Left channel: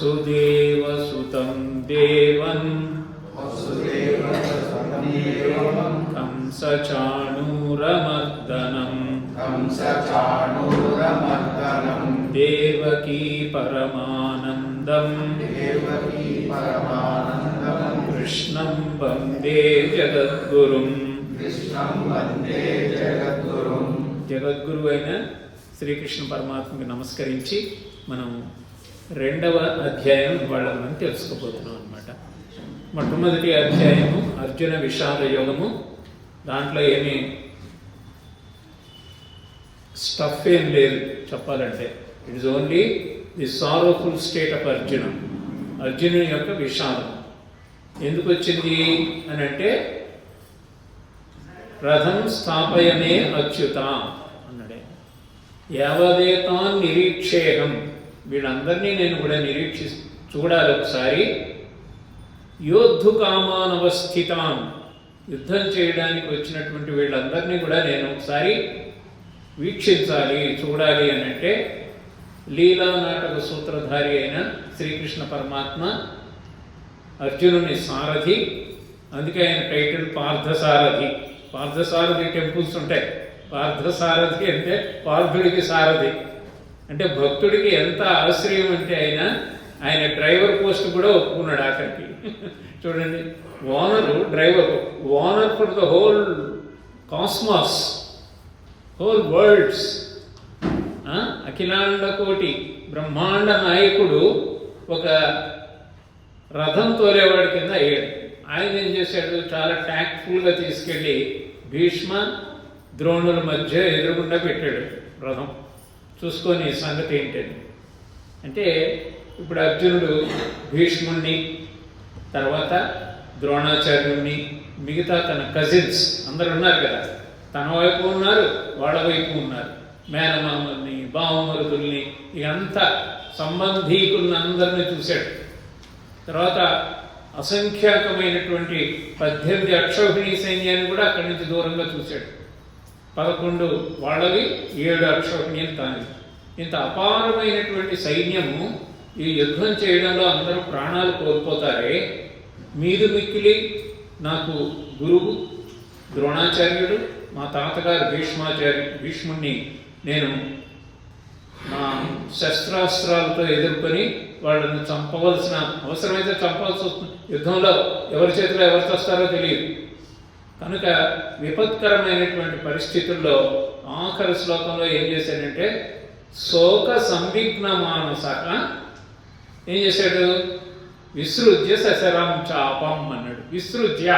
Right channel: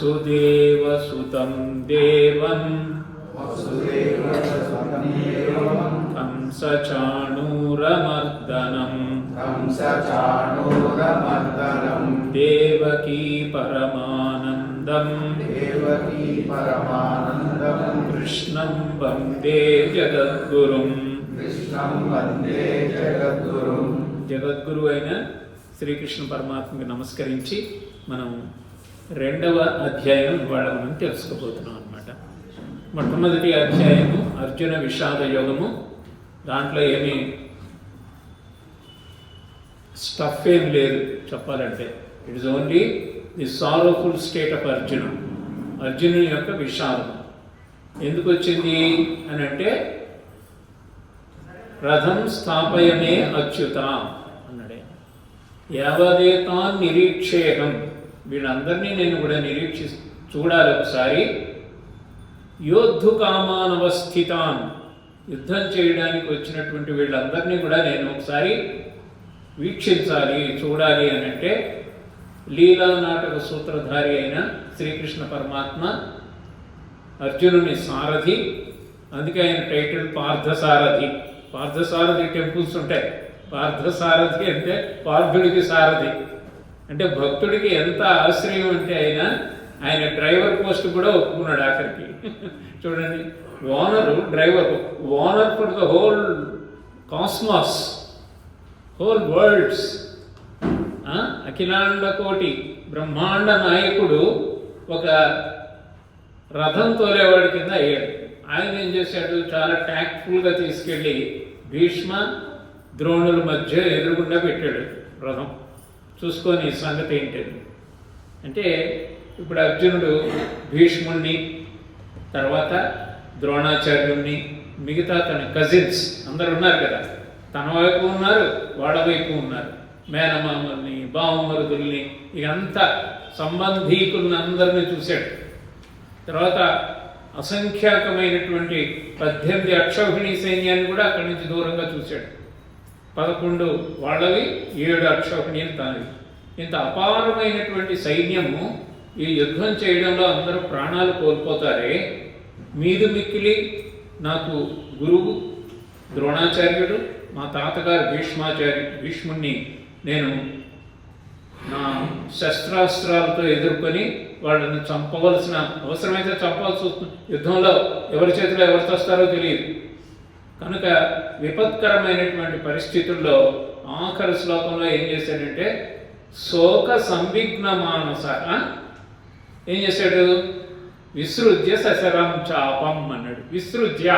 वसुदेवसुतं देवं कंसचाणूरमर्दनं देवकी परमानन्दं कृष्णं वन्दे जगद्गुरुं జగద్గురు అయిన శ్రీకృష్ణ పరమాత్మకి నమస్కరించి మనం రెండవ అధ్యాయం ఇవాళ మనం తెలుసుకోబోతున్నాం అన్నమాట. మొట్టమొదటి అధ్యాయము అర్జున విషాద యోగము. దాంట్లో ఏమీ స్టఫ్ ఏం లేదు చెప్పాలంటే. It is only the sorrowful state of Arjuna. అర్జునుని యొక్క విషాదం ఎందుకు వచ్చింది అని అంటే, రథం స్థాపయమే అచ్యుత అన్నాడే. యావదేతాన్ నిరీక్షేహం, వీళ్ళందరినీ నేను కూడా చూడాలి ఒకసారి. యోద్ధు కామానవస్థితాన్, యుద్ధం చేయడానికి వచ్చినటువంటి వీళ్ళందరినీ కూడా నేను ఒకసారి వీక్షించాలి, చూడాలి అని అంటే, లీలా నాటక సూత్రధారి అయిన శ్రీకృష్ణ పరమాత్మ అర్జునుని సారథి. అందుకే ఆయన టైటిల్ పార్థసారథి. పార్థసారథి టెంపుల్స్ ఉంటాయి. పార్థసారథి అంటే పార్థుడికి సారథి అంటే భక్తుడికి ఎంత ఆశ్రయం అంటే ఆయన డ్రైవర్ పోస్ట్ కూడా ఒప్పుకున్నాడు ఆఖరికి. చూడండి, owner driver, owner for the whole cosmos, whole worlds, అఖిలాండ కోటి బ్రహ్మాండ నాయకుడు ఒక రథం తోలేవాడి కింద అయ్యాడు. ఆయన ఏం చేశాడు, చాలా ట్యాక్ట్ఫుల్గా తీసుకెళ్ళి భీష్మ ద్రోణుల మధ్య ఎదురుగుండా పెట్టాడు రథం. చూసుకొని సంగతి ఏంటని అంటే, ఇప్పుడు అర్జునుడు భీష్ముణ్ణి, తర్వాత ద్రోణాచార్యుణ్ణి, మిగతా తన కజిన్స్ అందరు ఉన్నారు కదా, తన వైపు ఉన్నారు, వాళ్ళ వైపు ఉన్నారు, మేనమామల్ని, బావమరుదుల్ని, ఇదంతా సంబంధీకుల్ని అందరినీ చూశాడు. తర్వాత అసంఖ్యాకమైనటువంటి 18 అక్షౌహిణీ సైన్యాన్ని కూడా అక్కడి నుంచి దూరంగా చూశాడు. 11 వాళ్ళవి, 7 అక్షౌహిణీలు తాను. ఇంత అపారమైనటువంటి సైన్యము ఈ యుద్ధం చేయడంలో అందరూ ప్రాణాలు కోల్పోతారే, మీదు మిక్కిలి నాకు గురువు ద్రోణాచార్యుడు, మా తాతగారు భీష్ముణ్ణి నేను నా శస్త్రాస్త్రాలతో ఎదుర్కొని వాళ్ళని చంపవలసిన అవసరమైతే చంపాల్సి వస్తుంది. యుద్ధంలో ఎవరి చేతిలో ఎవరు వస్తారో తెలియదు కనుక విపత్కరమైనటువంటి పరిస్థితుల్లో ఆఖరి శ్లోకంలో ఏం చేశాడంటే, శోక సంవిఘ్న మానస ఏం చేశాడు, విసృజ్య సశరం చాపం అన్నాడు. విసృజ్య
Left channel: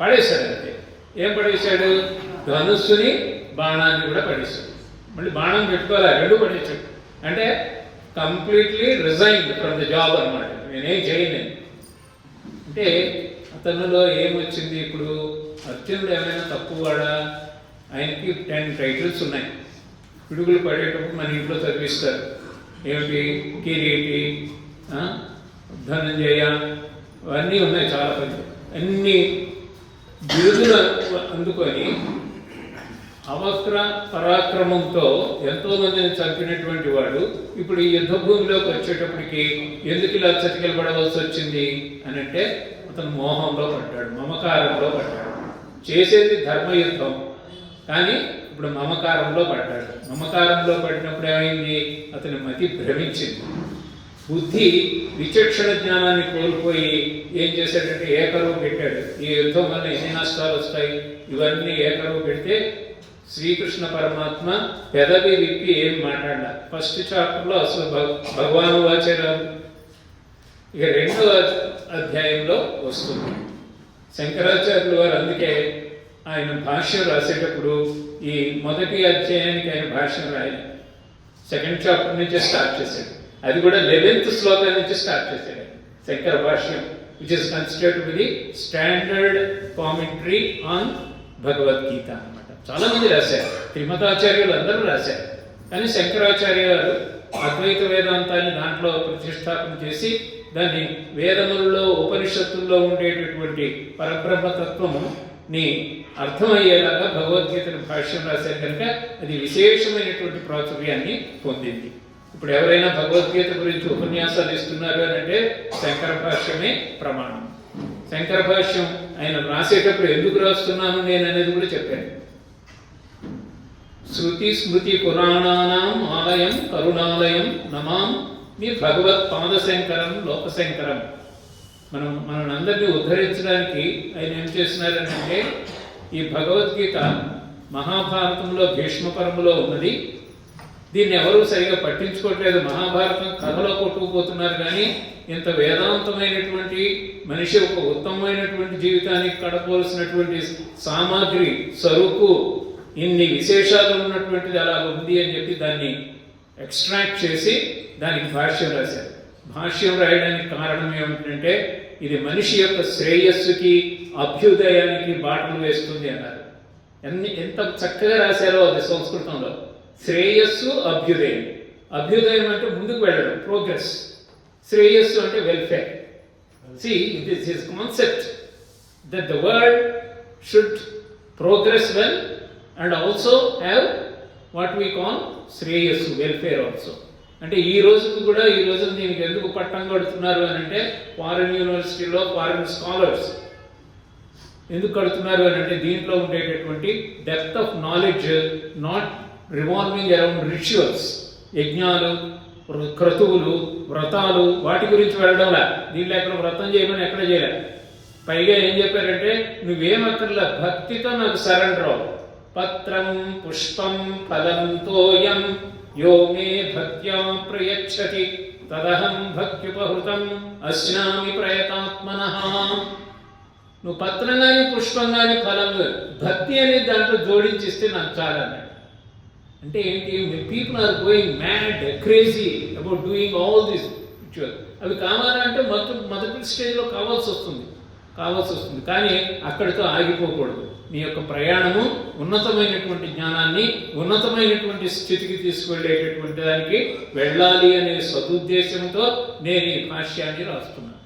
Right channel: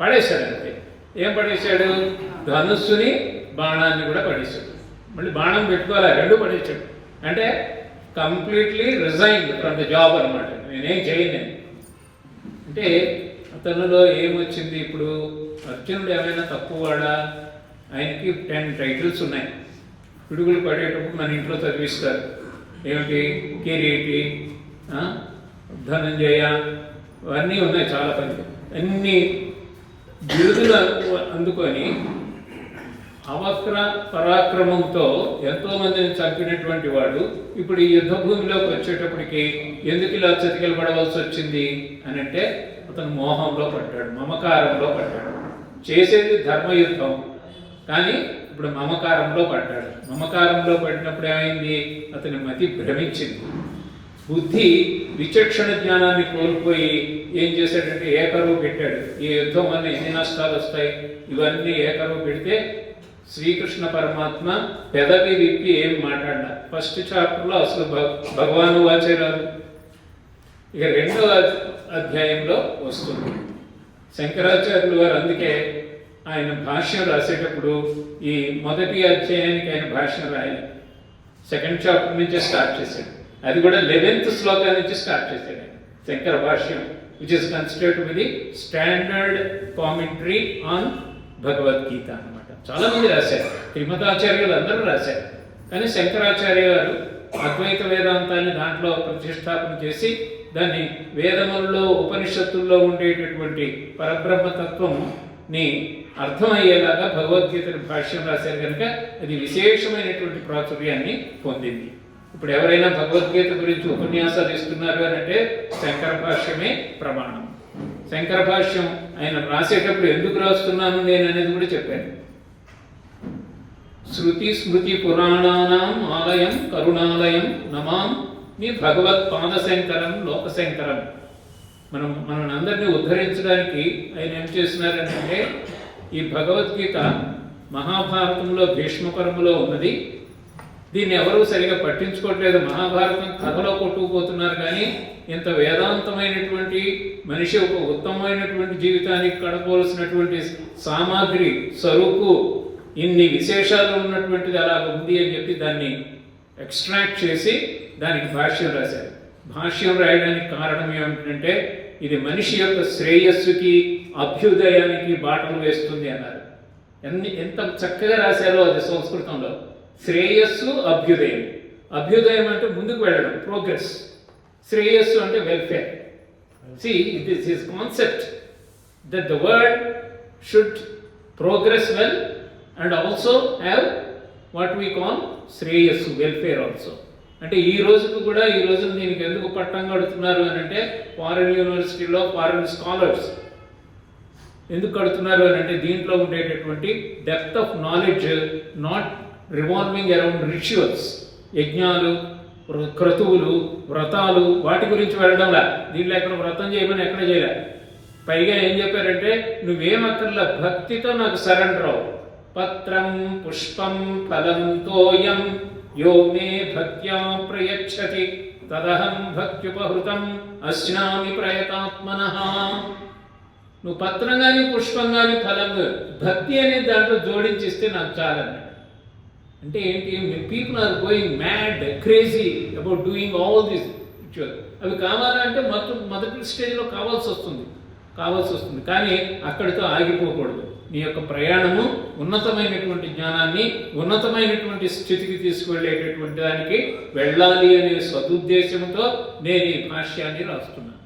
పడేశాడు. అంతే. ఏం పడేశాడు, ధనుస్సుని బాణాన్ని కూడా పడేశాడు. మళ్ళీ బాణం పెట్టుకోవాలి, రెండు పడేశాడు. అంటే completely resigned from the job అనమాట. నేనేం చేయను అంటే, అతనులో ఏమొచ్చింది, ఇప్పుడు అర్జునుడు ఏమైనా తక్కువవాడా? ఆయనకి 10 టైటిల్స్ ఉన్నాయి. పిడుగులు పడేటప్పుడు మన ఇంట్లో చదివిస్తారు. ఏమిటి, కిరీటి, ధనంజయ, అవన్నీ ఉన్నాయి చాలా పని. అన్ని బిరుదులు అందుకొని అవక్ర పరాక్రమంతో ఎంతో మందిని చంపినటువంటి వాడు ఇప్పుడు ఈ యుద్ధ భూమిలోకి వచ్చేటప్పటికి ఎందుకు ఇలా చతికిలబడవలసి వచ్చింది అని అంటే, అతను మోహంలో పడ్డాడు, మమకారంలో పడ్డాడు. చేసేది ధర్మయుద్ధం, కానీ ఇప్పుడు మమకారంలో పడ్డాడు. మమకారంలో పడినప్పుడు ఏమైంది, అతని మతి భ్రమించింది. బుద్ధి విచక్షణ జ్ఞానాన్ని కోల్పోయి ఏం చేశాడంటే ఏకరువు పెట్టాడు. ఈ యుద్ధం వల్ల ఎన్ని నష్టాలు వస్తాయి, ఇవన్నీ ఏకరువు పెడితే శ్రీకృష్ణ పరమాత్మ పెదవి విప్పి ఏం మాట్లాడాల. ఫస్ట్ చాప్టర్లో అసలు భగవాను వాచేరాలు. ఇక రెండవ అధ్యాయంలో వస్తుంది. శంకరాచార్యులు వారు అందుకే ఆయన భాష్యం రాసేటప్పుడు ఈ మొదటి అధ్యాయానికి ఆయన భాష్యం రాయాలి. 2nd చాప్టర్ నుంచే స్టార్ట్ చేశాడు. అది కూడా 11th శ్లోకం నుంచి స్టార్ట్ చేశాడు శంకర భాష్యం, which is considered to be the standard commentary on Bhagavad Gita అన్నమాట. చాలా మంది రాశారు, త్రిమతాచార్యులు అందరూ రాశారు. కానీ శంకరాచార్య గారు అద్వైత వేదాంతాన్ని దాంట్లో ప్రతిష్టాపన చేసి దాన్ని వేదములలో ఉపనిషత్తుల్లో ఉండేటటువంటి పరబ్రహ్మతత్వంని అర్థమయ్యేలాగా భగవద్గీతను భాష్యం రాశారు కనుక అది విశేషమైనటువంటి ప్రాచుర్యాన్ని పొందింది. ఇప్పుడు ఎవరైనా భగవద్గీత గురించి ఉపన్యాసాలు ఇస్తున్నారు అని అంటే శంకర భాష్యమే ప్రమాణం. శంకర భాష్యం ఆయన రాసేటప్పుడు ఎందుకు రాస్తున్నాను నేను అనేది కూడా చెప్పాను. శృతి స్మృతి పురాణానాం ఆలయం కరుణాలయం నమాం మీ భగవత్ పాదశంకరం లోకశంకరం. మనం అందరినీ ఉద్ధరించడానికి ఆయన ఏం చేస్తున్నారంటే ఈ భగవద్గీత మహాభారతంలో భీష్మ పర్వంలో ఉన్నది. దీన్ని ఎవరూ సరిగా పట్టించుకోవట్లేదు. మహాభారతం కథలో కొట్టుకుపోతున్నారు కానీ ఇంత వేదాంతమైనటువంటి మనిషి ఒక ఉత్తమమైనటువంటి జీవితానికి గడపవలసినటువంటి సామాగ్రి సరుకు ఇన్ని విశేషాలు ఉన్నటువంటిది అలా ఉంది అని చెప్పి దాన్ని ఎక్స్ట్రాక్ట్ చేసి దానికి భాష్యం రాశారు. భాష్యం రాయడానికి కారణం ఏమిటంటే ఇది మనిషి యొక్క శ్రేయస్సుకి అభ్యుదయానికి బాటలు వేస్తుంది అన్నారు. ఎంత చక్కగా రాశారో అది సంస్కృతంలో. శ్రేయస్సు అభ్యుదయం. అభ్యుదయం అంటే ముందుకు వెళ్ళడం, ప్రోగ్రెస్. శ్రేయస్సు అంటే welfare. See, this is concept that the world should progress well and also have what we call శ్రేయస్సు, వెల్ఫేర్ ఆల్సో. అంటే ఈ రోజుకు కూడా ఈ రోజు దీనికి ఎందుకు పట్టం కడుతున్నారు అని అంటే ఫారిన్ యూనివర్సిటీలో ఫారిన్ స్కాలర్స్ ఎందుకు కడుతున్నారు అని అంటే దీంట్లో ఉండేటటువంటి depth of knowledge not revolving around rituals, యజ్ఞాలు, క్రతువులు, వ్రతాలు వాటి గురించి వెళ్ళడంలా. దీంట్లో ఎక్కడ వ్రతం చేయమని ఎక్కడ చేయలే. పైగా ఏం చెప్పారంటే నువ్వేమక్కర్లా, భక్తితో నాకు సరెండర్ అవు. పత్రం పుష్పం ఫలం తోయం యో మే భక్త్యా ప్రయచ్చతి తదహం భక్త్యుపహృతం అస్నామి ప్రయతాత్మనః. నువ్వు పత్రం కానీ పుష్పం కానీ ఫలం భక్తి అనేది దాంట్లో జోడించిస్తే నాకు చాలన్నాడు. అంటే ఏంటి, people are going mad crazy about doing all this ritual. అవి కావాలంటే మొదటి స్టేజ్లో కావాల్సి వస్తుంది కానీ అక్కడితో ఆగిపోకూడదు. మీ యొక్క ప్రయాణము ఉన్నతమైనటువంటి జ్ఞానాన్ని ఉన్నతమైనటువంటి స్థితికి తీసుకువెళ్ళేటటువంటి దానికి వెళ్ళాలి అనే సదుద్దేశంతో నేను ఈ భాష్యాన్ని రాస్తున్నాను.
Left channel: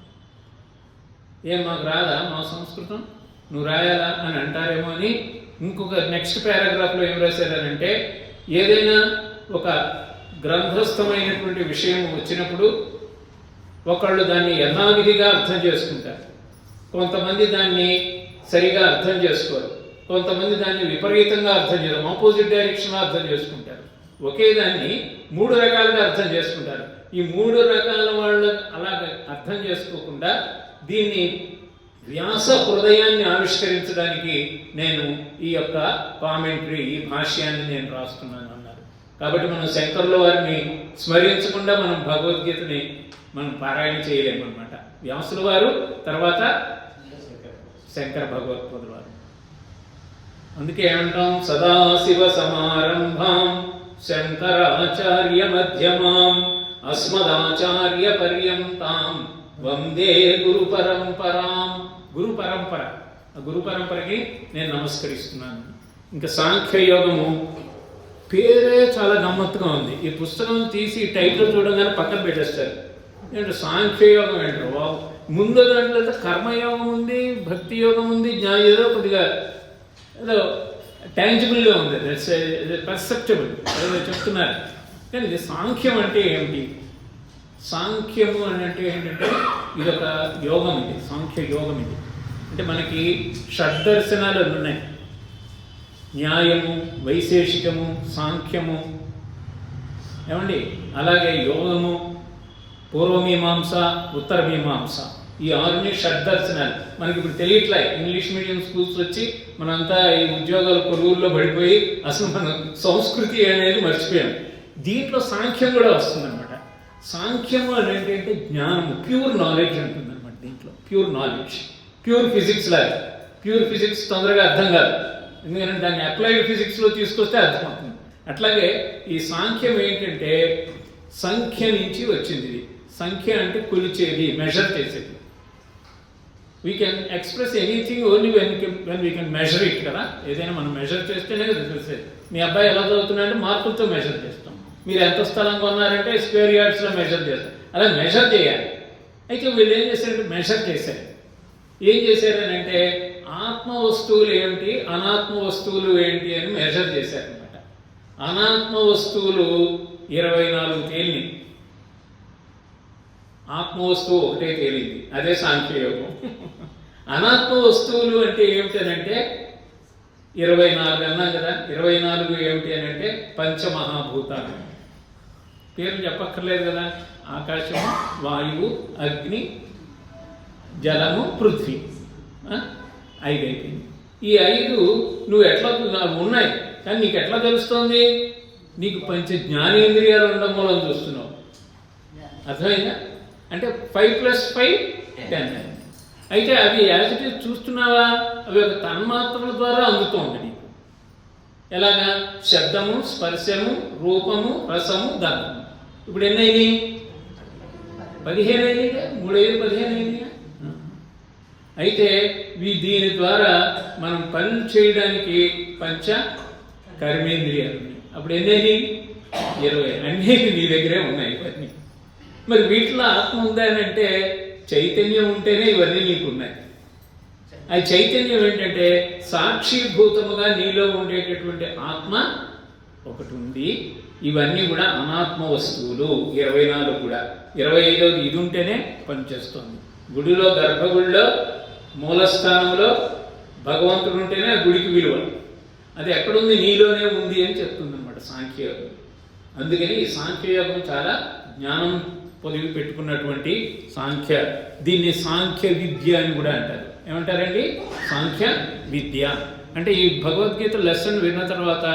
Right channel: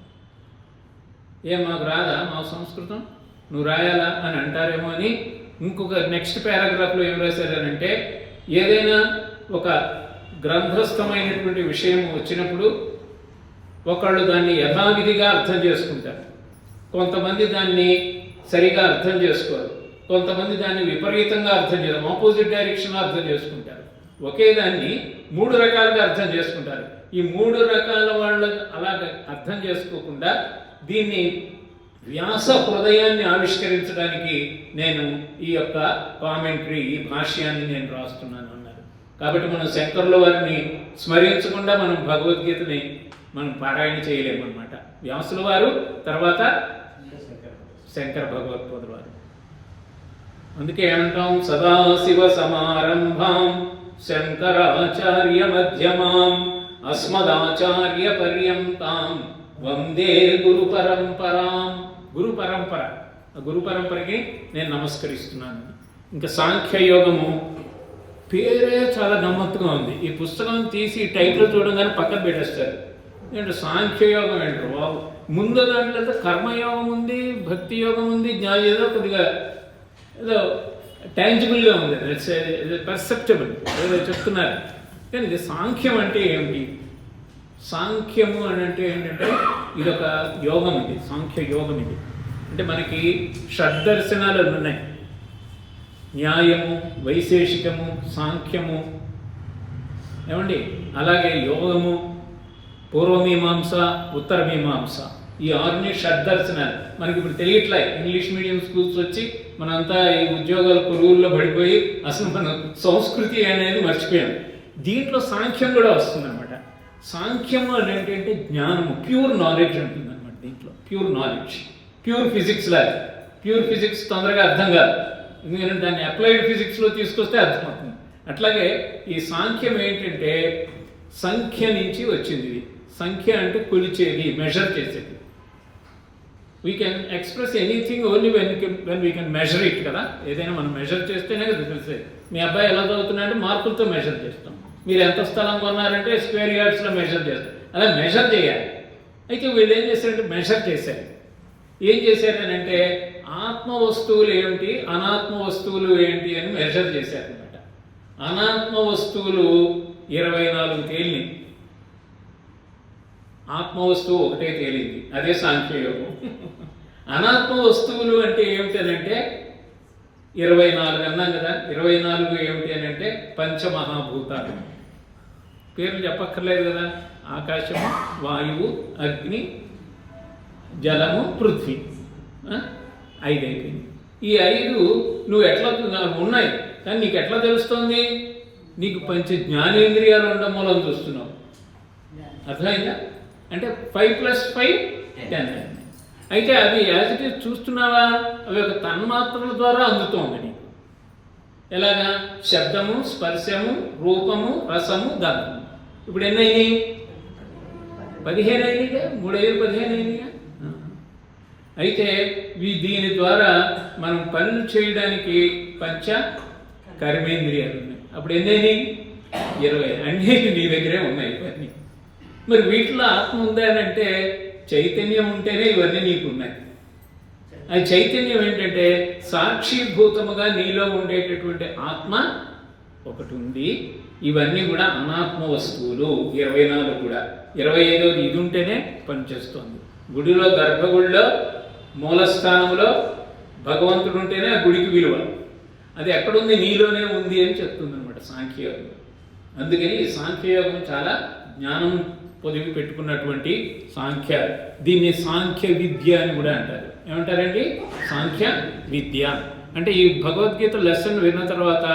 ఏం మాకు రాదా మా సంస్కృతం, నువ్వు రాయాలా అని అంటారేమో అని ఇంకొక నెక్స్ట్ పారాగ్రాఫ్లో ఏం రాశారనంటే ఏదైనా ఒక గ్రంథస్థమైనటువంటి విషయం వచ్చినప్పుడు ఒకళ్ళు దాన్ని యథావిధిగా అర్థం చేసుకుంటారు, కొంతమంది దాన్ని సరిగా అర్థం చేసుకోరు, కొంతమంది దాన్ని విపరీతంగా అర్థం చేయరు, ఆపోజిట్ డైరెక్షన్లో అర్థం చేసుకుంటారు. ఒకే దాన్ని 3 రకాలుగా అర్థం చేసుకుంటారు. ఈ 3 రకాల వాళ్ళు అలాగ అర్థం చేసుకోకుండా దీన్ని వ్యాస హృదయాన్ని ఆవిష్కరించడానికి నేను ఈ యొక్క కామెంటరీ, ఈ భాష్యాన్ని నేను రాస్తున్నాను అన్నారు. కాబట్టి మనం శంకరుల వారిని స్మరించకుండా మనం భగవద్గీతని మనం పారాయణ చేయలేము అనమాట. వ్యాసుల వారు తర్వాత శంకర భగవత్పాదుల వారు. అందుకే ఏమంటాం, సదాశివ సమారంభాం శంకరాచార్య మధ్యమాం అస్మదాచార్య పర్యంతాం వందే గురు పరంపరాం. గురు పరంపర, ఆ గురు పరంపరకి నేను నమస్కరిస్తున్నాను. ఇంకా సాంఖ్యయోగము పేరే చాలా గమ్మత్తుగా ఉంది. ఈ పుస్తకం తీసి టైటిల్ చూడగానే పక్కన పెట్టేస్తారు. ఏంటంటే సాంఖ్యయోగం ఏంటారు బాబు. ముందు దాంట్లో కర్మయోగం ఉంది, భక్తి యోగం ఉంది, ఏదో కొద్దిగా ఏదో టాంజిబుల్గా ఉంది, పర్సెప్టబుల్ ఏదో చెప్తున్నారు. కానీ ఇది సాంఖ్యం అంటే ఏమిటి? సాంఖ్యము అని అంటే ఏంటంటే ఇదొక యోగం, ఇది సాంఖ్య యోగం. ఇది అంటే మనకి షడ్దర్శనాలు ఉన్నాయి, న్యాయము, వైశేషికము, సాంఖ్యము, ఏమండి, అలాగే యోగము, పూర్వమీమాంస, ఉత్తర మీమాంస, ఈ 6 షడ్దర్శనాలు. మనకి ఇప్పుడు తెలియట్లే, ఇంగ్లీష్ మీడియం స్కూల్స్ వచ్చి మనంతా ఈ ఉద్యోగాల కొలువుల్లో పడిపోయి అసలు మన సంస్కృతి అనేది మర్చిపోయాం. దీంట్లో సాంఖ్యం కూడా వస్తుందన్నమాట. సాంఖ్యము అని ఏంటంటే జ్ఞానము, ప్యూర్ నాలెడ్జ్ ఉంటుంది అనమాట. దీంట్లో ప్యూర్ నాలెడ్జ్, ప్యూర్ ఫిజిక్స్ లాగా. ప్యూర్ ఫిజిక్స్ తొందరగా అర్థం కాదు, ఎందుకంటే దాన్ని అప్లైడ్ ఫిజిక్స్లో తీసుకొస్తే అర్థమవుతుంది. అట్లాగే ఈ సాంఖ్యం ఏంటంటే సంఖ్య నుంచి వచ్చింది. ఇది సంఖ్య అంటే కొలిచేది, మెజర్ చేసేది. We can express anything only when we can measure it కదా. ఏదైనా మనం మెజర్ చేస్తేనే కదా తెలిసేది. మీ అబ్బాయి ఎలా చదువుతున్నారంటే మార్కులతో మెజర్ చేస్తాం. మీరు ఎంత స్థలం కొన్నారంటే స్క్వేర్ యార్డ్స్లో మెజర్ చేస్తారు. అలా మెజర్ చేయాలి. అయితే వీళ్ళు ఏం చేశారంటే మెజర్ చేశారు. ఏం చేశారనంటే ఆత్మ వస్తువులు ఏమిటి, అనాత్మ వస్తువులు ఏంటి అని మెజర్ చేశారనమాట. అనాత్మ వస్తువులు 24 తేలిని, ఆత్మవస్తువు ఒకటే తేలింది, అదే సాంఖ్యయోగం. అనాత్మ వస్తువులు అంటే ఏమిటనంటే 24 అన్నాం కదా. 24 ఏమిటి అని అంటే పంచమహాభూతాలు. పేర్లు చెప్పక్కర్లేదు కదా. ఆకాశము, వాయువు, అగ్ని, జలము, పృథ్వీ. 5 అయిపోయింది. ఈ 5 నువ్వు ఎట్లా ఉన్నాయి, కానీ నీకు ఎట్లా తెలుస్తుంది? నీకు పంచ జ్ఞానేంద్రియాలు ఉండడం వల్ల చూస్తున్నావు. అర్థమైందా? అంటే 5 + 5 10. అయితే అవి యాజ్ ఇట్ ఈజ్ చూస్తున్నావా? అవి ఒక తన్మాత్రల ద్వారా అందుతోంది నీకు. ఎలాగా? శబ్దము, స్పర్శము, రూపము, రసము, గంధము. ఇప్పుడు ఎన్ని అయినాయి? 15 అయినాయిగా. 3 × 5 = 15 అయినాయిగా. అయితే దీని ద్వారా మనం పనులు చేయడానికి పంచ కర్మేంద్రియాలు ఉన్నాయి. అప్పుడు ఎన్ని అయినాయి? 20. అన్నీ నీ దగ్గరే ఉన్నాయి ఇవన్నీ. మరి వీటిలో ఆత్మ ఉందా అని అంటే చైతన్యం ఉంటేనే ఇవన్నీ నీకు ఉన్నాయి. అది చైతన్యం ఏంటంటే సాక్షిభూతముగా నీలో ఉండేటటువంటి ఆత్మ ఒకటి ఉంది. ఇవన్నీ కూడా అనాత్మ వస్తువులు. 24 కూడా. 25 ఇది ఉంటేనే పనిచేస్తుంది. గుడిలో, గర్భగుడిలో, మూలస్థానంలో భగవంతుడు ఉంటేనే ఆ గుడికి విలువ. అది ఎక్కడుంది? నీలోనే ఉంది అని చెప్తుంది అనమాట సాంఖ్యయోగం. అందుకని ఈ సాంఖ్యయోగం చాలా జ్ఞానం పొదివి పెట్టుకున్నటువంటి సాంఖ్య. దీన్ని సాంఖ్య విద్య అని కూడా అంటారు. ఏమంటారండి? సాంఖ్య విద్య. అంటే ఈ భగవద్గీత లెసన్ విన్న తర్వాత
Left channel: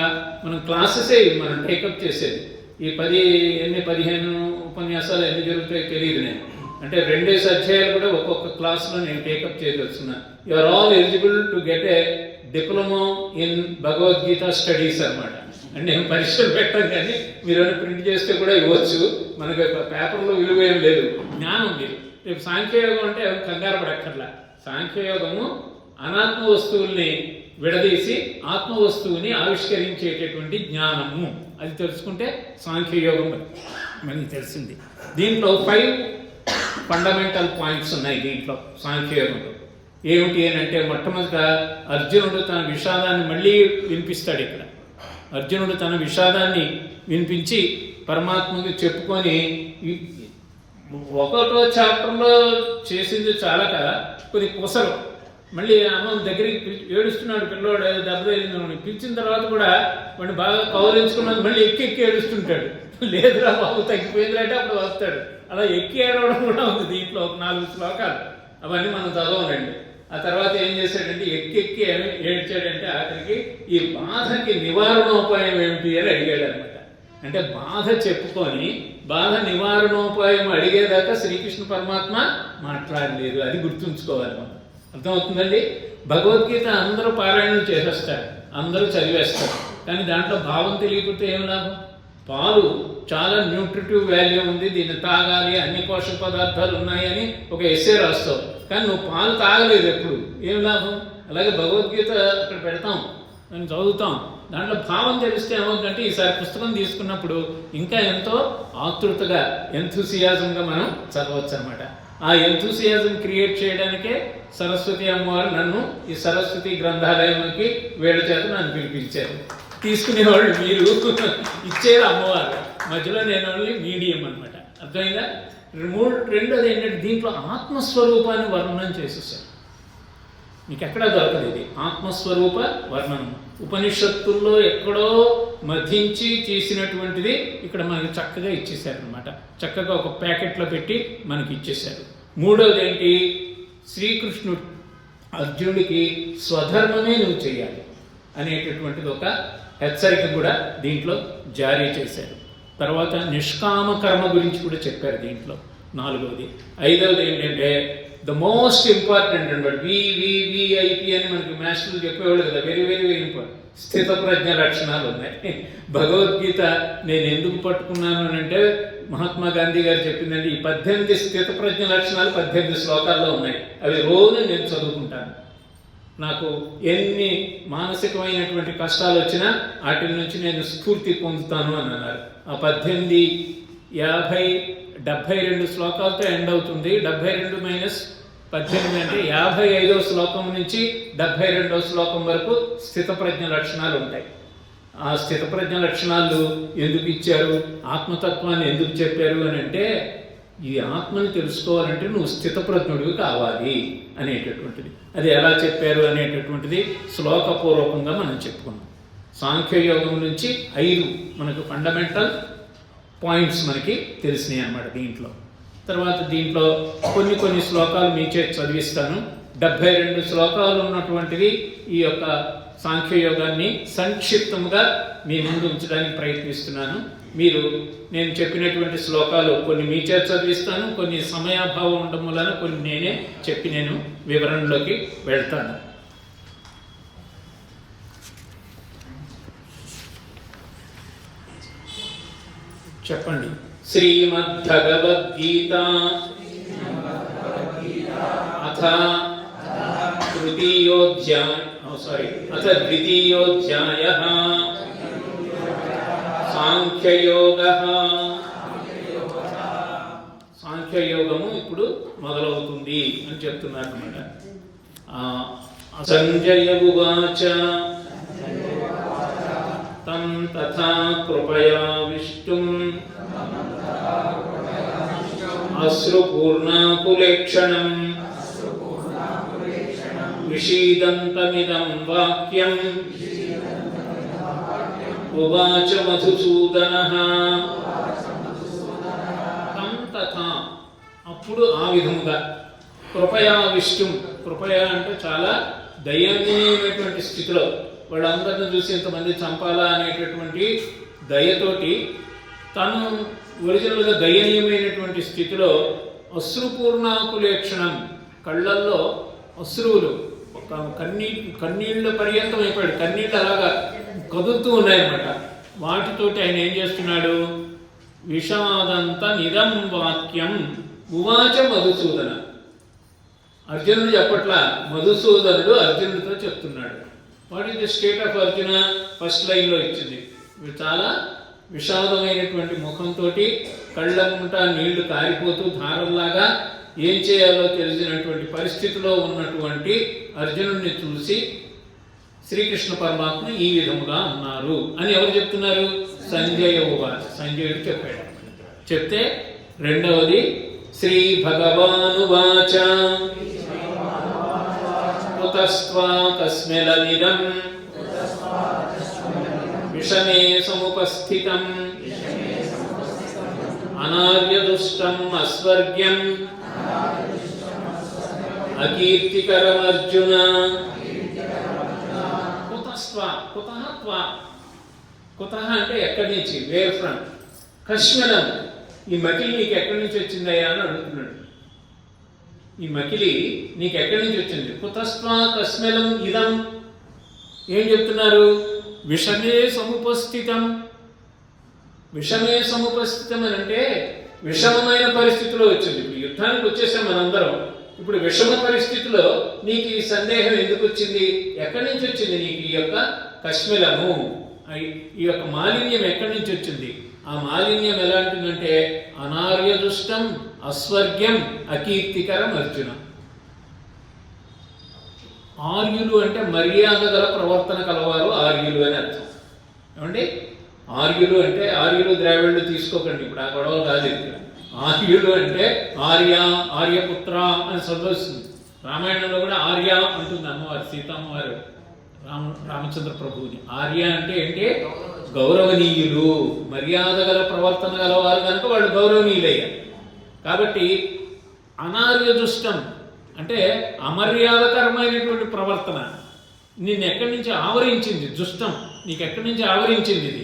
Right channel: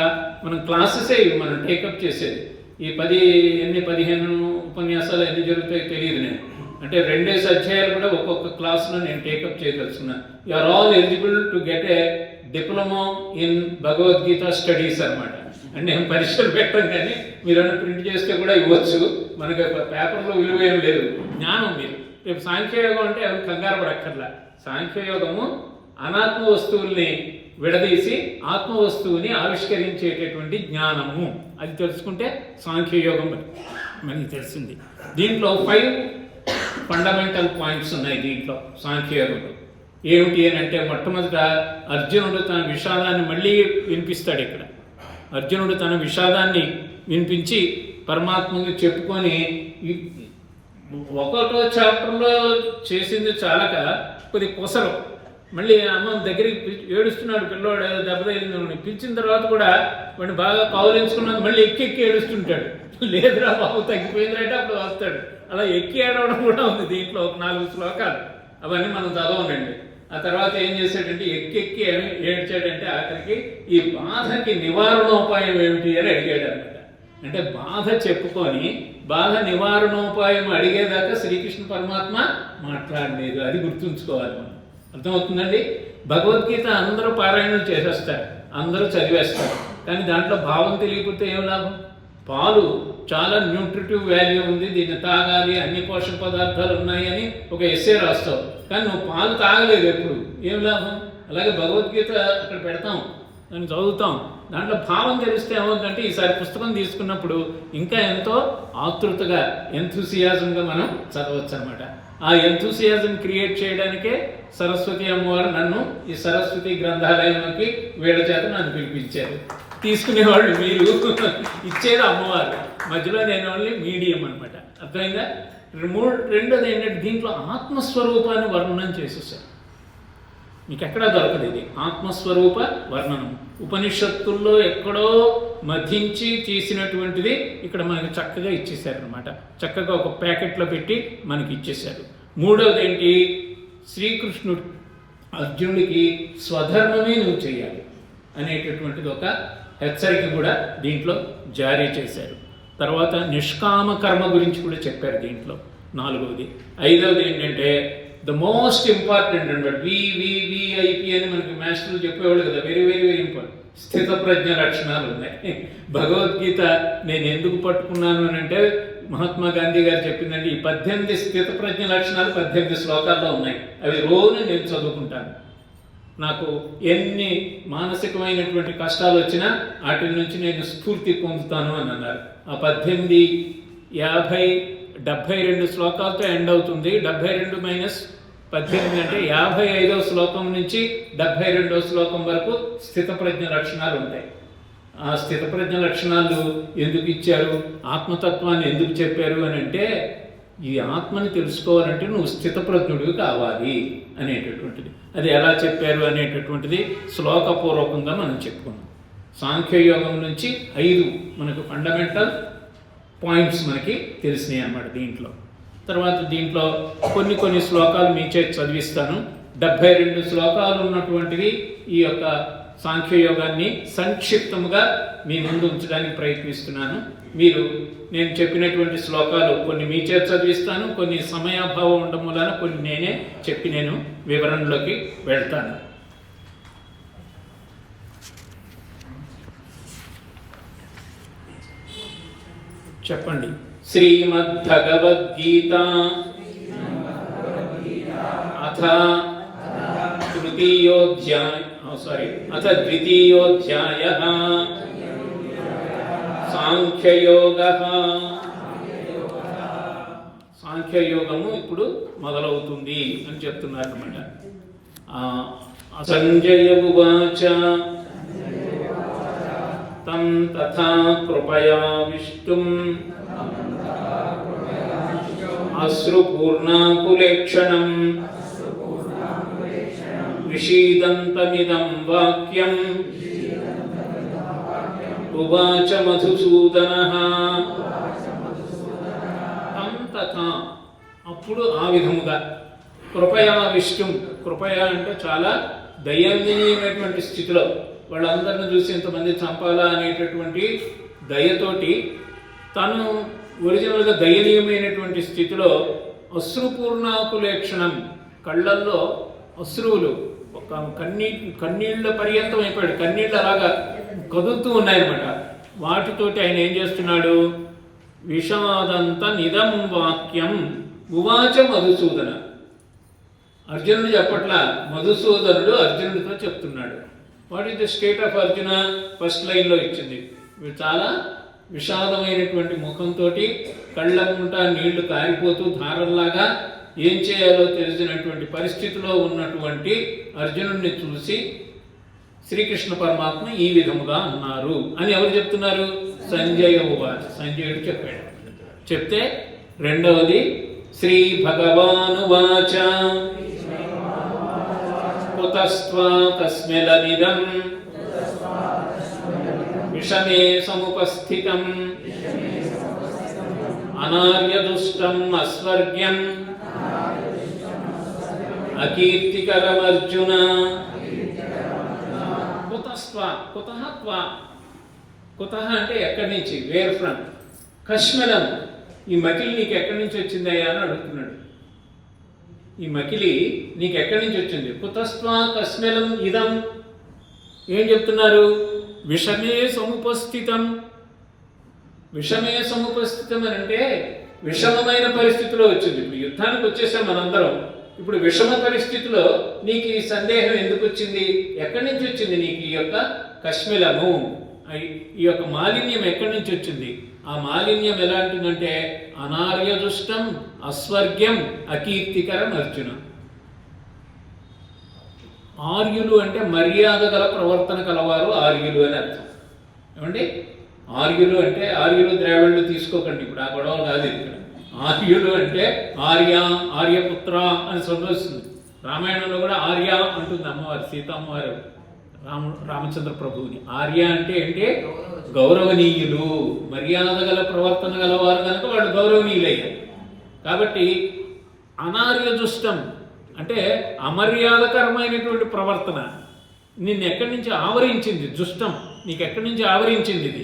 మనం క్లాసెసే మనం టేకప్ చేసేది. ఈ 15 ఉపన్యాసాలు ఎన్ని జరుగుతాయో తెలియదు నేను. అంటే 2 అధ్యాయాలు కూడా ఒక్కొక్క క్లాస్లో నేను take up చేయదలుచుకున్నా. You are all eligible to get a diploma in Bhagavad Gita studies అనమాట. అంటే నేను పరీక్షలు పెట్టాను, కానీ మీరు ప్రింట్ చేస్తే కూడా ఇవ్వచ్చు. మనకి పేపర్లో విలువ ఏం లేదు. జ్ఞానం మీరు రేపు సాంఖ్యయోగం అంటే అది కంగారు పడక్కర్లా. సాంఖ్యయోగము అనాత్మ వస్తువుల్ని విడదీసి ఆత్మ వస్తువుని ఆవిష్కరించేటటువంటి జ్ఞానము. అది తెలుసుకుంటే సాంఖ్యయోగం మనకి తెలిసింది. దీంట్లో 5 ఫండమెంటల్ పాయింట్స్ ఉన్నాయి దీంట్లో సాంఖ్యయోగంలో. ఏమిటి అని అంటే మొట్టమొదట అర్జునుడు తన విషాదాన్ని మళ్ళీ వినిపిస్తాడు. ఇక్కడ అర్జునుడు తన విషాదాన్ని వినిపించి పరమాత్మకి చెప్పుకొని 1వ చాప్టర్లో చేసింది చాలా కదా కొద్ది కొసరు. మళ్ళీ అమ్మ దగ్గరికి ఏడుస్తున్నాడు పిల్లవాడు, దెబ్బతగిలింది. పిలిచిన తర్వాత కూడా వాడిని బాగా కౌలించుకున్నాడు. మళ్ళీ ఎక్కి ఏడుస్తుంటాడు. లేదురా బాబు తగ్గిపోయిందంటే అప్పుడు వస్తాడు. అలా ఎక్కి ఏడవడం కూడా ఉంది దీంట్లో. ఒక 4 శ్లోకాలు అవన్నీ మనం చదవనండి. ఆ తర్వాత ఏం చేశాడంటే ఎక్కి ఏడ్చాడంటే ఆఖరికి ఈ బాధకి నివారణోపాయం ఏమిటి అని అడిగాడు అనమాట. అంటే బాధ చెప్పుకొని బాధ నివారణోపాయం అడిగేదాకా శ్రీకృష్ణ పరమాత్మ మాట్లాడలేదు. అది గుర్తుంచుకోవాలి మనం. అర్థమవుతుందండి? భగవద్గీత అందరూ పారాయణం చేసేస్తారు, అందరూ చదివేస్తారు, కానీ దాంట్లో భావం తెలియకపోతే ఏం లాభం? పాలు చాలా న్యూట్రిటివ్ వాల్యూ ఉంది, దీన్ని తాగాలి, అన్ని పోషక పదార్థాలు ఉన్నాయని ఒక ఎస్సే రాస్తావు, కానీ నువ్వు పాలు తాగలేదు ఎప్పుడు, ఏం లాభం? అలాగే భగవద్గీత అక్కడ పెడతాం, దాన్ని చదువుతాం, దాంట్లో భావం తెలిస్తే ఏమవుతుందంటే ఈసారి పుస్తకం తీసుకున్నప్పుడు ఇంకా ఎంతో ఆతృతగా ఎంతూసియాజంగా మనం చదవచ్చు అనమాట. ఆ ఎంతూసియాజం క్రియేట్ చేయడానికే సరస్వతి అమ్మవారు నన్ను ఈ సరస్వతి గ్రంథాలయంలోకి వీళ్ళ చేత నన్ను పిలిపించారు. తీసుకునేవాళ్ళు మీరు, ఇచ్చేది అమ్మవారు, మధ్యలో నేను ఓన్లీ మీడియం అనమాట. అర్థమైందా? రెండోది ఏంటంటే దీంట్లో ఆత్మస్వరూపాన్ని వర్ణనం చేసేసారు. మీకు ఎక్కడా దొరకదు ఇది ఆత్మస్వరూప వర్ణనం. ఉపనిషత్తుల్లో ఎక్కడో మధించి చేసినటువంటిది ఇక్కడ మనకి చక్కగా ఇచ్చేశారు అనమాట. చక్కగా ఒక ప్యాకెట్లో పెట్టి మనకి ఇచ్చేశారు. మూడవది ఏంటి? శ్రీకృష్ణుడు అర్జునుడికి స్వధర్మమే నువ్వు చేయాలి అనేటటువంటిది ఒక హెచ్చరిక కూడా దీంట్లో జారీ చేశారు. తర్వాత నిష్కామ కర్మ గురించి కూడా చెప్పారు దీంట్లో. నాలుగవది. ఐదవది ఏంటంటే ద మోస్ట్ ఇంపార్టెంట్ అనమాట. వివిఐపి అని మనకి మాస్టర్లు చెప్పేవాళ్ళు కదా, వెరీ వెరీ వెరీ ఇంపార్టెంట్. స్థిత ప్రజ్ఞ లక్షణాలు ఉన్నాయి. భగవద్గీత నేను ఎందుకు పట్టుకున్నాను అని అంటే మహాత్మా గాంధీ గారు చెప్పిందంటే ఈ 18 స్థిత ప్రజ్ఞ లక్షణాలు 18 శ్లోకాల్లో ఉన్నాయి. అవి రోజు నేను చదువుకుంటాను. నాకు ఎన్ని మానసికమైనటువంటి కష్టాలు వచ్చినా వాటి నుంచి నేను స్ఫూర్తి పొందుతాను అని అన్నారు. ఆ 18, 50, 72 శ్లోకాలతో ఎండ్ అవుతుంది. 72 - 18 అంటే 55వ శ్లోకం నుంచి 72వ శ్లోకం వరకు స్థిత ప్రజ్ఞ లక్షణాలు ఉంటాయి. ఆ స్థితప్రజ్ఞ లక్షణాలు ఎందుకు ఇచ్చారు, ఆత్మతత్వాన్ని ఎందుకు చెప్పారు అని అంటే, ఈ ఆత్మని తెలుసుకోవాలంటే నువ్వు స్థితప్రజ్ఞుడివి కావాలి అనేటటువంటిది. అది ఎలా చెప్పారు అనేటటువంటిది శ్లోకపూర్వకంగా మనం చెప్పుకున్నాం. సాంఖ్యయోగం నుంచి 5 మనకు ఫండమెంటల్ పాయింట్స్ మనకి తెలిసినాయి అన్నమాట దీంట్లో. తర్వాత దీంట్లో కొన్ని శ్లోకాలు మీ చేతి చదివిస్తాను. 72 శ్లోకాలు ఉన్నటువంటివి ఈ యొక్క సాంఖ్యయోగాన్ని సంక్షిప్తంగా మీ ముందు ఉంచడానికి ప్రయత్నిస్తున్నాను. మీరు నేను చెప్పినటువంటి శ్లోకాలు కొన్ని మీ చేతి చదివిస్తాను, కొన్ని సమయాభావం ఉండడం వలన కొన్ని నేనే చెప్పి నేను వివరణలోకి వెళ్తాను. చెప్పండి. శ్రీమద్భగవద్గీత అథ ద్వితీయోధ్యాయః సాంఖ్యయోగః. సాంఖ్యయోగము ఇప్పుడు మొదలవుతుంది అని చెప్తున్నారు అన్నమాట. సంజయ ఉవాచ తం తథా కృపయావిష్టుం అశ్రుపూర్ణాకులేక్షణం విషీదంతమిదం వాక్యం ఉవాచ మధుసూదనః. తం తథా అప్పుడు ఆ విధముగా కృపయావిష్టుం. కృపయా అంటే చాలా దయనీయమైనటువంటి స్థితిలో వాళ్ళందరిని చూసి ఇంతమంది చంపాలా అనేటటువంటి దయతోటి తను ఒరిజినల్గా దయనీయమైనటువంటి స్థితిలో అశ్రుపూర్ణాకులేక్షణం, కళ్ళల్లో అశ్రువులు కన్నీళ్ళ పర్యంతం అయిపోయాడు, కన్నీళ్ళు అలాగా కదులుతూ ఉన్నాయన్నమాట. వాటితోటి ఆయన ఏం చేస్తున్నాడు, విషాదంత నిదం వాక్యం ఉవాచ మధుసూదన. అర్జునుడు చెప్పట్లా, మధుసూదనుడు అర్జునుడితో చెప్తున్నాడు. What is the state of Arjuna? First లైన్లో ఇచ్చింది. చాలా విషాదమైనటువంటి ముఖంతో కళ్ళకుంటా నీళ్లు కారిపోతూ ధారల్లాగా ఏం చేయాలో తెలిసినటువంటి పరిస్థితిలో ఉన్నటువంటి అర్జునుడిని చూసి శ్రీకృష్ణ పరమాత్మ ఈ విధముగా అన్నారు అని ఎవరు చెప్తున్నారు? సంజయ ఉవాచ. సంజయుడు చెప్పాడు. చెప్తే రెండవది శ్రీ భగవానువాచ కుతస్త్వా తస్మిలనిదం విషమే సముపస్థితం అనార్యదుష్టం అస్వర్గ్యం అకీర్తికరమర్జున. కుతస్త్వా, కుతః త్వా, కుతః అంటే ఎక్కడి నుంచి, వేర్ ఫ్రమ్. కశ్మలం, ఈ మకిలి నీకు ఎక్కడి నుంచి వచ్చిందయ్యా అని అడుగుతున్నాడు. ఈ మకిలి నీకు ఎక్కడి నుంచి వచ్చింది? కుతస్త్వా కశ్మలం ఇదం. ఏం చెప్తున్నారు? విషమే సముపస్థితం. విషమే సముపస్థితం అని అంటే విషమమైన పరిస్థితిలో వచ్చింది. ఇప్పుడు యుద్ధానికి వచ్చేసాం మనందరం. ఇప్పుడు విషమ పరిస్థితిలో నీకు ఈ సందేహం ఎందుకు వచ్చింది? ఎక్కడి నుంచి వచ్చింది నీకు ఈ యొక్క కశ్మలము, ఈ యొక్క మాలిన్యం ఎక్కడి నుంచి వచ్చింది? ఆ మాలిన్యం ఎలాంటిదంటే అనార్యదుష్టం అస్వర్గ్యం అకీర్తికరం అర్జున. ఆర్యులు అంటే మర్యాద గల ప్రవర్తన కలవారు ఆర్యులు అని అర్థం. ఏమండి? ఆర్యులు అంటే ఆర్యులు ద్రావిడులు తీసుకోకండి, ఇప్పుడు ఆ గొడవ కాదు. ఆర్యులు అంటే ఆర్య, ఆర్యపుత్ర అని సంబోధిస్తుంది. రామాయణంలో కూడా ఆర్య అంటుంది అమ్మవారు, సీతమ్మవారు రామచంద్ర ప్రభువుని. ఆర్య అంటే ఏంటి? గౌరవనీయులు, మర్యాద గల ప్రవర్తన గలవారు కనుక వాళ్ళు గౌరవనీయులయ్యారు. కాబట్టి అనార్యదుష్టం అంటే అమర్యాదకరమైనటువంటి ప్రవర్తన నిన్ను ఎక్కడి నుంచి ఆవరించింది? దుష్టం నీకు ఎక్కడి నుంచి ఆవరించింది? ఇది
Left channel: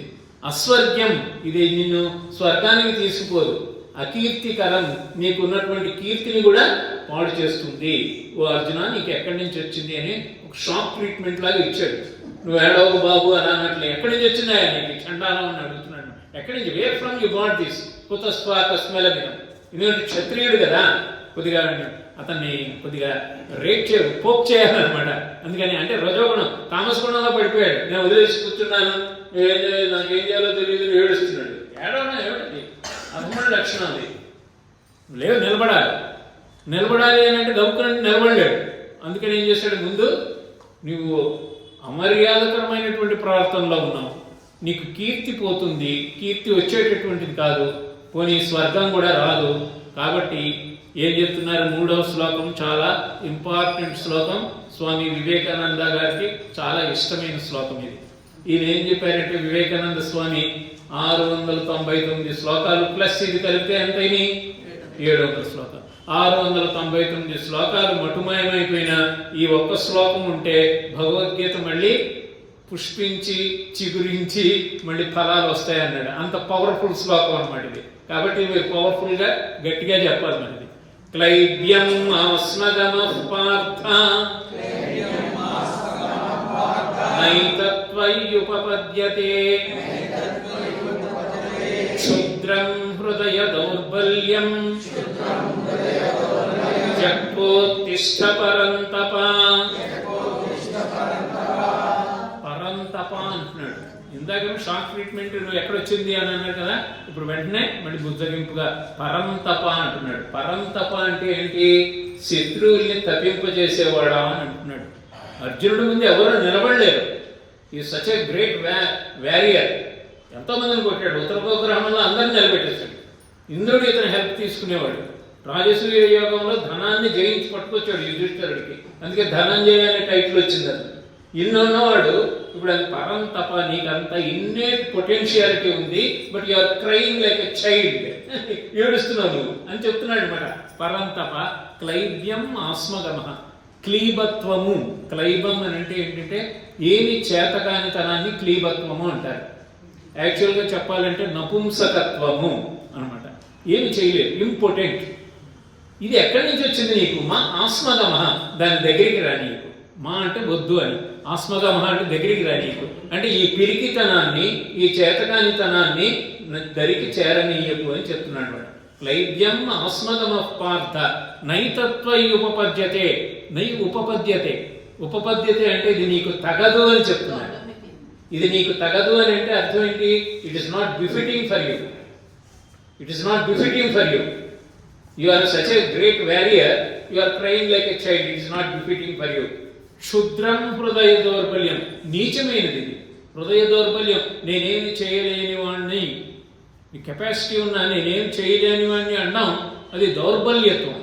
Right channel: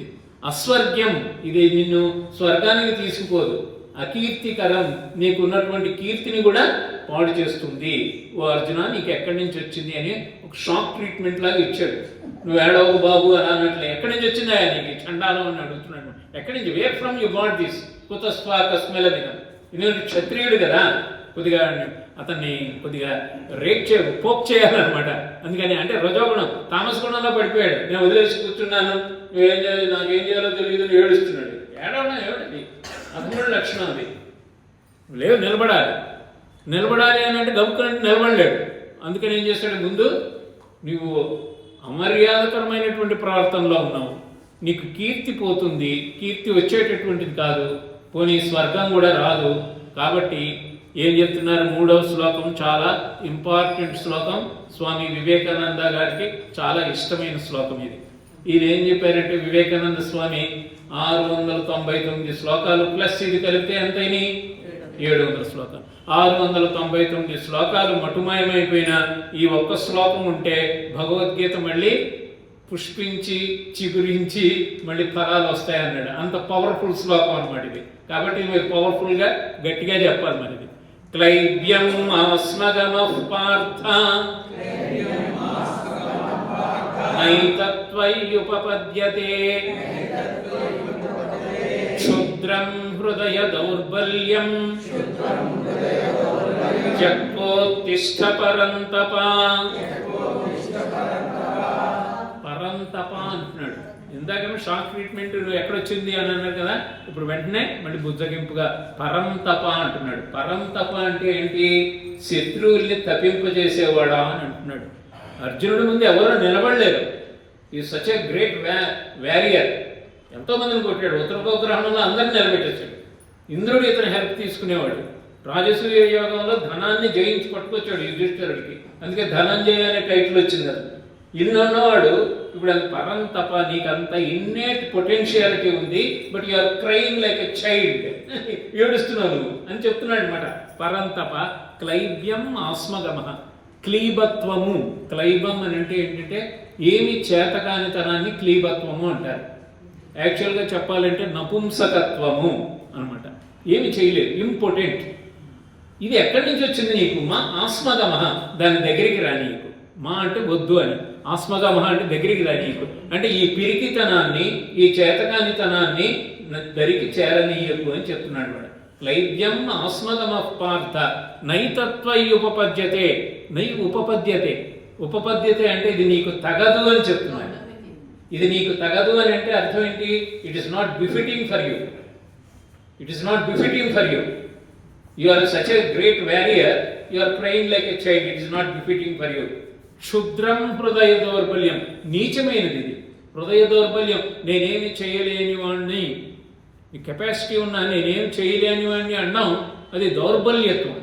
అస్వర్గ్యం, ఇది నిన్ను స్వర్గానికి తీసుకుపోదు. అకీర్తికరం, నీకున్నటువంటి కీర్తిని కూడా పాడు చేస్తుంది. ఓ అర్జున, నీకు ఎక్కడి నుంచి వచ్చింది అని ఒక షాక్ ట్రీట్మెంట్ లాగా ఇచ్చాడు. నువ్వు ఏడవ బాబు అని అన్నట్లు ఎక్కడి నుంచి వచ్చిందా నీకు చండాలం అని అడుగుతున్నాడు. ఎక్కడి నుంచి? Where from you got this? కుతస్త్వా కస్మలనిదం. ఎందుకంటే క్షత్రియుడు కదా, కొద్దిగా అతన్ని కొద్దిగా పోక్ చేయాలన్నమాట. అందుకని అంటే రజోగుణం, తామస గుణంలో పడిపోయాడు. నేను వదిలేసి కూర్చున్నాను, నువ్వేం చేయాలి, నాకు ఏం చేయాలో తెలియదు, ఏడుస్తున్నాడు. ఏడవడం ఏమిటది? అధముడి లక్షణం అది. లేవు, నిలబడాలి అని అంటే గబుక్కునంటే నిలబడలేడు. అందుకని ఏం చేశాడు? ముందు నువ్వు అమర్యాదకరమైనటువంటి ప్రవర్తనలో ఉన్నావు, నీకు కీర్తి పోతుంది, కీర్తి వచ్చేటటువంటిది కాదు, పోనీ స్వర్గం కూడా రాదు. కాబట్టి ఏం చెప్తున్నారు? 3వ శ్లోకం చాలా ఇంపార్టెంట్ శ్లోకం, స్వామి వివేకానంద గారికి చాలా ఇష్టమైన శ్లోకం ఇది. ఇది ఏం చెప్పారంటే వివేకానంద స్వామి 699 శ్లోకాలు ప్లస్ ఇది కలిపితే ఎంతైనా 700 శ్లోకాలు. 699 శ్లోకాలు మటుమాయమైపోయిన ఈ ఒక్క శ్లోకం ఉంటే భగవద్గీత మళ్ళీ పుష్పించి చిగురించి మళ్ళీ ఫలాలు వస్తాయన్నాడు. అంత పవర్ఫుల్ శ్లోకం అన్నమాట ఇది. కాబట్టి మీరు పవర్ఫుల్గా గట్టిగా చెప్పాలి. మనది క్లైబ్యం ఆస్మగమః పార్థ నైతత్వయ్యుపపద్యతే క్షుద్రం హృదయ దౌర్బల్యం త్యక్తోత్తిష్ఠ పరంతప. పరంతప అంటున్నాడు. ఇందాకేమో షాక్ ట్రీట్మెంట్ ఎక్కడొచ్చింది అని అన్నారు కదా, ఇప్పుడు వెంటనే మళ్ళీ బుజ్జగింపుగా పరంతప అంటున్నాడు. పరంతప అంటే ఏంటి? శత్రువుల్ని తప్పింపజేసేవాడా అని అంటున్నాడు. అర్జునుడి ముందు ఎవరో నిలబడలేరు. ఈ సచ్ ఏ గ్రేట్ వ్యారియర్. ఎంతో మందిని కొట్టాడు. ఉత్తరగోగ్రహణంలో అందరిని నిలబెట్టేశాడు. ఇంద్రుడు ఇతను హెల్ప్ తీసుకునేవాడు. రాజసూయ యోగంలో ధనాన్ని జయించి పట్టుకొచ్చాడు యుధిష్ఠిరుడికి. అందుకే ధనంజయ అనే టైటిల్ వచ్చింది. అది ఇన్ని ఉన్నవాడు ఇప్పుడు అది పరంతప. నీకంత ఇన్నేట్ పొటెన్షియాలిటీ ఉంది, but you are crying like a child. ఏడుస్తున్నావు నువ్వు అని చెప్తున్నాడు అనమాట. పరంతప క్లైబ్యం ఆస్మగమ. క్లీబత్వము. క్లైబం అని అంటే ఏంటంటే ఏమి చేతకానితనాన్ని క్లీబత్వము అంటారు. యాక్చువల్గా చెప్పాలంటే నపుంసకత్వము అనమాట. ఏమి చేయలేదు, ఇంపార్టెంట్. ఇది ఎక్కడి నుంచి వచ్చింది నీకు? మా ఆస్మగమహ. దాని దగ్గరికి రా నీకు. మా అంటే వద్దు అని, ఆస్మగమహ అంటే దగ్గరికి రా నీకు. అంటే ఈ పిరికితనాన్ని, ఈ చేతకానితనాన్ని దరికి చేరనీయకు అని చెప్తున్నాడు వాడు. క్లైబ్యం ఆస్మగమ పార్థ నైతత్వయుపపద్యతే. నై ఉపపద్యతే. ఉపపద్యతే అంటే ఇది నీకు తగదు అని చెప్తున్నాడు. ఇది నీకు తగదు అని అంటే అర్థం ఏంటి? It is not befitting for you. It is not befitting for you. You are such a great warrior, you are crying like a child. It is not befitting for you. క్షుద్రం హృదయ దౌర్బల్యం. నీచమైనది ఇది హృదయ దౌర్బల్యం. నేనేమి చేయలేని వాడిని, ఈ కెపాసిటీ ఉన్నా నేనేం చేయలేని వాడిని అన్నాం, అది దౌర్బల్యత్వం.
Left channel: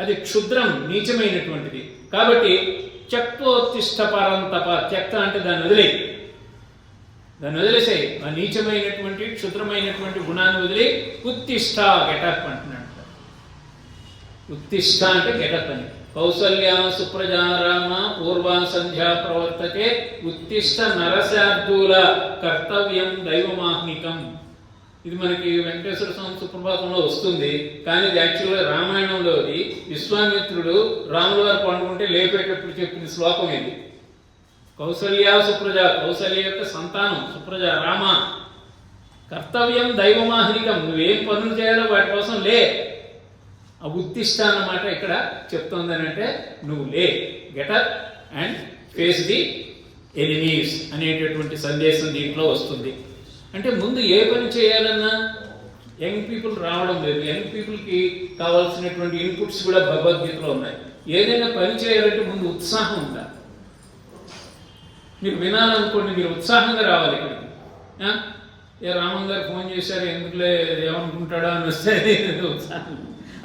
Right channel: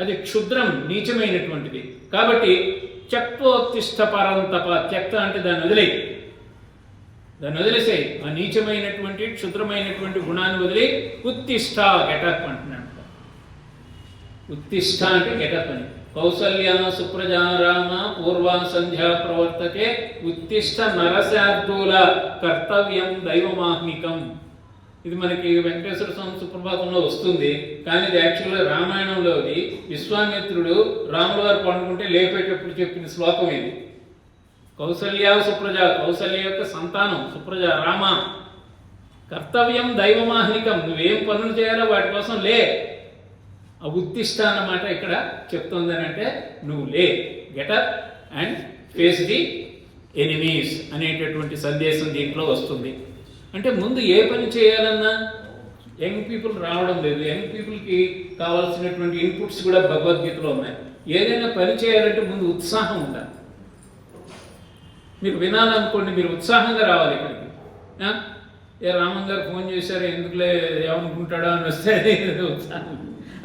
అది క్షుద్రం, నీచమైనటువంటిది. కాబట్టి త్యక్తోత్తిష్ఠ పరంతప. త్యక్త అంటే దాన్ని వదిలే, దాన్ని వదిలేసే. ఆ నీచమైనటువంటి క్షుద్రమైనటువంటి గుణాన్ని వదిలి ఉత్తిష్ఠ గెటప్ అంటున్నాడు. ఉత్తిష్ఠ అంటే గెటప్ అని. కౌసల్య సుప్రజా రామ పూర్వ సంధ్యా ప్రవర్తతే ఉత్తిష్ఠ నరశార్దూల కర్తవ్యం దైవమాహ్నికం. ఇది మనకి వెంకటేశ్వర స్వామి సుప్రభాతంలో వస్తుంది, కానీ ఇది యాక్చువల్గా రామాయణంలోది. విశ్వామిత్రుడు రాముల వారు పండుకుంటే లేపేటప్పుడు చెప్పిన శ్లోకం ఇది. కౌసల్య సుప్రజ, కౌసల్య యొక్క సంతానం సుప్రజ రామ. కర్తవ్యం దైవమాహ్నికం. నువ్వేం పనులు చేయాలో వాటి కోసం లే. ఆ ఉత్తిష్ట అన్నమాట ఇక్కడ చెప్తుందని అంటే నువ్వు లే, getup and face the enemies అనేటటువంటి సందేశం దీంట్లో వస్తుంది. అంటే ముందు ఏ పని చేయాలన్నా యంగ్ పీపుల్ రావడం లేదు. యంగ్ పీపుల్కి కావాల్సినటువంటి ఇన్పుట్స్ కూడా భగవద్గీతలో ఉన్నాయి. ఏదైనా పని చేయాలంటే ముందు ఉత్సాహం ఉండాలి. మీరు వినాలనుకోండి, మీరు ఉత్సాహంగా రావాలి ఇక్కడికి. ఏ రామన్ గారు ఫోన్ చేశారు, ఎందుకులే ఏమనుకుంటాడో అని వస్తే ఉత్సాహం.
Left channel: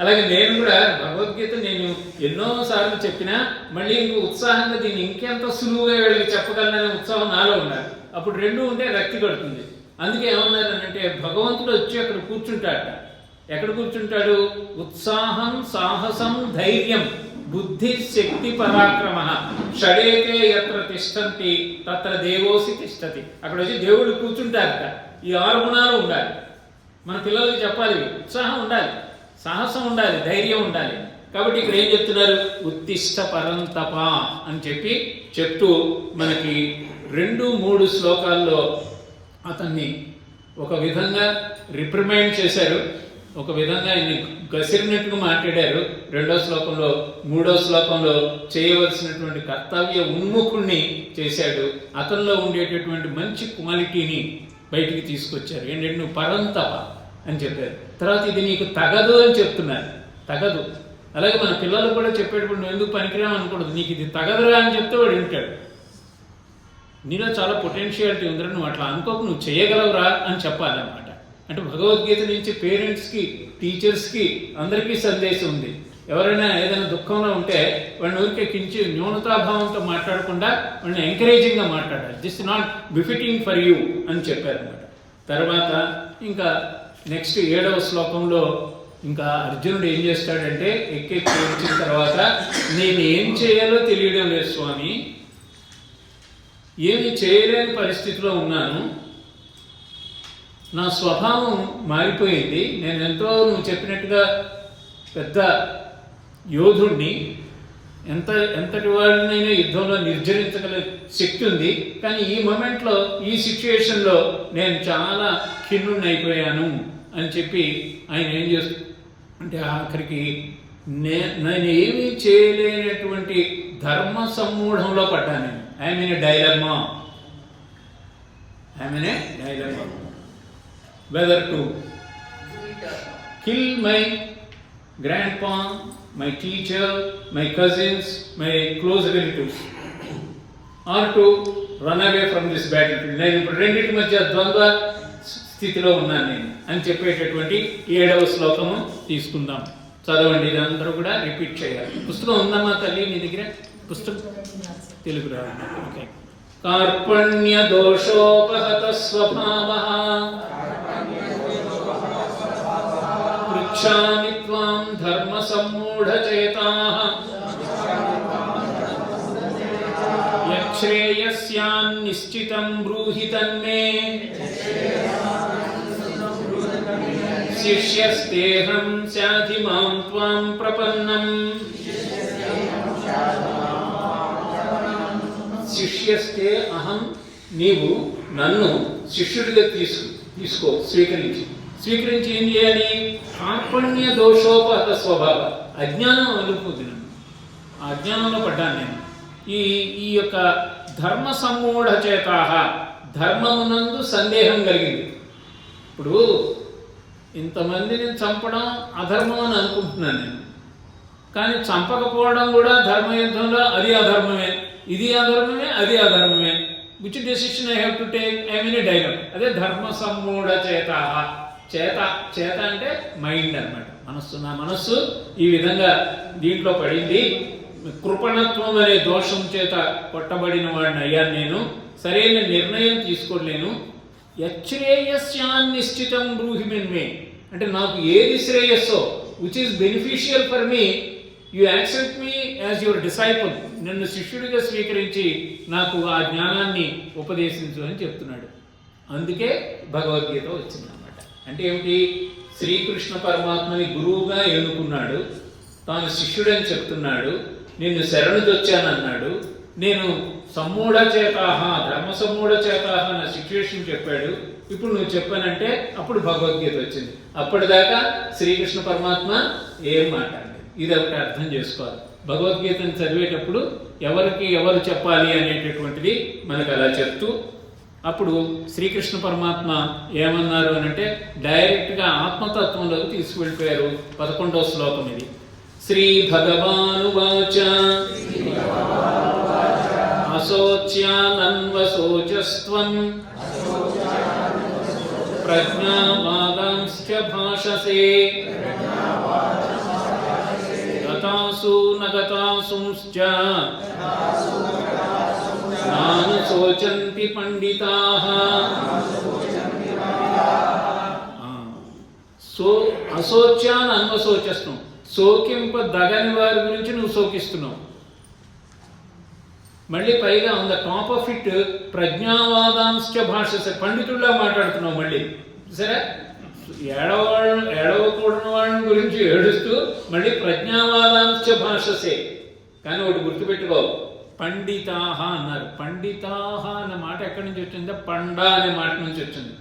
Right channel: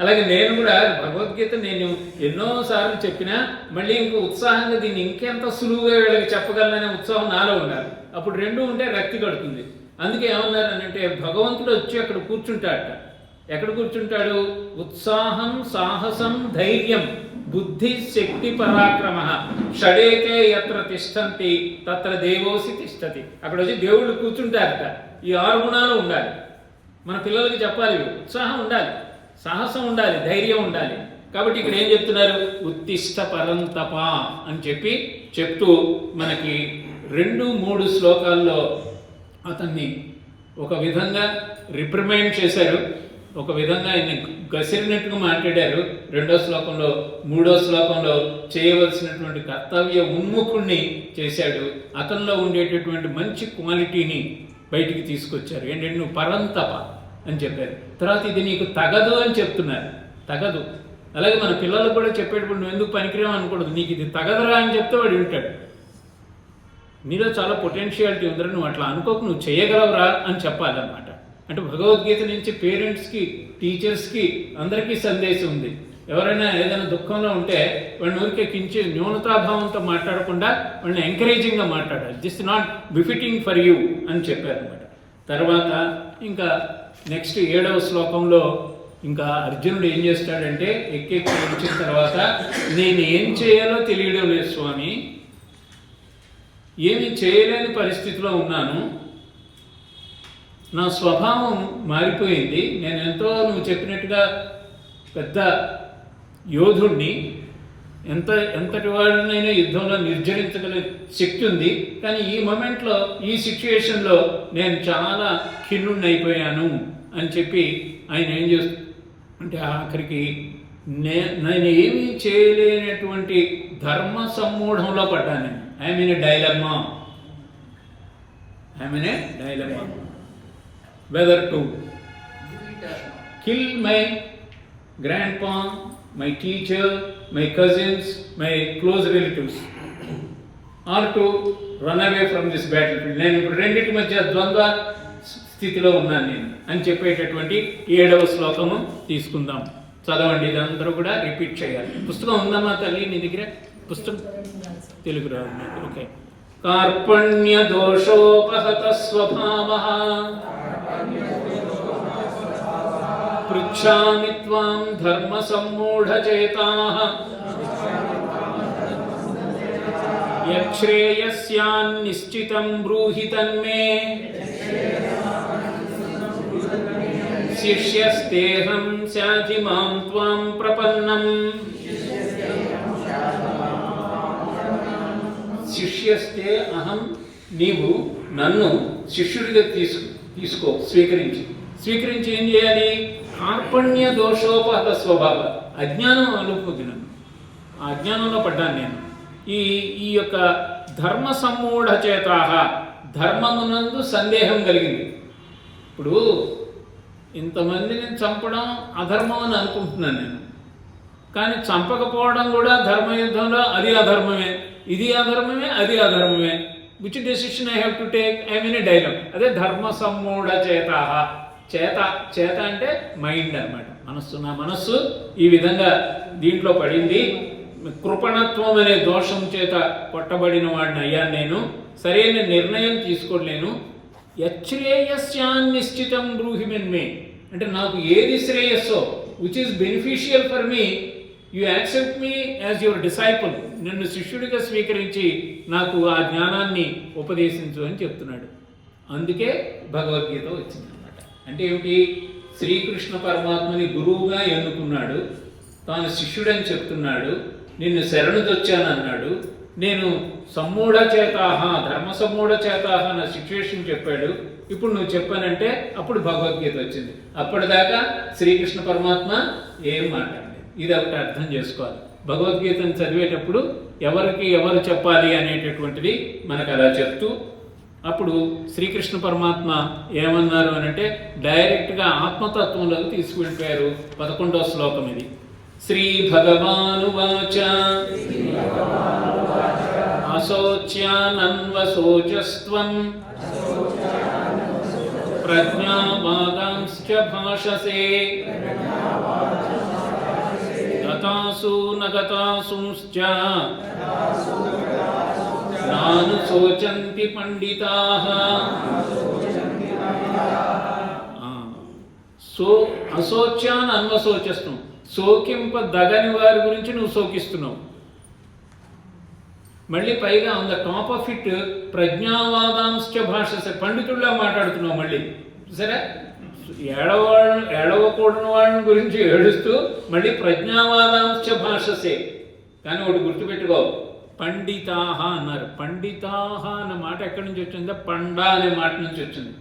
అలాగే నేను కూడా భగవద్గీత నేను ఎన్నోసార్లు చెప్పినా మళ్ళీ ఇంకో ఉత్సాహంగా దీన్ని ఇంకెంత సులువుగా వీళ్ళకి చెప్పగలననే ఉత్సాహం నాలో ఉండాలి. అప్పుడు రెండు ఉంటే రక్తి కడుతుంది. అందుకే ఏమన్నారనంటే భగవంతుడు వచ్చి అక్కడ కూర్చుంటాడట. ఎక్కడ కూర్చుంటాడు? ఉత్సాహం సాహసం ధైర్యం బుద్ధి శక్తి పరాక్రమ షడేతే యత్ర తిష్టంతి తత్ర దేవోసి తిష్టతి. అక్కడ వచ్చి దేవుళ్ళు కూర్చుంటారట. ఈ 6 గుణాలు ఉండాలి. మన పిల్లలకి చెప్పాలి. ఉత్సాహం ఉండాలి, సాహసం ఉండాలి, ధైర్యం ఉండాలి. కాబట్టి ఇక్కడ ఏం చెప్తున్నారు? ఉత్తిష్ట పరంతప అని చెప్తూ మనకి 2-3 శ్లోకాల్లో అతన్ని ఒక విధంగా రిప్రిమైండ్ చేశారు, ఒక విధంగా ఆయన్ని గసిరినట్టుగా మాట్లాడారు 2వ శ్లోకంలో. 3వ శ్లోకంలో చేయవలసినటువంటి కర్తవ్య ఉన్ముఖుణ్ణి చేశాడు. అతనిలో ఉండేటటువంటి మంచి క్వాలిటీని బయటికి తీసుకొచ్చారు. ఏంటంటే నువ్వు పరంతప అని చెప్పారు. తర్వాత ఇది నీకు తగదు అని చెప్తున్నారు. తగదు. అలాగే మన పిల్లలకు కూడా చెప్పేటప్పుడు నువ్వు ఎందుకు పనికిరావు అనకూడదు. నీకు ఇది తగదురా అని చెప్తే వాడు వింటాడు. నీలో చాలా పొటెన్షియాలిటీ ఉందిరా, నువ్వు అట్లా అనుకోకు, నువ్వు చేయగలవురా అని చెప్పాలన్నమాట. అంటే భగవద్గీత నుంచి పేరెంట్స్కి, టీచర్స్కి అందరికీ సందేశం ఉంది. ఎవరైనా ఏదైనా దుఃఖంలో ఉంటే వాళ్ళని ఊరికే న్యూనతాభావంతో మాట్లాడకుండా వాళ్ళని ఎంకరేజింగ్గా మాట్లాడాలి. This not befitting for you అని చెప్పారనమాట. తర్వాత ఇంకా నెక్స్ట్ 7వ శ్లోకంలో ఇంకా అర్జునుడు ఏం చేస్తాడంటే ఎక్కెక్కి వచ్చిన తర్వాత, నేను ఏం చేయాలో తెలియడం లేదు స్వామి, ఏమి చేయలేని పరిస్థితిలో ఉన్నాను, నా స్వభావం మారిపోయింది, నేను నువ్వు చెప్పినట్టుగా పెద్ద యోధుణ్ణి, ఎంతటి వాడినైనా యుద్ధంలో నిర్జరించగల శక్తి ఉంది, కానీ ఈ మూమెంట్లో, ఈ సిచ్యువేషన్లో నేను చాలా ఖిన్నుణ్ణి అయిపోయాను అని చెప్పి ఆయన ఏం అంటే ఆఖరికి నేను ఏమీ చేయలేనటువంటి ధర్మ సమ్మూఢంలో పడ్డాను. నేను I'm in a dilemma whether to kill my grandpa, my teacher, my cousins, my close relatives, or to run away from this battlefield. నేను ఇప్పుడు రెండింటి మధ్య ద్వంద్వ స్థితిలో ఉన్నాను నేను అని చెప్పేటటువంటి 7వ శ్లోకము తీసుకుందాం. చదవండి, ఇదందరూ కూడా రిపీట్ చేయాలి. పుస్తకం ఉందమ్మా తల్లి మీ దగ్గర? పుస్తకం తెలుగు రాదు. ఓకే. కార్పణ్య దోషోపహత స్వభావః పృచ్ఛామి త్వాం ధర్మ సమ్మూఢచేతాః యచ్ఛ్రేయస్యాన్నిశ్చితం బ్రూహి తన్మే శిష్యస్తేహం శాధి మాం త్వాం ప్రపన్నం. శిష్యస్తే అహం, నీవు నన్ను శిష్యుడిగా తీసుకో, స్వీకరించి ఏం చేయాలి? కార్పణ్య దోషోపహత స్వభావ, అజ్ఞానం అలుపుద్ది నన్ను, ఆ అజ్ఞానంలో పడ్డాను నేను. ఈ యొక్క ధర్మ సమ్మూఢ చేతాహ, ధర్మమునందు సందేహం కలిగింది. ఇప్పుడు ఇంతమందిని చంపడం అధర్మం అని అనుకుంటున్నాను నేను, కానీ చంపకపోవడం కూడా ధర్మయుద్ధంలో అది అధర్మమే, ఇది అధర్మమే, అది అధర్మమే. Which decision I have to take? I mean a dialogue. అదే ధర్మ సమ్మూఢ చేతాహ. చేత అంటే మైండ్ అనమాట, మనస్సు. నా మనస్సు ఈ విధంగా దీంట్లో పడింది, కృపణత్వం అనే దోషం చేత కొట్టబడిన వాడిని అయ్యాను నేను, సరైన నిర్ణయం తీసుకోలేను. యచ్ఛ్రేయస్యాన్నిశ్చితం బ్రూహి మే, అంటే నాకు ఏది శ్రేయస్సో, which is beneficial for me, you accept me as your disciple, నన్ను శిష్యుడిగా స్వీకరించి నాకు ఆ జ్ఞానాన్ని ఉపదేశించు అని చెప్తున్నాడు. అందుకే భగవద్గీత వచ్చిందన్నమాట. అంటే ఏమిటి? శ్రీకృష్ణ పరమాత్మని గురువుగా ఎన్నుకున్నాడు, తాను శిష్యుడని చెప్తున్నాడు, నిన్ను శరణుదొచ్చానన్నాడు, నేను సమ్మూఢ చేతాహ, ధర్మ సమ్మూఢ చేతాహ నా సిచ్యువేషన్ చెప్పాడు. ఇప్పుడు నువ్వు చెప్పానంటే అప్పుడు భగవద్గీత వచ్చింది. అప్పటిదాకా శ్రీకృష్ణ పరమాత్మ ఏం మాట్లాడండి. ఇది ఒకటి అర్థం చేసుకోవాలి. భగవద్గీతను చదివేటప్పుడు ఎవరు చెప్పాలి అనేటటువంటిది మనకు అలా చెప్తూ, అప్పుడు శ్రీకృష్ణ పరమాత్మ ఏమన్నారు అని అంటే డైరెక్ట్గా ఆత్మతత్వంలోకి తీసుకువెళ్ళిపోయారు. 11వ శ్లోకం ఇది. శ్రీ భగవానువాచ అశోచ్యానన్వశోచస్త్వం ప్రజ్ఞావాదాంశ్చ భాషసే గతాసు నగతాసుంశ్చ నాను శోచంతి పండితాః. అశోచ్యాన్ అన్వశోచస్తం, శోకింపదగని వారి గురించి నువ్వు శోకిస్తున్నావు. మళ్ళీ పైగా on the top of it ప్రజ్ఞావాదాంశ్చ భాషసే, పండితుడిలా మాట్లాడుతున్నావు. మళ్ళీ సరే, ఏడవకూడని వాళ్ళని గురించి ఏడుస్తూ మళ్ళీ ప్రజ్ఞావాదాంశ్చ భాషసే. కానీ ఒకటి గుర్తుపెట్టుకో, పండితాహ అన్నారు. పండితాహ అన్న మాట ఎక్కడి నుంచి వచ్చిందో పండా అనే మాట నుంచి వచ్చింది.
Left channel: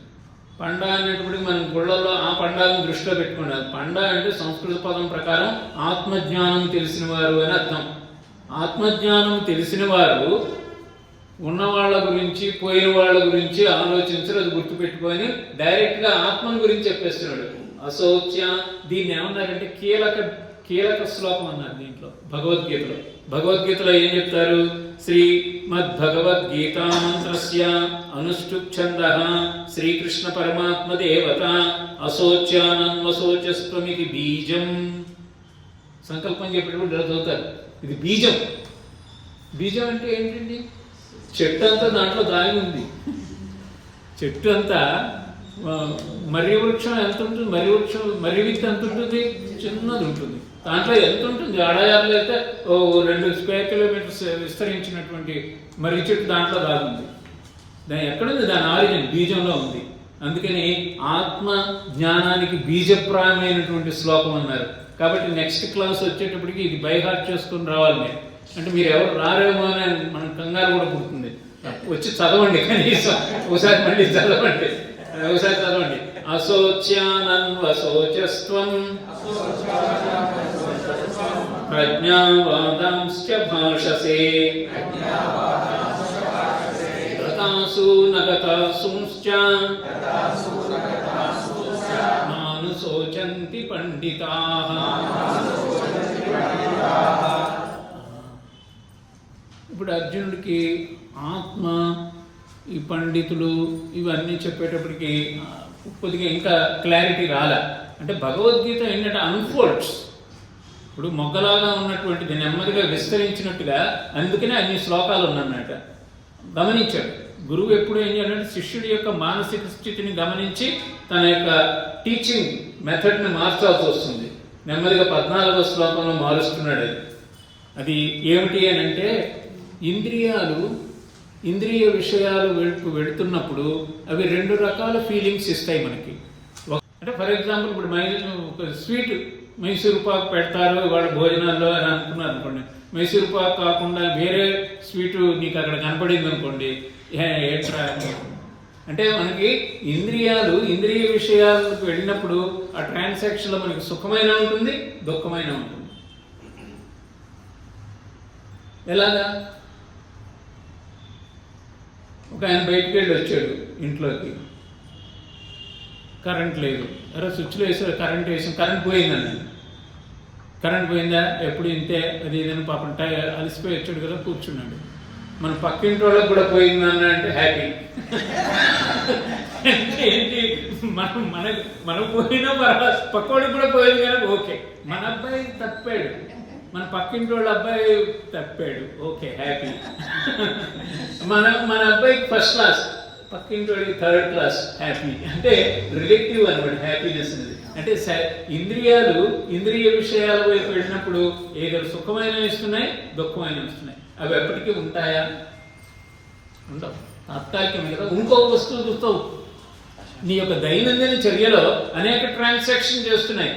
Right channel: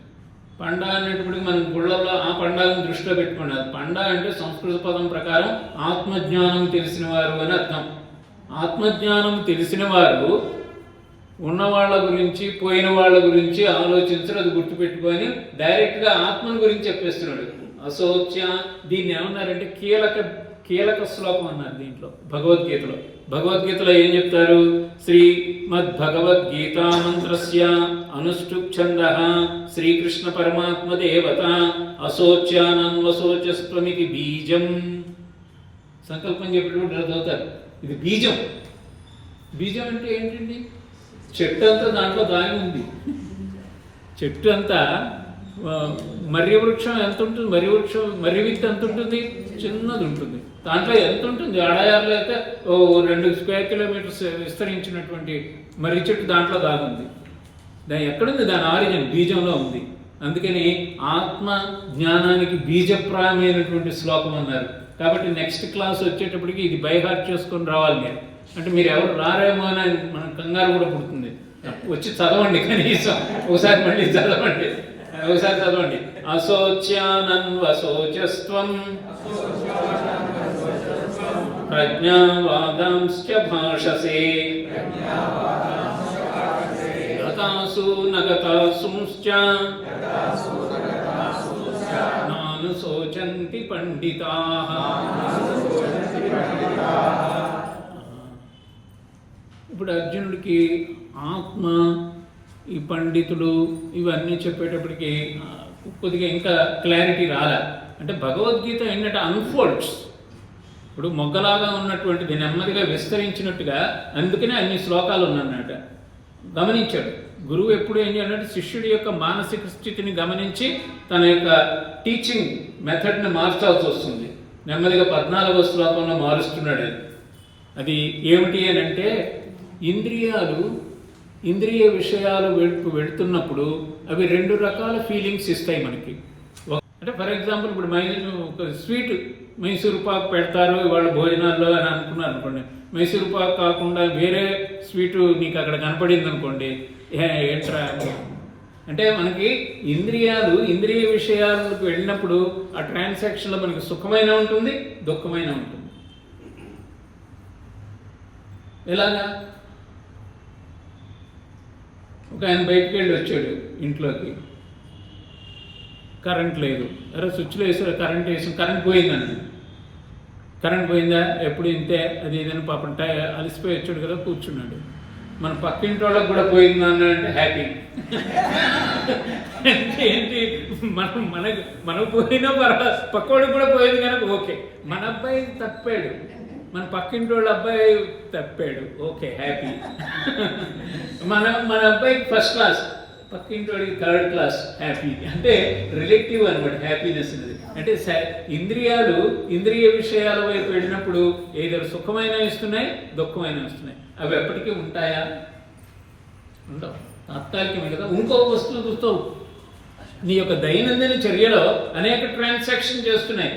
పండా అనేటప్పటికి మనం గుళ్ళలో ఆ పండాలను దృష్టిలో పెట్టుకున్నారు. పండా అంటే సంస్కృత పదం ప్రకారం ఆత్మజ్ఞానం తెలిసిన వారు అని అర్థం. ఆత్మజ్ఞానం తెలిసిన వారు ఉన్నవాళ్ళ గురించి పోయిన వాళ్ళ గురించి ఆలోచించరు, అది గుర్తుపెట్టుకొని డైరెక్ట్గా ఆత్మను గురించి చెప్పేస్తున్నాడు. అశోచ్య, దీన్ని ఏమన్నారంటే కీలక శ్లోకం అన్నారు దీంట్లో భగవద్గీతలో. భగవద్గీతలో ఏం చెప్తారు? శ్రీమద్భగవద్గీతా మంత్రస్య అనుష్ఠుప్ ఛందః శ్రీకృష్ణ పరమాత్మ దేవత అశోచ్యానన్వశోచస్త్వమితి బీజం. సంకల్పం చెప్పేటప్పుడు చదువుతారు, ఇది బీజం. బీజం అంటే ఏంటండి? చెట్టు అంతా దాంట్లో దాగి ఉంది. చెట్టు అంతా మర్రి వృక్షం ఎంత ఉంటుంది? మర్రి విత్తు ఎంత ఉంటుంది? చిన్నది ఉంటుంది. దాంట్లో ఎంత ఉంటుంది? అడయారులో అయితే 2 స్క్వేర్ కిలోమీటర్స్ విస్తరించినటువంటి మర్రి చెట్టు దాంట్లో దాగుంది. దాని ఎక్కడుంది? దాని ఆరిజిన్ బీజంలో ఉంది. అందుకని ఆత్మ జ్ఞానానికి బీజప్రాయమైనటువంటి శ్లోకం అన్నారు. కాబట్టి నెక్స్ట్ క్లాస్ వచ్చేటప్పటికి ఇది బైహార్ట్ చేసుకొని రావాలి మీరు. అంటే మీరు ఎవరు రారేమో అని మన కంగారు కూడా పుడుతుంది. వచ్చి చదవండి, కనీసం ఒకసారి మళ్ళీ చదవండి, ఒకసారి చదవండి. అశోచ్యానన్వశోచస్త్వం ప్రజ్ఞావాదాంశ్చ భాషసే గతాసు నగతాసుంశ్చ నానుశోచంతి పండితాః. ఇప్పుడు అర్జునుడికి ఆత్మ, ఈ పండితులు ఇవన్నీ చెప్పేటప్పటికి కొద్దిగా ఇంకా క్లారిటీ రాలే. అంటే భగవద్గీత ఏంటంటే అన్ఫోల్డ్స్. ఇప్పుడు మొగ్గలాగా ఉన్నటువంటిది నెమ్మదిగా విస్తరించినట్టుగా, అందుకనే అన్ని శ్లోకాలు ఉన్నమాట. గమనించాడు గురువు. ఎప్పుడు ఏం చేయాలంటే శిష్యుడి యొక్క మానసిక స్థితిని గమనించి తన యొక్క టీచింగ్ మెథడ్ని మార్చాల్సి వస్తుంది. నెమ్మదిగా 14వ శ్లోకంలో మారుస్తున్నాడు. అది ఏమిటి అని అంటే, ఇంద్రియ విషయాలు వెళుతున్నప్పుడు అవి 2 రకాల ఫీలింగ్స్ ఇస్తాయి మనకి. అంటే ఫర్ ఎగ్జాంపుల్ ఇప్పుడు ఒక స్వీట్ మైసూరు పాకు పెడతారు వాళ్ళ భోజనాల్లో అని అనుకున్నారు అనుకోండి. మైసూరు పాకు కాకుండా వేరే స్వీటు నీకు అక్కడ కనపడింది అనుకోండి, ఏంట్రా అంటే మనకి ఇంద్రియ విషయాలకు వెళ్ళినప్పుడు ఆ ట్రాన్సాక్షన్లో మనకి సుఖమైన ఉంటుంది, దుఃఖమైన ఉంటుంది. ఎలాగా? ఒక ఆయన బయటికి వెళ్ళి వచ్చాడు ఇంట్లోకి, కరెంట్ లేదు. అరే స్విచ్లో వేసారు, కరెంట్ వేసాం, కరెంట్ పోయిందని. కరెంట్ పోయిందా? ఎప్పుడు ఇంతే అది ఏదైనా పాపం అలసిపోయి వచ్చాడు కదా, కూర్చున్నాడు. మన పక్కింటి వాళ్ళకి కూడా పోయిందని అంటే హ్యాపీ. అంటే ఏంటి? మనకు పోయినా పర్వాలేదు, పక్కోడికి కూడా పోయింది కనుక ఓకే. మన అబ్బాయి తప్పాడు, మన పక్కింటి వాళ్ళ అబ్బాయి తప్పాడు, ఓకే హ్యాపీ. మన అబ్బాయికి ఫస్ట్ క్లాస్, పక్కింటి వాడికి 3rd క్లాస్, హ్యాపీ. అంటే రిలేటివ్ అనమాట హ్యాపీనెస్ అనేది. అంటే ఇంద్రియ విషయాల వైపు వెళ్ళినప్పుడు ఏదో సుఖమైన ఇస్తున్నాయి, దుఃఖమైన ఇస్తున్నాయి. అవి ఎప్పటికీ ఉంటాయా? ఉండవు, తాత్కాలికమే కదా. ఇంకో వస్తువు చూస్తావు, నీ యొక్క దైనందిన చర్యలో అనేక ట్రాన్సాక్షన్ చేస్తున్నాయి.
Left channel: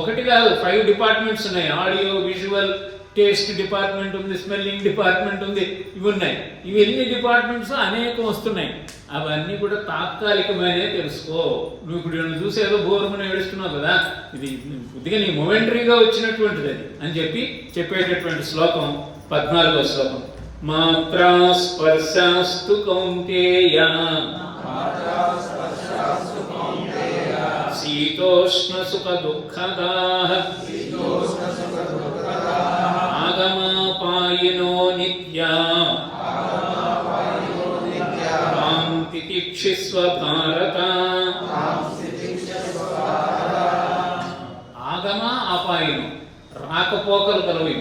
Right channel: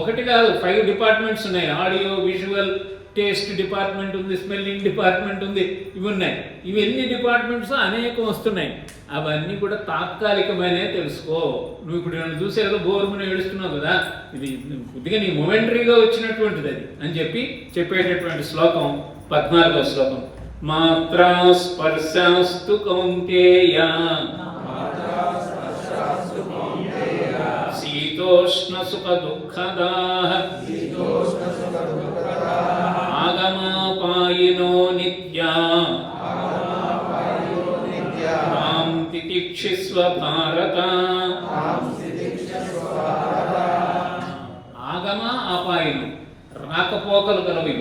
ఒకటి కాదు, 5 డిపార్ట్మెంట్స్ ఉన్నాయి. ఆడియో, విజువల్, టేస్ట్ డిపార్ట్మెంట్ ఉంది, స్మెల్లింగ్ డిపార్ట్మెంట్ ఉంది, ఇవి ఉన్నాయి. ఇవి ఎన్ని డిపార్ట్మెంట్స్ అనేకం వస్తున్నాయి. అవన్నీ కూడా తాత్కాలికమైనవి తెలుసుకో. నువ్వు ఇప్పుడు నన్ను చూసి ఏదో బోర్మని ఏడుస్తున్నావు కదా, ఇది కొద్దిగా నీ మొమెంటరీగా వచ్చినటువంటిది అది అని చెప్పేటటువంటి శ్లోకం 14వ శ్లోకం. మాత్రా స్పర్శాస్తు కౌంతేయ శీతోష్ణ సుఖ దుఃఖదాః ఆగమాపాయినో నిత్యా తాం తితిక్షిస్వ భారత. ఆగమ అపాయను, రాకపోకలు కలవు.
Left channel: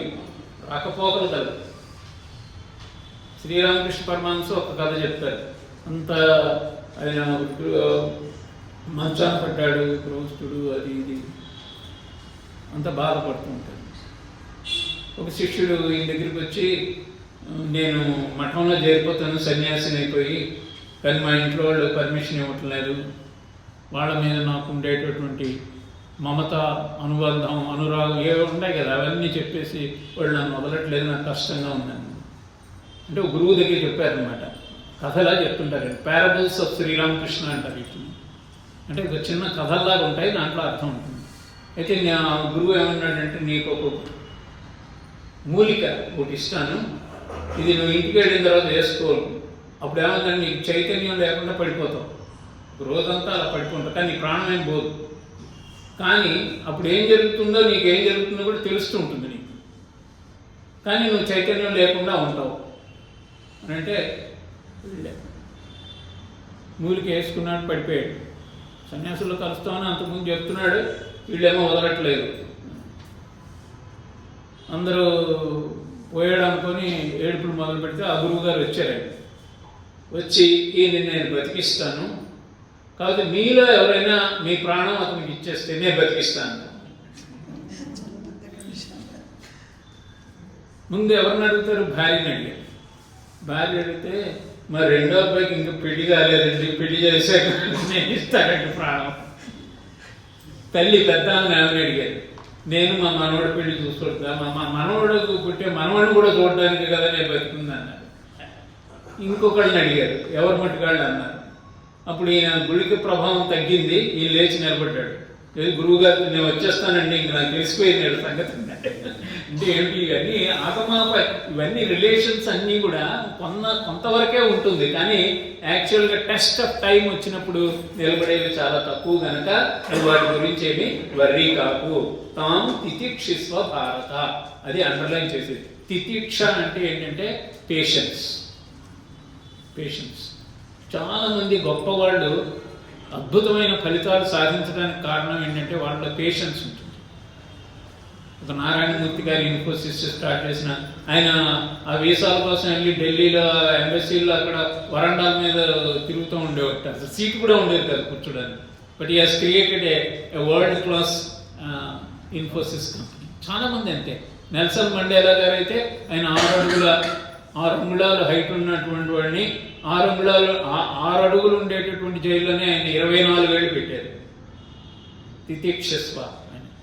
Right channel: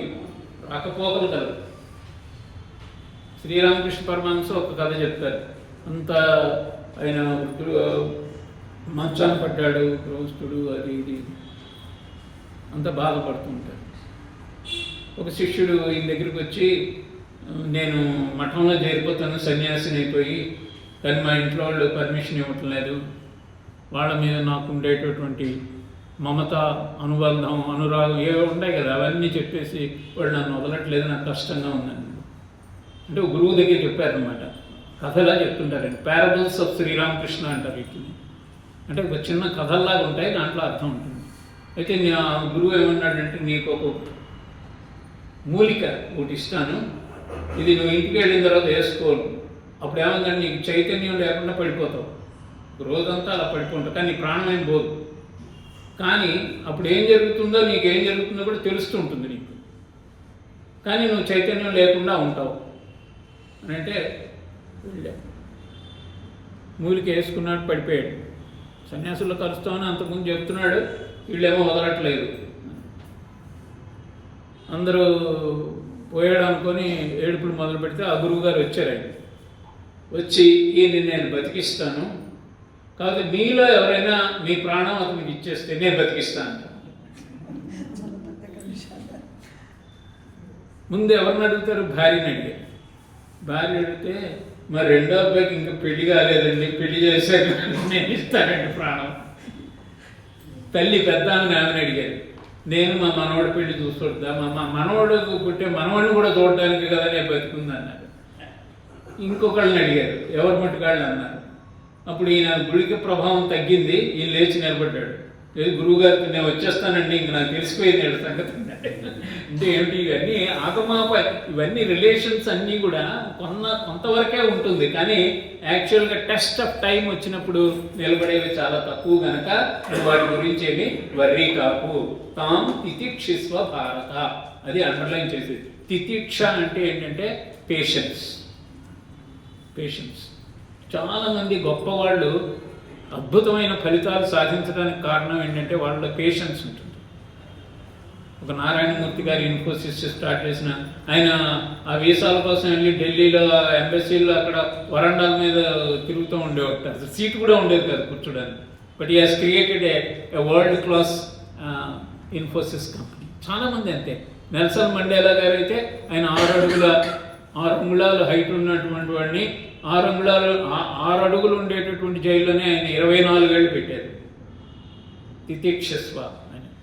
శ్రీరామకృష్ణ పరమహంస ఒక కథ చెప్తారు. అంత ఆయన మంచాన పడ్డాడు, గృహస్థుడు, అది ఇది అంత బాధపడుతూ ఉంటాడు. ఒక శిష్యుడు ఈయన దగ్గరికి వచ్చి, నేను మఠంలో చేరిపోతాను, సన్యాసిని అయిపోయి, కానీ మా ఇంట్లో వాళ్ళు పర్మిషన్ ఇవ్వటం లేదు. వాళ్ళ మీద నాకు ఉండేటటువంటి మమత, అనుబంధం, అనురాగం ఏవో ఉంటాయి కదా, అవన్నీ చెప్పేసి వాళ్ళు నన్ను వదలట్లేదు, నాకు కష్టంగా ఉందని. అంటే గురువు దగ్గర చెప్పారనమాట. కథలా చెప్తుంటారండి. పారబుల్స్ ఆఫ్ శ్రీరామకృష్ణ అంటారు వీటిని. అంటే ఒక చిన్న కథల్లాగా ఉంటాయి, దాంట్లో అర్థం ఉంటుంది. అయితే నా గురువు ఏమన్నాడంటే, నీకు ఒక మూలిక ఒకటి ఇస్తాను, ఇది నువ్వు ఇంటికి వెళ్ళిన తర్వాత వేసుకోను. అప్పుడు ఏమందంటే నీకు చైతన్యం లేకుండా పడిపోతావు, రోజంతా అలా పడిపోతావు, కానీ నీ ప్రాణం ఏం పోదు. కానీ అప్పుడు ఏం జరుగుతుందో, నీకు ఏం జరుగుతుందో కూడా తెలుస్తూ ఉంటుంది నీకు. కానీ నువ్వు చైతన్యం లేకుండా ఉంటావు అని అంటే మూలికి వేసుకున్నాడు, పడిపోయాడు. సన్యాసులు కలుస్తామని అంతకుముందు చెప్తున్నాడు, వీళ్ళేమో వదలట్లేదు. అందరూ పోయాడు అనుకొని ఏడుపులు మొదలు పెడితే ఆ గురువు గారు వచ్చారు. వచ్చి ఈయన నేను బతికిస్తాను, కాదు మీలో ఎవరైనా మీ ప్రాణం అతనికి ఇచ్చేస్తే నేను బతికిస్తాను. ముందు ఎవరిని అడుగుతారు? భార్యని అడిగారు. భార్య అడిగితే మరి రెండో అబ్బాయికి ఇంకా పెళ్లి కాలేదండి, పెళ్లి చేశాక నేను ఇస్తానండి ప్రాణం. తల్లి పెద్ద ఆమెను అడిగారు, నేను మా మనవడి పెళ్లి చూసుకొద్దా, మా మనవడు పుట్టే మనవడిని కూడా చూడడానికి కదా నేను బతుకుంది అన్నారు. ఇంకొకళ్ళని అడిగారు, ఎవరు మట్టుకాళ్ళు అన్నారు. అప్పుడు ఈయన గుడికి ప్రభావం తగ్గింది, ఈయన లేచి నిలబడ్డాడు. గురువు గారు నేను వచ్చేస్తానండి, ఇంక నాకు తెలిసిపోయింది సంగతి. అంటే ఏంటి ఇవన్నీ ఆగమాపై ఇవన్నీ రిలేషన్స్ అన్నీ కూడా కొంతవరకే ఉంటుంది, కానీ యాక్చువల్గా టెస్ట్ ఆఫ్ టైం వచ్చినప్పుడు నిలబడేవి చాలా తక్కువ కనుక వాటి గురించి ఏమి వర్రీ కాకు. తాం తితిక్షిస్వ భారత, అది అండర్లైన్ చేసేది. తితిక్ష అంటే ఏంటంటే పేషెన్స్. పేషెన్స్. చాలామంది గొప్పవాళ్ళు అద్భుతమైన ఫలితాలు సాధించడానికి కారణం ఏంటంటే వాళ్ళ పేషెన్స్ ఉంటుంది. ఒక నారాయణమూర్తి గారు ఇన్ఫోసిస్ స్టార్ట్ చేసిన ఆయన ఆ వీసాల కోసం వెళ్ళి ఢిల్లీలో ఎంబసీలో అక్కడ వరండాల మీద తిరుగుతూ ఉండేవాట. అసలు సీట్ కూడా ఉండేది కదా కూర్చోడానికి. But he has created a world class Infosys company. చాలామంది అంతే. నెల్సన్ మండేలా గారు అయితే ఆయన 6 అంగుళాలు హైట్ ఉన్నటువంటి వాడిని 6 అడుగులు ఉండేటటువంటి జైల్లోనే ఆయన 24 ఏళ్ళు పెట్టారు. తితిక్షస్వ.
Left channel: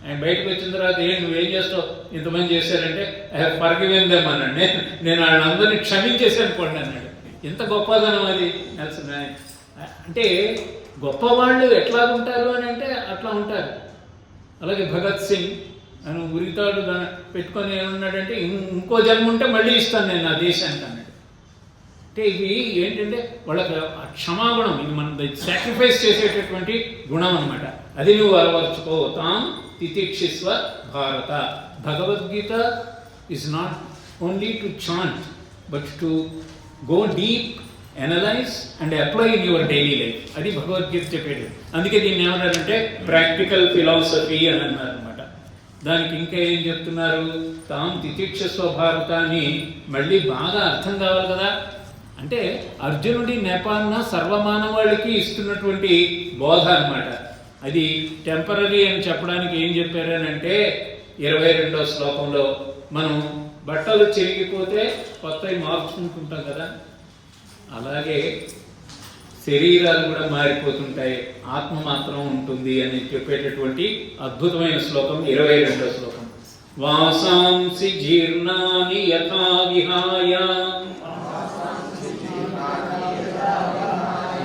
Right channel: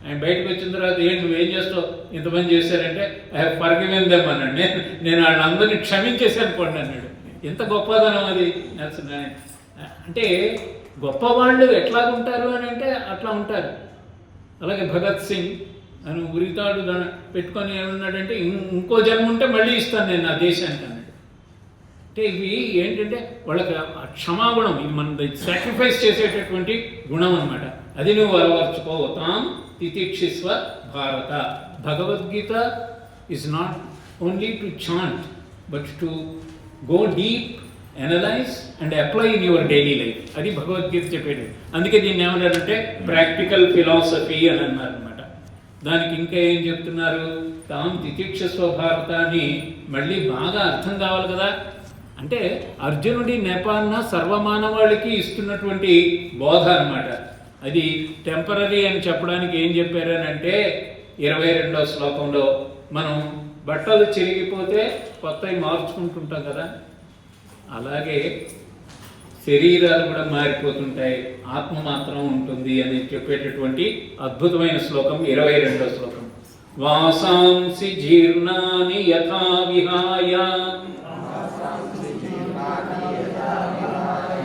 ఆయన బయటకు వచ్చిన తర్వాత నువ్వేం చేస్తావు, ఇంతమంది చేశారంటే ఐ హ్యావ్ ఫర్గివెన్ దెమ్ అన్నాడు. నేను వాళ్ళందరినీ క్షమించేసాను అనుకోండి అన్నాడు. ఎంత గొప్పదనం అది. అంటే గొప్పవాళ్ళు ఎట్లాగుంటారు అని అంటే అట్లా ఉంటారు. అలాగే భగత్ సింగ్ ఆయన ఉరితాడు పెట్టుకొని ఏమన్నాడంటే ఇంకో జన్మ ఉంటే మళ్ళీ ఇస్తాను నేను నా దేశానికి అన్నాడు. అంటే ఇవి ఏంటంటే వాళ్ళకి క్షమాగుణం, ఇది మన సాక్రిఫైస్ చేసేటటువంటి గుణం అనమాట. అది నువ్వు అలవర్చుకో. తాం తితిక్షిస్వ భారత. Bhagavad Gita is not only to chant but to go deep, analyse and apply in your daily life. అది భగవద్గీత చెప్పేది. అందుకే దీన్ని ఏమన్నారంటే ప్రాక్టికల్ ఫిలాసఫీ అని అన్నారు అనమాట. దానికి ఇంకా ఏం చెప్తున్నారు? తాం తితిక్షస్వ భారత అని మళ్ళీ బాగా అర్థం కావాలి కదా. అంటే అర్జునుడి నెపాన్న సర్వమానవాళికి ఇస్తున్నటువంటి బోధ అనమాట. అది టెంపరీ అని చెప్పడానికి ఏం చెప్పారనంటే 22వ శ్లోకంలో మనం బట్టలు చిరిగిపోతే కొత్తవి మార్చుకుంటుంటాం కదా, అలాగే శరీరాలు కూడా మారిపోతుంటాయి, ఆత్మ మాత్రం ఉంటుంది అని చెప్పేటటువంటి అద్భుతమైన శ్లోకం 22వ శ్లోకం. వాసాంసి జీర్ణాని యథా విహాయ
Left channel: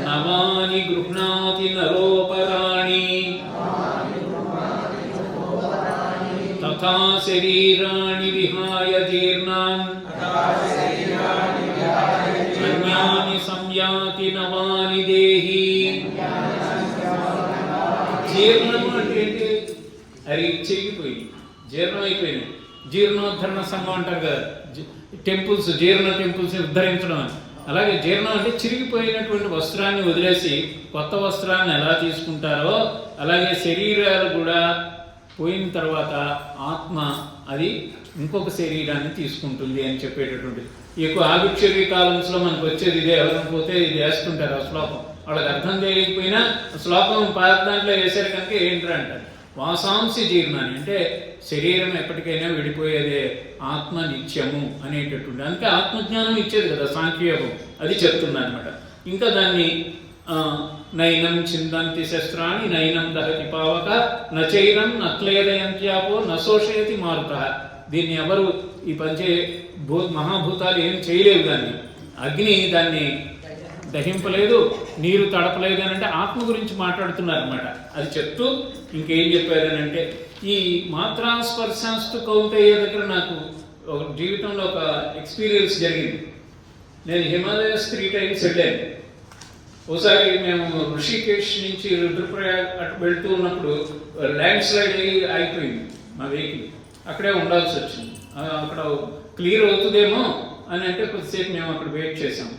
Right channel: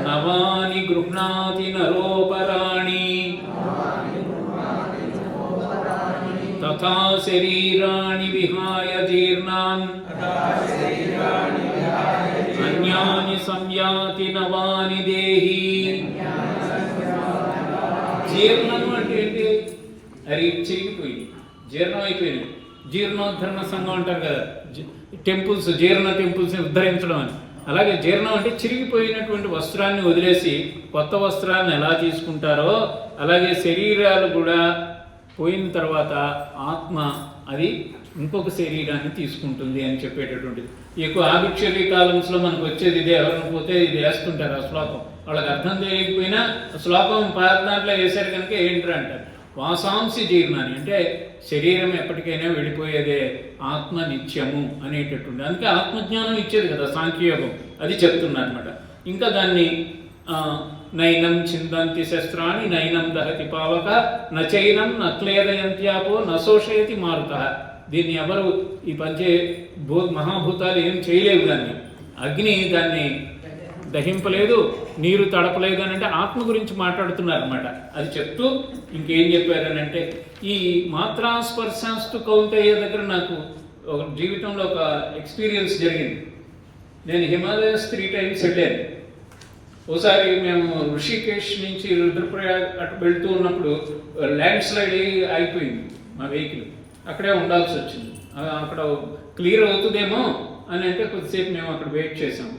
నవాని గృహ్ణాతి నరోపరాణి తథా శరీరాణి విహాయ జీర్ణాన్ అన్యాని సంయాతి నవాని దేహి. జీర్ణము అంటే ఏంటి? అది చిరిగిపోయి జీర్ణం అయిపోయింది. జీర్ణోద్ధరణ సంఘం అంటారు కదా, టెంపుల్స్, జీర్ణ టెంపుల్స్ని ఉద్ధరించడం అని. అలాగే జీర్ణం అంటే చిరిగిపోయినటువంటి వస్త్రాన్ని వదిలేసి కొత్త వస్త్రాన్ని ఎలా తీసుకుంటారో అలాగే శరీరాలు కూడా పోయిన తర్వాత ఆత్మ అది ఇంకొక శరీరాన్ని తీసుకుంటుంది అని చెప్పేటటువంటిది. ఎక్కువ ఆభిక్షేపి కాలంలో మనకు వచ్చేది ఇదే. ఎవరైనా పోతే ఇది వేసుకుంటారు ఆ శ్లోకం. వాళ్ళకి అర్థం తెలియకపోయినా శ్లోకం పాత దాంట్లో వేశారు కనుక ఏంటంటే అంటారు. వాసాంసి జీర్ణాన్ని అంటే శరీరం ఎప్పటికైనా విడిపోయేదే, ఆత్మ నిత్యము అనేటటువంటి. అందుకే ఆత్మజ్ఞానం ఇచ్చేది కదా సాంఖ్యయోగం, అది చెప్తున్నా అనమాట. ఇంకా దాన్ని నైనం చిందంతి శస్త్రాన్ని నైనం దహతి పావక నచైనం నక్లేదయంత్యాపో నశోషయతి మారుత. దీన్ని ఎవరు ఈ మహాభూతాలు ఏం చేయలేవు. దాన్ని అగ్ని దాన్ని దహింపలేదు, నీరు తడపలేదు అని అంటే ఆత్మ గురించి మాట్లాడుతున్నారు అనమాట. అది చెప్తూ ఇంకేం చెప్పారనంటే ఈ మాత్రాస్పర్శాస్తు కౌంతేయ దగ్గర నాకు ఒక జీవితంలో ఒక ఎక్స్పీరియన్స్ జరిగింది. నేను హిమాలయస్ 3 times వెళ్ళాను. ఒకసారి మేము ఋషికేశ్ నుంచి రుద్రప్రయాగ్ అటు వెళ్తూ ఉన్నప్పుడు ల్యాండ్ స్లైడ్ అయిపోయింది మా వెహికల్. అక్కడే ఉండాల్సి వచ్చింది. అక్కడ క్లియర్ అవుతుందేమో అని అంటే కొద్దిసేపు మేము అక్కడ వెయిట్ చేసాం.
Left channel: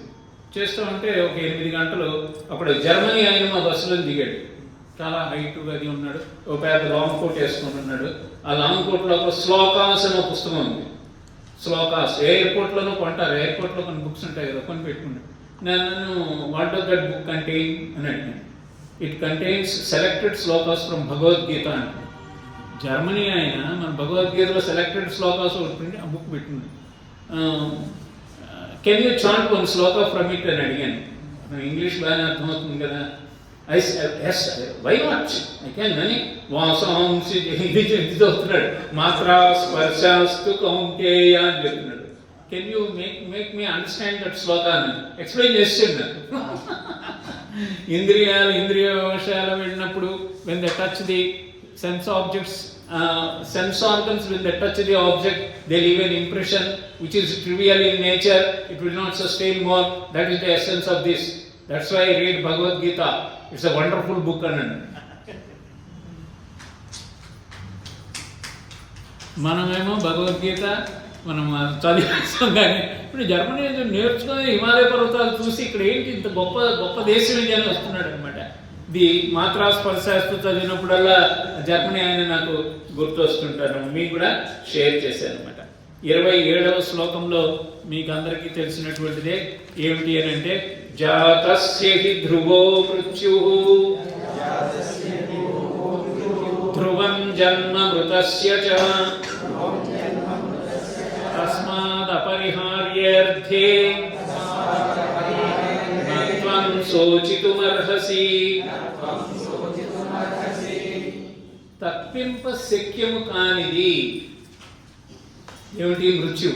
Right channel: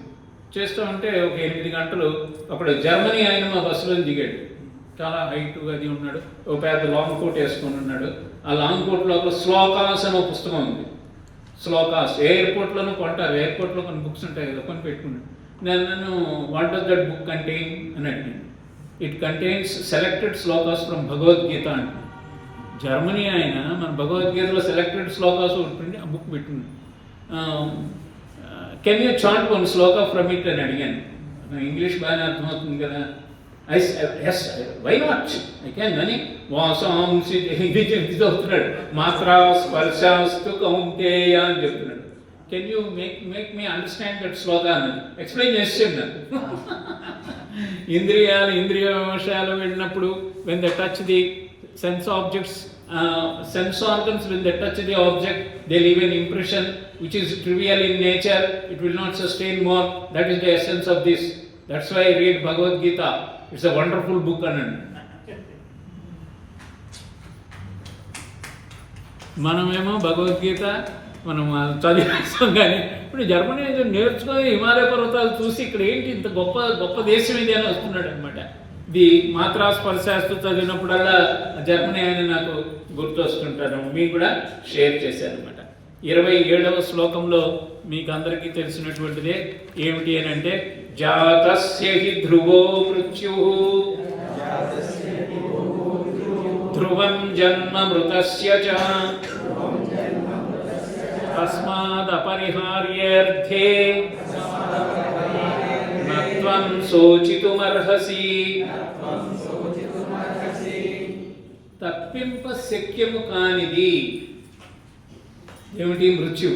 చేస్తూ ఉంటే ఒక 8 గంటలు అప్పుడు జర్మనీ ఆయన మా బస్సులో దిగాడు. చాలా హైట్గా అది ఉన్నాడు, ఒక పెద్ద లాంగ్ కోట్ వేసుకొని ఉన్నాడు. ఆ లాంగ్ కోట్లో ఒక శ్లోకాస్ అనే పుస్తకం ఉంది. శ్లోకాస్ ఎయిర్పోర్ట్లోనూ కొంటారు, ఎయిర్పోర్ట్లో కొన్ని బుక్స్ ఉంటాయి కదా, కొని పెట్టుకున్నాడు. నన్ను what does that book contain అని అడిగాను. It contains selected shlokas from Bhagavad Gita అంటే. జర్మనీ ఆయన మన భగవద్గీతలో సెలెక్టెడ్ శ్లోకాస్ ఒకటి ఆ బుక్ పెట్టుకున్నాడు. Can you chant one shloka from it అని అడిగాను. ఇంగ్లీష్ బాగానే అర్థమవుతుంది కదా. Yes why not, I can అని వాసాంసి ఇది చదువుతున్నాడు. మాత్రా స్పర్శాస్తు కౌంటేయ అని చెప్తున్నాడు. Can you make me understand that shloka అని ఎక్స్ప్లెయిన్ చేసిండు. ఇంద్రియ విషయాలు వెళ్ళినప్పుడు when the touch the sense objects, sense organs, when they touch the object, they leave an impression which is trivial in nature, it will not sustain more. That is the essence of this. That's why I read Bhagavad Gita. It's a wonderful book. మనమేమో భగవద్గీత మనం చదివేస్తాం, కానీ ఇప్పుడు Germany నేర్చుకొని హిమాలయ పర్వతాలు చూసి ఇక్కడ ఏంటి ఇంత గొప్ప గొప్ప దేశం ఇది అని వస్తున్నాడు అనమాట. ఇది మాత్రా స్పర్శాస్తు చదివినప్పుడల్లా జర్మనీ అని నాకు గుర్తు వస్తుంటాను. మీకు కూడా షేర్ చేశాను అనమాట. 27వ శ్లోకంలో మీకు అందరికీ తెలిసినటువంటిదే ఏమిటి అని అంటే, జాతస్య హి ధ్రువో మృత్యుః ధ్రువం జన్మ మృతస్య చ తస్మాదపరిహార్యేర్థే నత్వం శోచితుమర్హసి. తప్పింప శక్యము కానిది ఏమిటి? మృత్యు.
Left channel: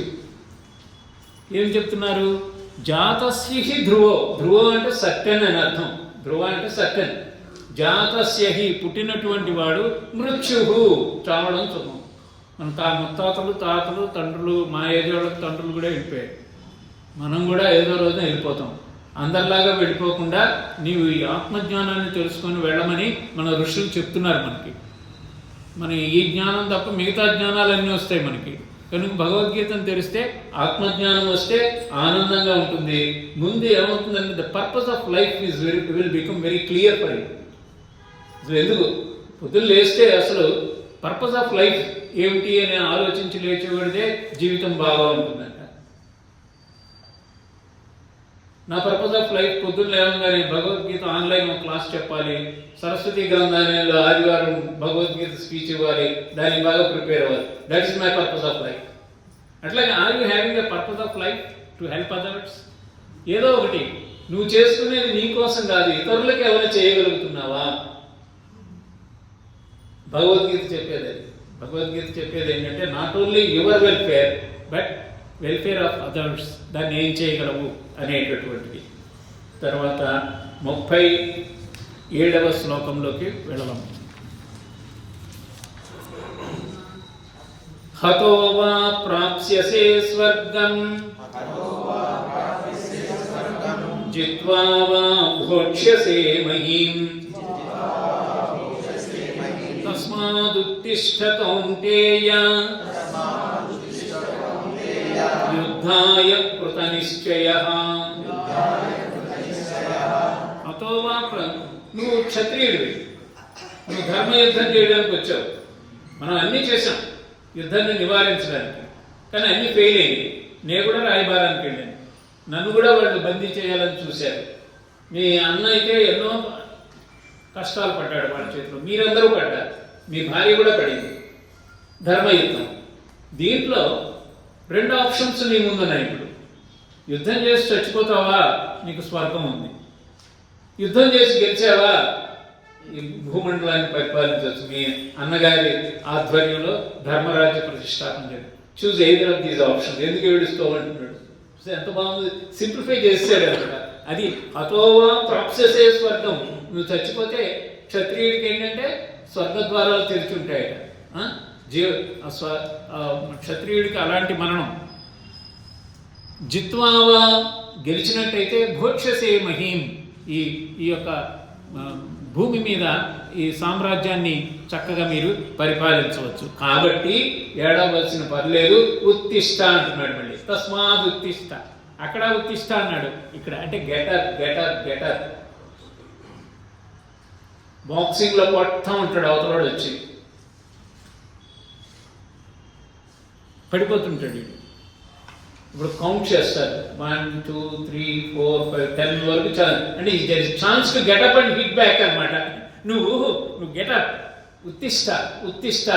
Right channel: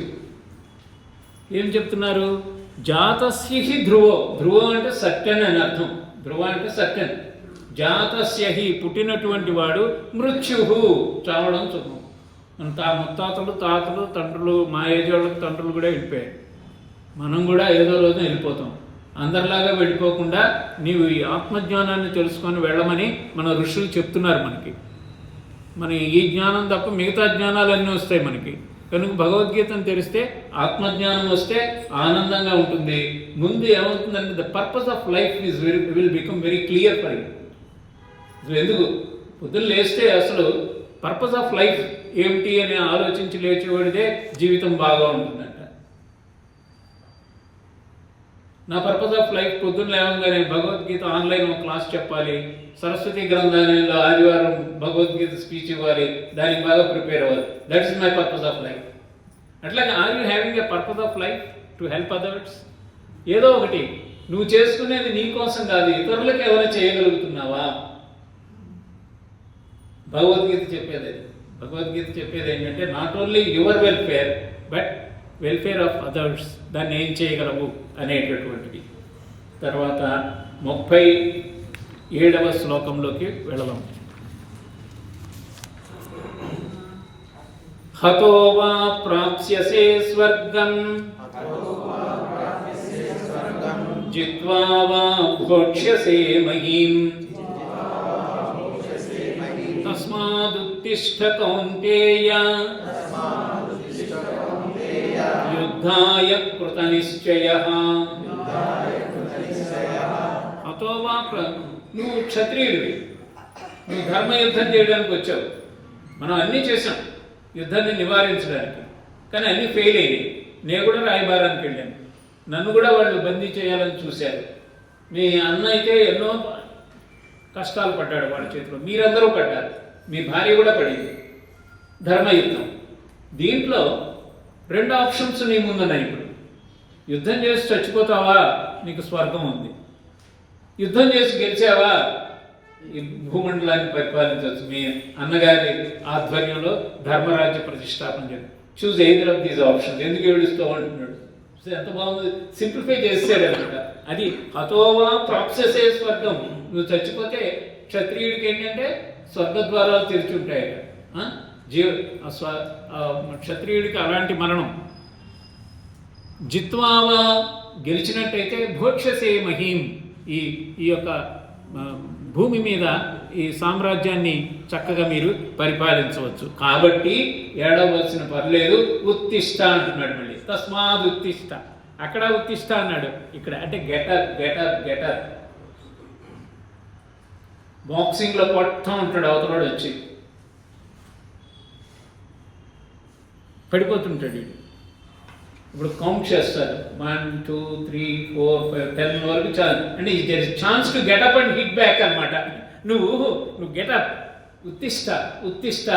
ఏం చెప్తున్నారు? జాతస్య హి ధ్రువో, ధ్రువం అంటే సత్యం అని అర్థం. ధ్రువ అంటే సత్యం. జాతస్య హి పుట్టినటువంటి వాడు, మృత్యుహు చావడం సుఖం. మన ముత్తాతలు తాతలు తండ్రులు, మా ఏజ్ వాళ్ళకి తండ్రులు కూడా వెళ్ళిపోయారు. మనం కూడా ఏదో రోజు వెళ్ళిపోతాం. అందరిలాగా వెళ్ళిపోకుండా నీవు ఈ ఆత్మజ్ఞానాన్ని తెలుసుకొని వెళ్ళమని మన ఋషులు చెప్తున్నారు మనకి. మన ఈ జ్ఞానం తప్ప మిగతా జ్ఞానాలన్నీ వస్తాయి మనకి. కనుక భగవద్గీతను తెలిస్తే ఆత్మజ్ఞానం వస్తే ఆనందంగా ఉంటుంది. ముందు ఏమవుతుందంటే the purpose of life will become very clear for you. ఎందుకు పొద్దున్న లేస్తే అసలు పర్పస్ ఆఫ్ లైఫ్ ఏమిటి అని ఆలోచించి లేచేవాడిదే జీవితం బాగా ఉంటుందంట. నా పర్పస్ ఆఫ్ లైఫ్ పొద్దున్న లేవగానే భగవద్గీత ఆన్లైన్ ఒక క్లాస్ చెప్పాలి, సరస్వతి గ్రంథాలయంలో ఆదివారం భగవద్గీత స్పీచ్ ఇవ్వాలి, దానికి బాగా ప్రిపేర్ అవ్వాలి. That is my purpose of life. అట్లాగే are you having a purpose of life to help others? ఏదో ఒకటి నువ్వు చేసుకునేది నీ కోసం కాదు, ఇతరులకు ఏమైనా చేయగలుగుతున్నావా? భగవద్గీత చెప్పేది ఏంటంటే not only your welfare but welfare of others. దాన్ని ఏం చేయగలవు అనేటటువంటిది. తర్వాత 37వ శ్లోకంలోకి వెళదాం. హతో వా ప్రాప్స్యసే స్వర్గం జిత్వా వా భోక్ష్యసే మహీం తస్మాదుత్తిష్ఠ కౌంతేయ యుద్ధాయ కృతనిశ్చయః. అతోవా నువ్వు క్షత్రియుడివి, నువ్వు ధర్మయుద్ధం చేయడానికి వచ్చావు. మనం అన్నీ చేశాం యుద్ధాన్ని నివారించడానికి, కానీ అన్నీ ఫెయిల్ అయ్యాయి. నేను కూడా రాయబారానికి వెళ్ళాను, నన్ను కూడా వాళ్ళు బందీ చేయాలని చూశారు. మీ అన్న అయితే ఎన్నో కష్టాలు పడ్డాడు వాళ్ళ చేతిలో, మీరందరూ పడ్డారు, మీ భార్య కూడా పడింది. ధర్మయుద్ధం. దీంట్లో 2 ఆప్షన్స్ నీ ముందున్నాయి. ఇప్పుడు యుద్ధం చేసి చచ్చిపోతావా, నీకు స్వర్గం ఉంది. యుద్ధం చేసి గెలిచావా, ఈ భూమండలాన్ని పరిపాలించవచ్చు. మీ అన్నగారి ఆధ్వర్యంలో ధర్మరాజ్య ప్రతిష్టాపన చేయాలి. Choose either of these options. ఎందుకు ఏడుస్తూ అంటున్నాడు? ఎంత బాగుంది, సింప్లిఫై చేసాడు అనమాట. అది హతోవా ప్రాప్స్యసే స్వర్గం. నువ్వు చచ్చిపోతే క్షత్రియుడికి ఏంటంటే స్వర్గద్వారాలు తెరిచి ఉంటాయట. క్షత్రియుడికి అలాంటి మరణం. జిత్వావా గెలిచినట్టయితే భోక్ష్యసే మహీం. ఈ యొక్క భూమి మీద ఈ సామ్రాజ్యాన్ని చక్కగా మీరు పరిపాలించవచ్చు. కాబట్టి ఏడవలసిన పర్లేదు, ఉత్తిష్ట అంటున్నాడు. మళ్ళీ తస్మాత్ ఉత్తిష్ట, అక్కడ ఉత్తిష్ట అన్నాడు, ఇక్కడ అంటే గెటర్ గెటర్ గెటర్. బాక్సింగ్లో కొడతా ఉంటాడు, అవతలవాడు వచ్చి పడిపోతుంటాడు. ఇప్పుడు కౌంట్ చేస్తారు 1 2 3 4 5 10 వరకు చాలు, అంటే chance to get up and hit back అనమాట. నువ్వు గెటప్, ఉత్తిష్ట ఉత్తిష్ట,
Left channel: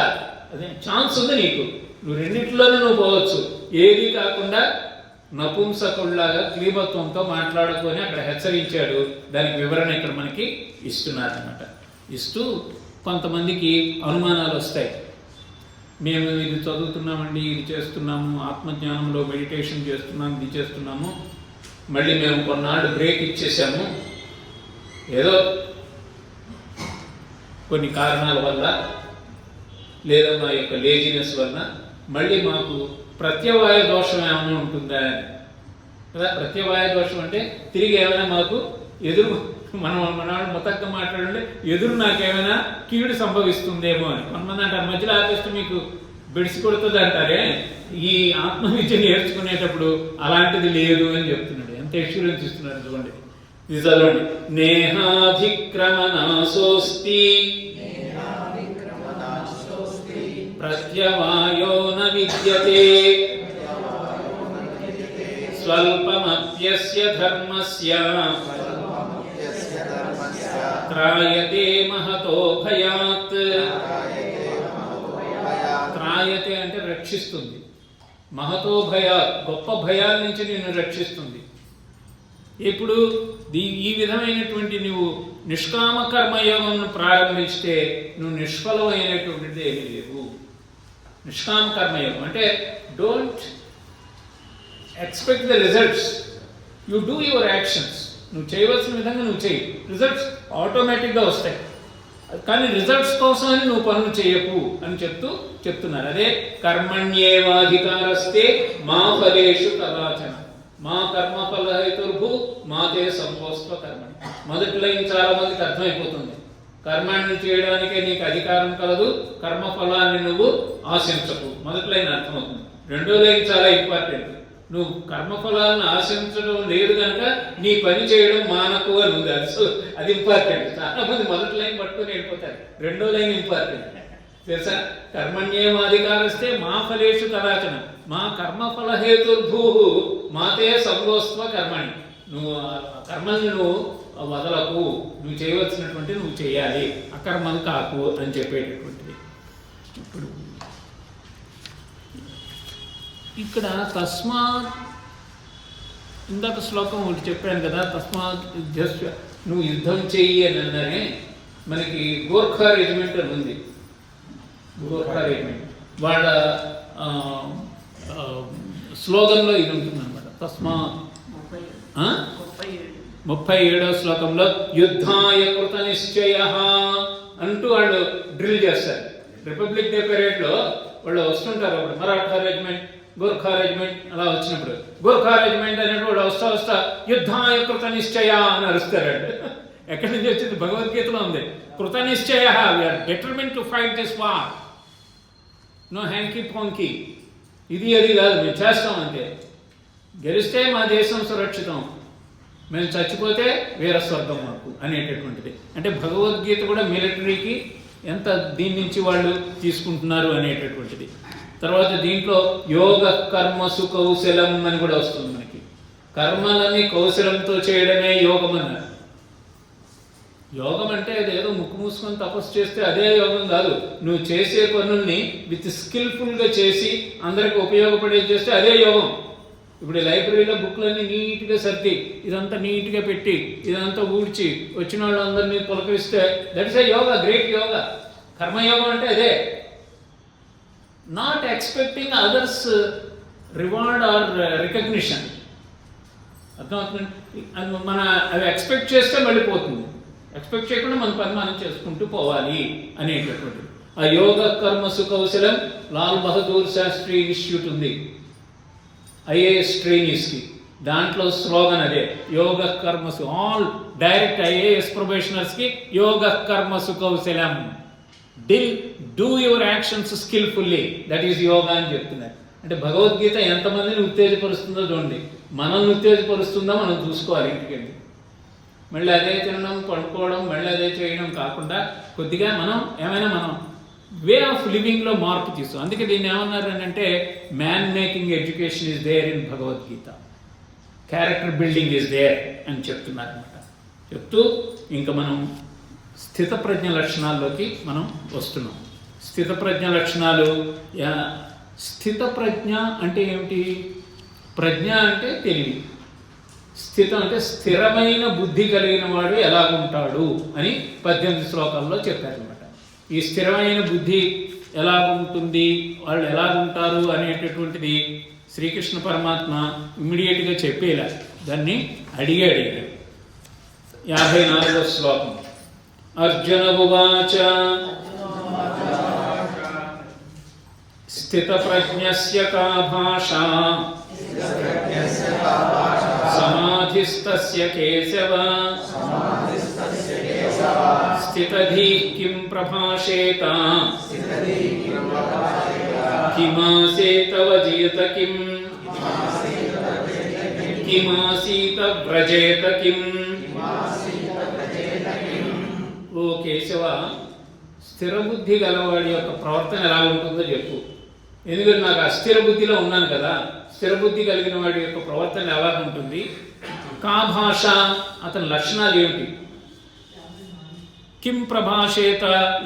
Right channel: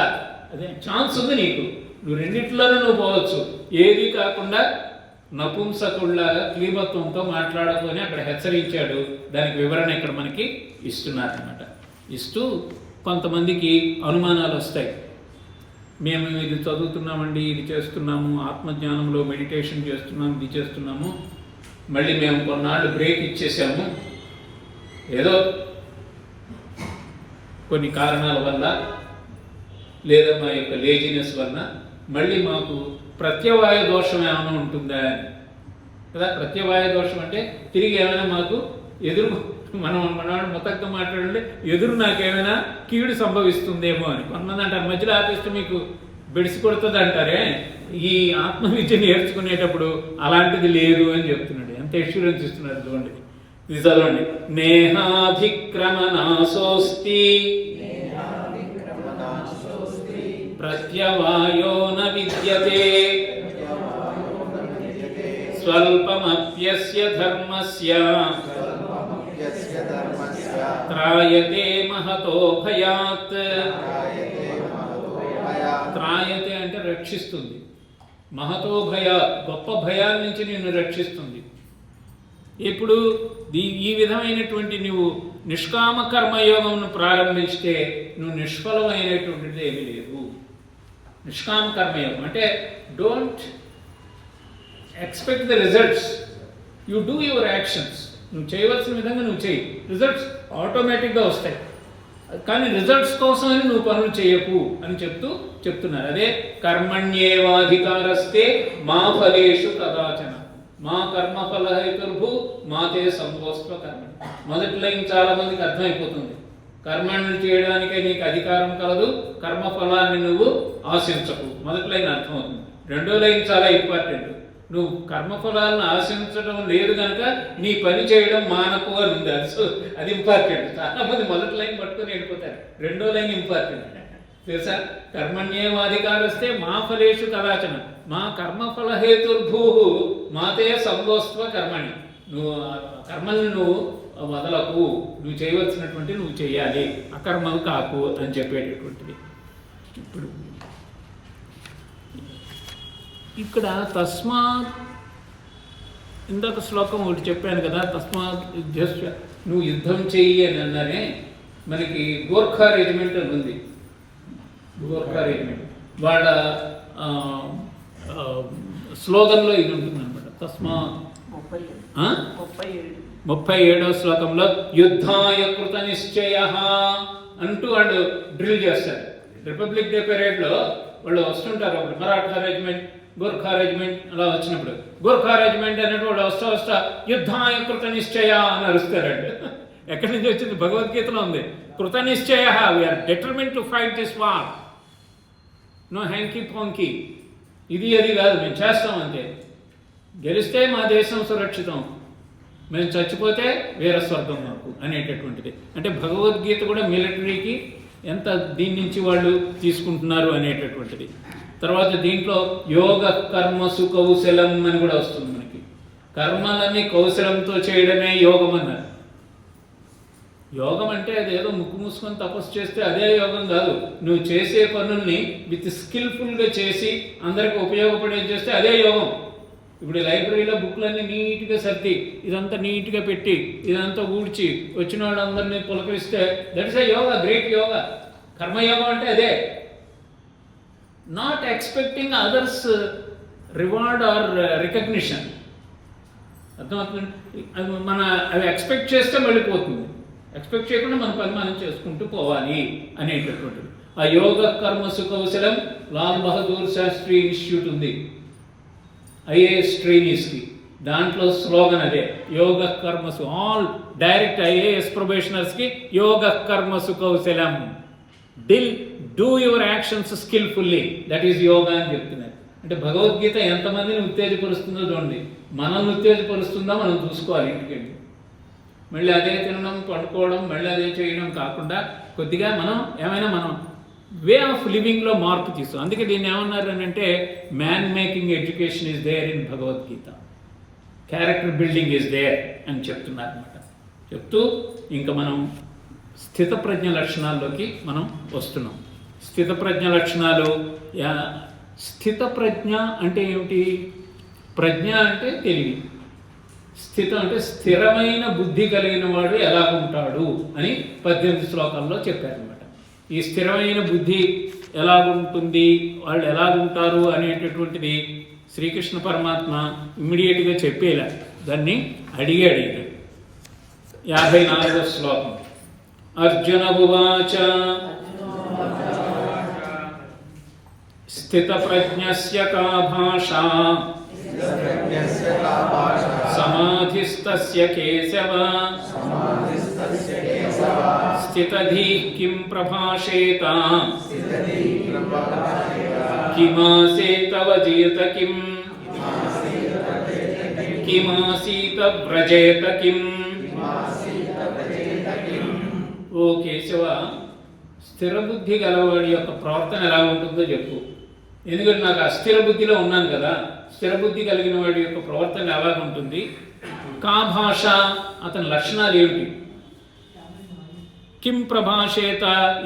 అదే ఛాన్స్ ఉంది నీకు, నువ్వు రెండిట్లోనే నువ్వు పోవచ్చు. ఏది కాకుండా నపుంసకుల్లాగా క్లీబత్వంతో మాట్లాడుకొని అక్కడ హెచ్చరించాడు. దానికి వివరణ ఇక్కడ మనకి ఇస్తున్నారు అన్నమాట. ఇస్తూ కొంతమందికి అనుమానాలు వస్తాయి. మేము ఇది చదువుతున్నామండి, ఇది చేస్తున్నాము, ఆత్మజ్ఞానంలో మెడిటేషన్ చేస్తున్నాము, ఇది చేస్తున్నాము, మళ్ళీ మేము కొన్నాళ్ళు బ్రేక్ ఇచ్చేసాము, ఏదో కొన్ని కారణాల వల్ల లేదా మా యొక్క లేజినెస్ వల్ల మళ్ళీ మాకు ప్రత్యవాయ దోషం ఏమైనా ఉంటుందా కదా. ప్రత్యవాయ దోషం అంటే తిరిగి ఏమైనా మాకు ఎదురు, మనం మొత్తంగా మాట్లాడుంటే ఎదురు నాకేమైనా కీడు సంభవిస్తుందేమో అని. కొంతమంది అంటారు మధ్యలో ఆపేస్తే మీకు బెడిసి కొడుతుంది అంటారే, ఈ ఆత్మవిద్య నేర్చుకునేటప్పుడు అలాంటిది లేదు అని చెప్తున్నాడు. ఎంత ఎక్స్పీరియన్స్ ఇస్తున్నారు చూడండి. ఇది చదవండి. నేహాధిక్రమణాసోస్తి ప్రత్యవాయో న విద్యతే స్వల్పమప్యస్య ధర్మస్య త్రాయతే మహతో భయాత్. త్రాయతే అంటే రక్షిస్తుంది, మహతో భయాత్ గొప్ప భయాల నుంచి నిన్ను రక్షిస్తుంది. ఇప్పుడు ఈ విధమైనటువంటి నువ్వు నిష్కామ కర్మయోగంను ప్రారంభిస్తే నువ్వు నిష్ఫలమైనటువంటిది ఏమీ లేదు. నిష్కామ కర్మయోగం అంటే don't expect the results, you do your actions. నువ్వు చేయవలసిన విధంగా నువ్వు చేయి, రిజల్ట్స్ ఆటోమేటిక్గా వస్తాయి. కానీ రిజల్ట్స్ కోసమని నువ్వు పనులు చేయకు అని చెప్తున్నారు. అదే కర్మణ్యేవాధికారస్తే మా ఫలేషు కదాచన మా కర్మఫల హేతుర్భూ మాతే సంభోస్వ కర్మణి. మొదటి లైన్ చాలా మందికి అర్థమైపోతుంది. కర్మాన్ని చేయడానికే నీకు అధికారం కలదు, కర్మఫలాన్ని నువ్వు ఆశించకు. మొదటి లైన్ అర్థమవుతుంది. రెండో లైన్ చాలా ఇంపార్టెంట్. నువ్వు కర్మఫలాలను ఆశించడం లేదు కనుక నీ పని చేయడం మానకు అని ఉంది. అది ఇంపార్టెంట్. చాలా మంది మొదటి లైన్ పట్టుకొని వెళ్ళిపోతారు, రెండో లైన్ ఇంపార్టెంట్ తెలుసా. కర్మణ్యేవాధికారస్తే మా ఫలేషు కదాచన మా కర్మఫల హేతుర్భూ మాతే సంగోస్త్వ కర్మణి. నువ్వు కర్మల్ని నువ్వు వదలకు, నువ్వు చేయవలసినటువంటి నువ్వు చేయాలి, అకర్మలు కాకు అని చెప్పేటటువంటిది. ఇప్పుడు ఇక్కడ తస్మాత్, ఇందాక శ్లోకం ఒకటి చెప్పాను కదా, తస్మాత్ యుద్ధస్య, నువ్వు యుద్ధం చెయ్యి అని అన్నారే. మనకి గోర్ఖా రెజిమెంట్ అని ఉంది. గోర్ఖా రెజిమెంట్ వాళ్ళ స్లోగన్లో ఇది ఉంటుంది అనమాట. తస్మాత్ 37వ శ్లోకంలో యుద్ధాయ కృత నిశ్చయ అంటూ వాళ్ళు డ్రిల్ చేస్తారు. రిపబ్లిక్ డే పెరేడ్లో వాళ్ళు వస్తుంటారు. అప్పుడు మరాఠా రెజిమెంట్, గోర్ఖా రెజిమెంట్ అలా వచ్చినప్పుడు గోర్ఖా రెజిమెంట్ అనేటువంటి వాళ్ళు వస్తా యుద్ధాయ కృత నిశ్చయ అని అరుస్తారండి. ఎక్కడి నుంచి వచ్చింది? భగవద్గీతలో ఉంది. కృత నిశ్చయ, we are determine to fight this war, no hanky panky, ఇది అది కాదు, మేము చేస్తాం అంతే. గెలిస్తే మా దేశం సురక్షితం, మేము చచ్చిపోతే వేరే స్వర్గం మాకు అనేటటువంటిది. అంటే భగవద్గీత కూడా మిలిటరీకి ఎంత దీని నుంచి వాళ్ళు తీసుకుంటున్నారు అనేటటువంటిది. తర్వాత దీంట్లో యోగ కర్మసు కౌశలం అని కూడా వస్తుంది మనకి. కర్మలని కౌశలంతో చేయడమే యోగం అన్నారు. యోగం అంటే అదేదో ముక్కు మూసుకొని తపస్సు చేస్తే అదే యోగం కాదు. నువ్వు చేసే పనుల్ని విత్ స్కిల్ఫుల్గా చేసి అందరికి ఉపయోగపడేది చేస్తే అదే యోగం. ఇప్పుడు లైబ్రరీలో బుక్లన్నీ నీట్గా సర్ది, ఇదంతా నీట్గా పెట్టి, ఇదంతా ఊడ్చి వచ్చిన వాళ్ళందరినీ పులకరిస్తే that is a yoga, great yoga. కర్మయోగం అంటే అదే. Not expecting others reward or recognition. అర్థమవుతుంది? మన అవి ఎక్స్పెక్ట్ చేస్తే మళ్ళీ పోతుంది. ఎక్స్పెక్ట్ చేయకుండా మన పని మనం చేసుకుంటూ పోవాలి అనేటటువంటిది. ఆ యోగ కర్మసు కౌశలం లాల్ బహదూర్ శాస్త్రి ఇన్స్టిట్యూట్ ఉంది, ఐఏఎస్ ట్రైనీస్కి. దాంట్లో స్లోగన్ అదే, యోగ కర్మసు. ఆల్ డైరెక్ట్ ఐఏఎస్ ప్రొబేషనర్స్కి యోగ కర్మసు కౌశలం. Do your actions skillfully, that is yoga అని చెప్తున్నారు. అంటే భగవద్గీత ఎంతమందిని ఉత్తేజపరుస్తుందో చూడండి. మనల్ని ఉత్తేజపరుస్తుందో మనం చూసుకోవాలి. ఇంటికెళ్ళి మళ్ళీ అదే తినడం, పడుకోవడం, మళ్ళీ అదే చేయడం కాకుండా కొద్దిగా మనం మనం వే ఆఫ్ లివింగ్లో మార్పు తీస్తాం. అందుకే దీన్ని ఏమన్నారు అని అంటే, man making education is there in Bhagavad Gita, character building is there అని చెప్తున్నారు అనమాట. చెప్తూ ఇంకా మనం స్థితప్రజ్ఞ లక్షణాల్లోకి మనం వస్తున్నాం. స్థితప్రజ్ఞ లక్షణాలు. స్థితప్రజ్ఞ అంటే ఏమిటి? ప్రజ్ఞ అంటే తెలివి, స్థితం అంటే స్థిరమైన బుద్ధి కలిగిన వాడు ఎలాగుంటాడు అని 18 శ్లోకాల్లో చెప్పారనమాట. ఈ స్థిరమైన బుద్ధి ఎలాగుంటుంది, వాళ్ళు ఎలాగుంటారు అనేటటువంటిది శ్రీకృష్ణ పరమాత్మ ఇమ్మీడియట్గా చెప్పేలా దాన్ని అడిగాడు. 54వ శ్లోకం. అర్జున ఉవాచ స్థితప్రజ్ఞస్య కా భాషా సమాధిస్తస్య కేశవ స్థితధీః కిం ప్రభాషేత కిమాసేత వజేత కిమాసీత వ్రజేత కిం. ఓ కేశవ, స్థిరబుద్ధి గలవాడి యొక్క ప్రవర్తన ఎలా ఉంటుందో చెప్పు. ఎందుకంటే నాకు అస్థిర బుద్ధిలో ఉన్నాను కదా. స్థిరబుద్ధి కలిగిన వాడి యొక్క ప్రవర్తన ఎలా ఉంటుంది? కా భాష, అతని లక్షణాలు ఏమిటి? కిం ప్రభాషేత,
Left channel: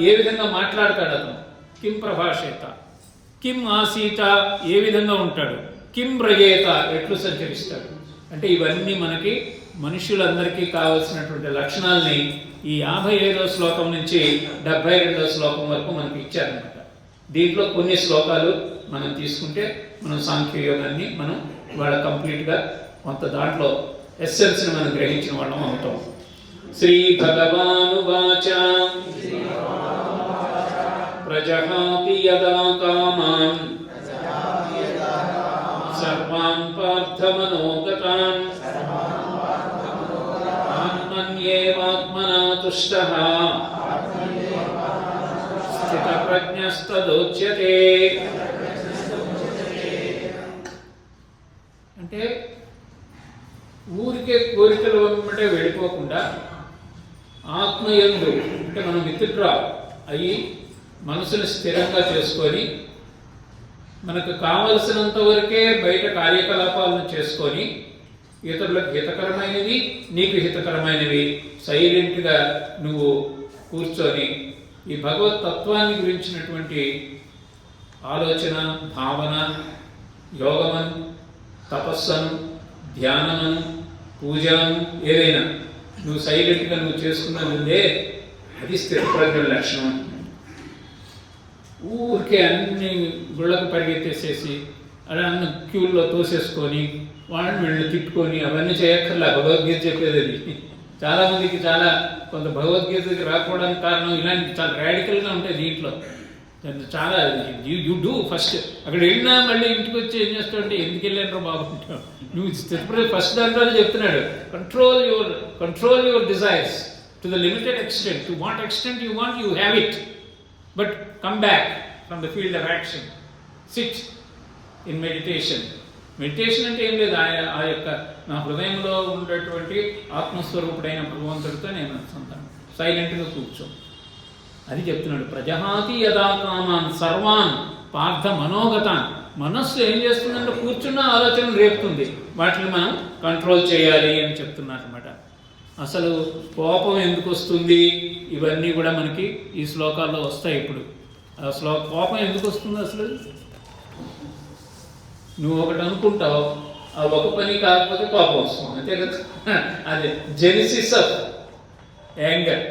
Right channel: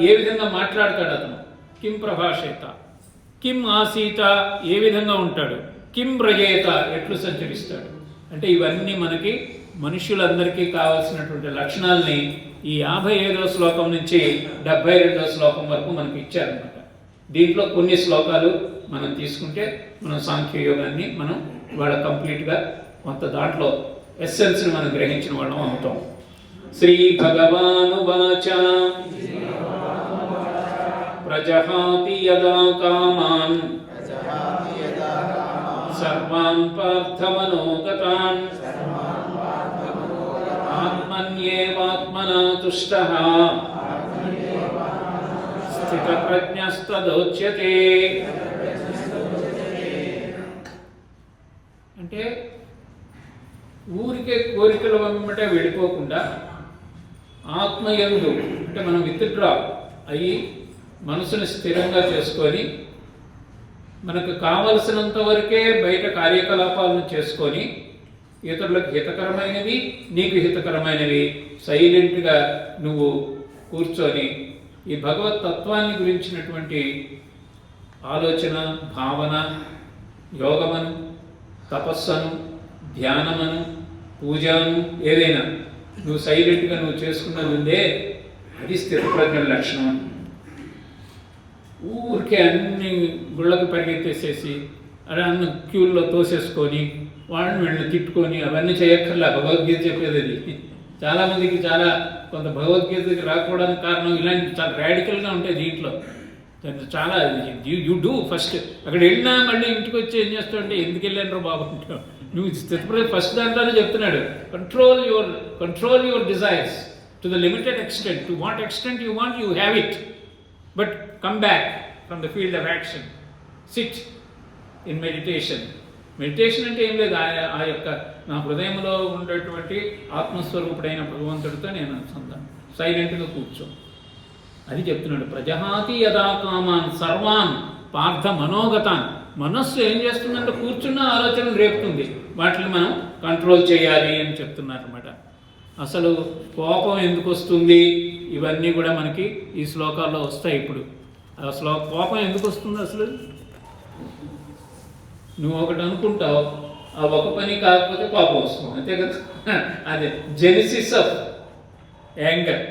ఏ విధంగా మాట్లాడతాడు అతను? కిం ప్రభాషేత. కిం ఆసీత, ఏ విధంగా ఉంటాడు? కిం వ్రజేత, ఎట్లు సంచరిస్తాడు? అంటే ఇవన్నీ మనకి మనుషులందరికీ కావాల్సినటువంటి లక్షణాలని ఈ 55వ శ్లోకం నుంచి 72వ శ్లోకం వరకు మనకి ఇచ్చారనమాట. దీంట్లో కొన్ని శ్లోకాలు మనం తీసుకుంటే మనం సాంఖ్యయోగాన్ని మనం వాళ్ళ కంప్లీట్గా కొంత దాంట్లో ఎస్సెన్స్ని మనం గ్రహించిన వాళ్ళం అవుతాం. శ్రీ భగవానువాచ ప్రజహాతి యదా కామాన్ సర్వాన్ పార్థమనోగతాన్ ఆత్మన్యేవాత్మనా తుష్టః స్థితప్రజ్ఞస్తదోచ్యతే. అంటే ఊరికే కోరికల వెంబటే వెళ్ళిపోకుండా ఆత్మయందు అంటే మనం విత్డ్రా అయ్యి మనసుని స్థిరంగా చేసుకొని మనకు కావలసినంత వరకే బయట కార్యకలాపాలను చేసుకొని ఇతరులకు హితకరమైనవి, నీకు హితకరమైనవి సైలెంట్గా నువ్వు కూర్చొని ఈ భగవత్ తత్వాన్ని గురించినటువంటి ఆలోచన, భావన, యోగమను, తపస్సును, ధ్యానమను, పూజను ఏదైనా నువ్వు సైలెంట్గా నువ్వు చేసుకున్నది ఉందే, అది స్థితప్రజ్ఞ లక్షణం. ఊరికే అన్ని గుళ్ళకు పరిగెత్తేసేసి అలా అన్న క్యూల్లో తోసేసుకొని వీళ్ళని తిట్టుకొని అవన్నీ చేయక్కర్లే. భగవద్గీత చెప్పేది అది. చాలామందికి కొంత భగవద్గీతకి రాకపోవడానికి కారణం ఇలాంటి చాలా రాడికల్గా ఉంటాయి దీంట్లో. చాలా యూ డూ ఫస్ట్. అక్కడ వెళ్ళినా మళ్ళీ ఇంటికి వచ్చి ఏం చేస్తావు అంటే, ఎందుకు వెళ్ళాను బాబు అంటావు. నువ్వు స్థితప్రజ్ఞ ఫస్ట్ దాంట్లోనే చెప్తున్నాడు, control your desires to the limited extent. To what extent you want, you have it, but come back from the field of action. SIT in meditation. Meditation అంటే ఏం లేదు, ఆ యొక్క నా హృదయంలో ఉండేటువంటి ఆత్మస్వరూపుడైన భగవంతుడితో నేను అనుసంధానం, సైలెంట్గా కూర్చో. అది చెప్తున్నాడు. ప్రజహాతి యదా కామాన్ సర్వాన్ పార్థ మనోగతాన్. మనస్సు ఏం చేస్తుందంటే కూర్చున్న ఆలోచన రేపుతుంది, వాటిని మనం కంట్రోల్ చేయాలి అని చెప్తున్నారు అనమాట. అసలు కోపం ఎందుకు వస్తుంది, ఇవన్నీ కూడా మనకి ఈ శ్లోకాల్లో వస్తాయి. ఇప్పుడు అసలు కోపం ఎందుకు వస్తుంది? అసలు నువ్వు ఒకటి అనుకుంటావు, ఆ ఒక పని కాకపోతే కోపం వస్తుంది, అంతే కదా. అదే జెనిసిస్ ఆఫ్ యాంగర్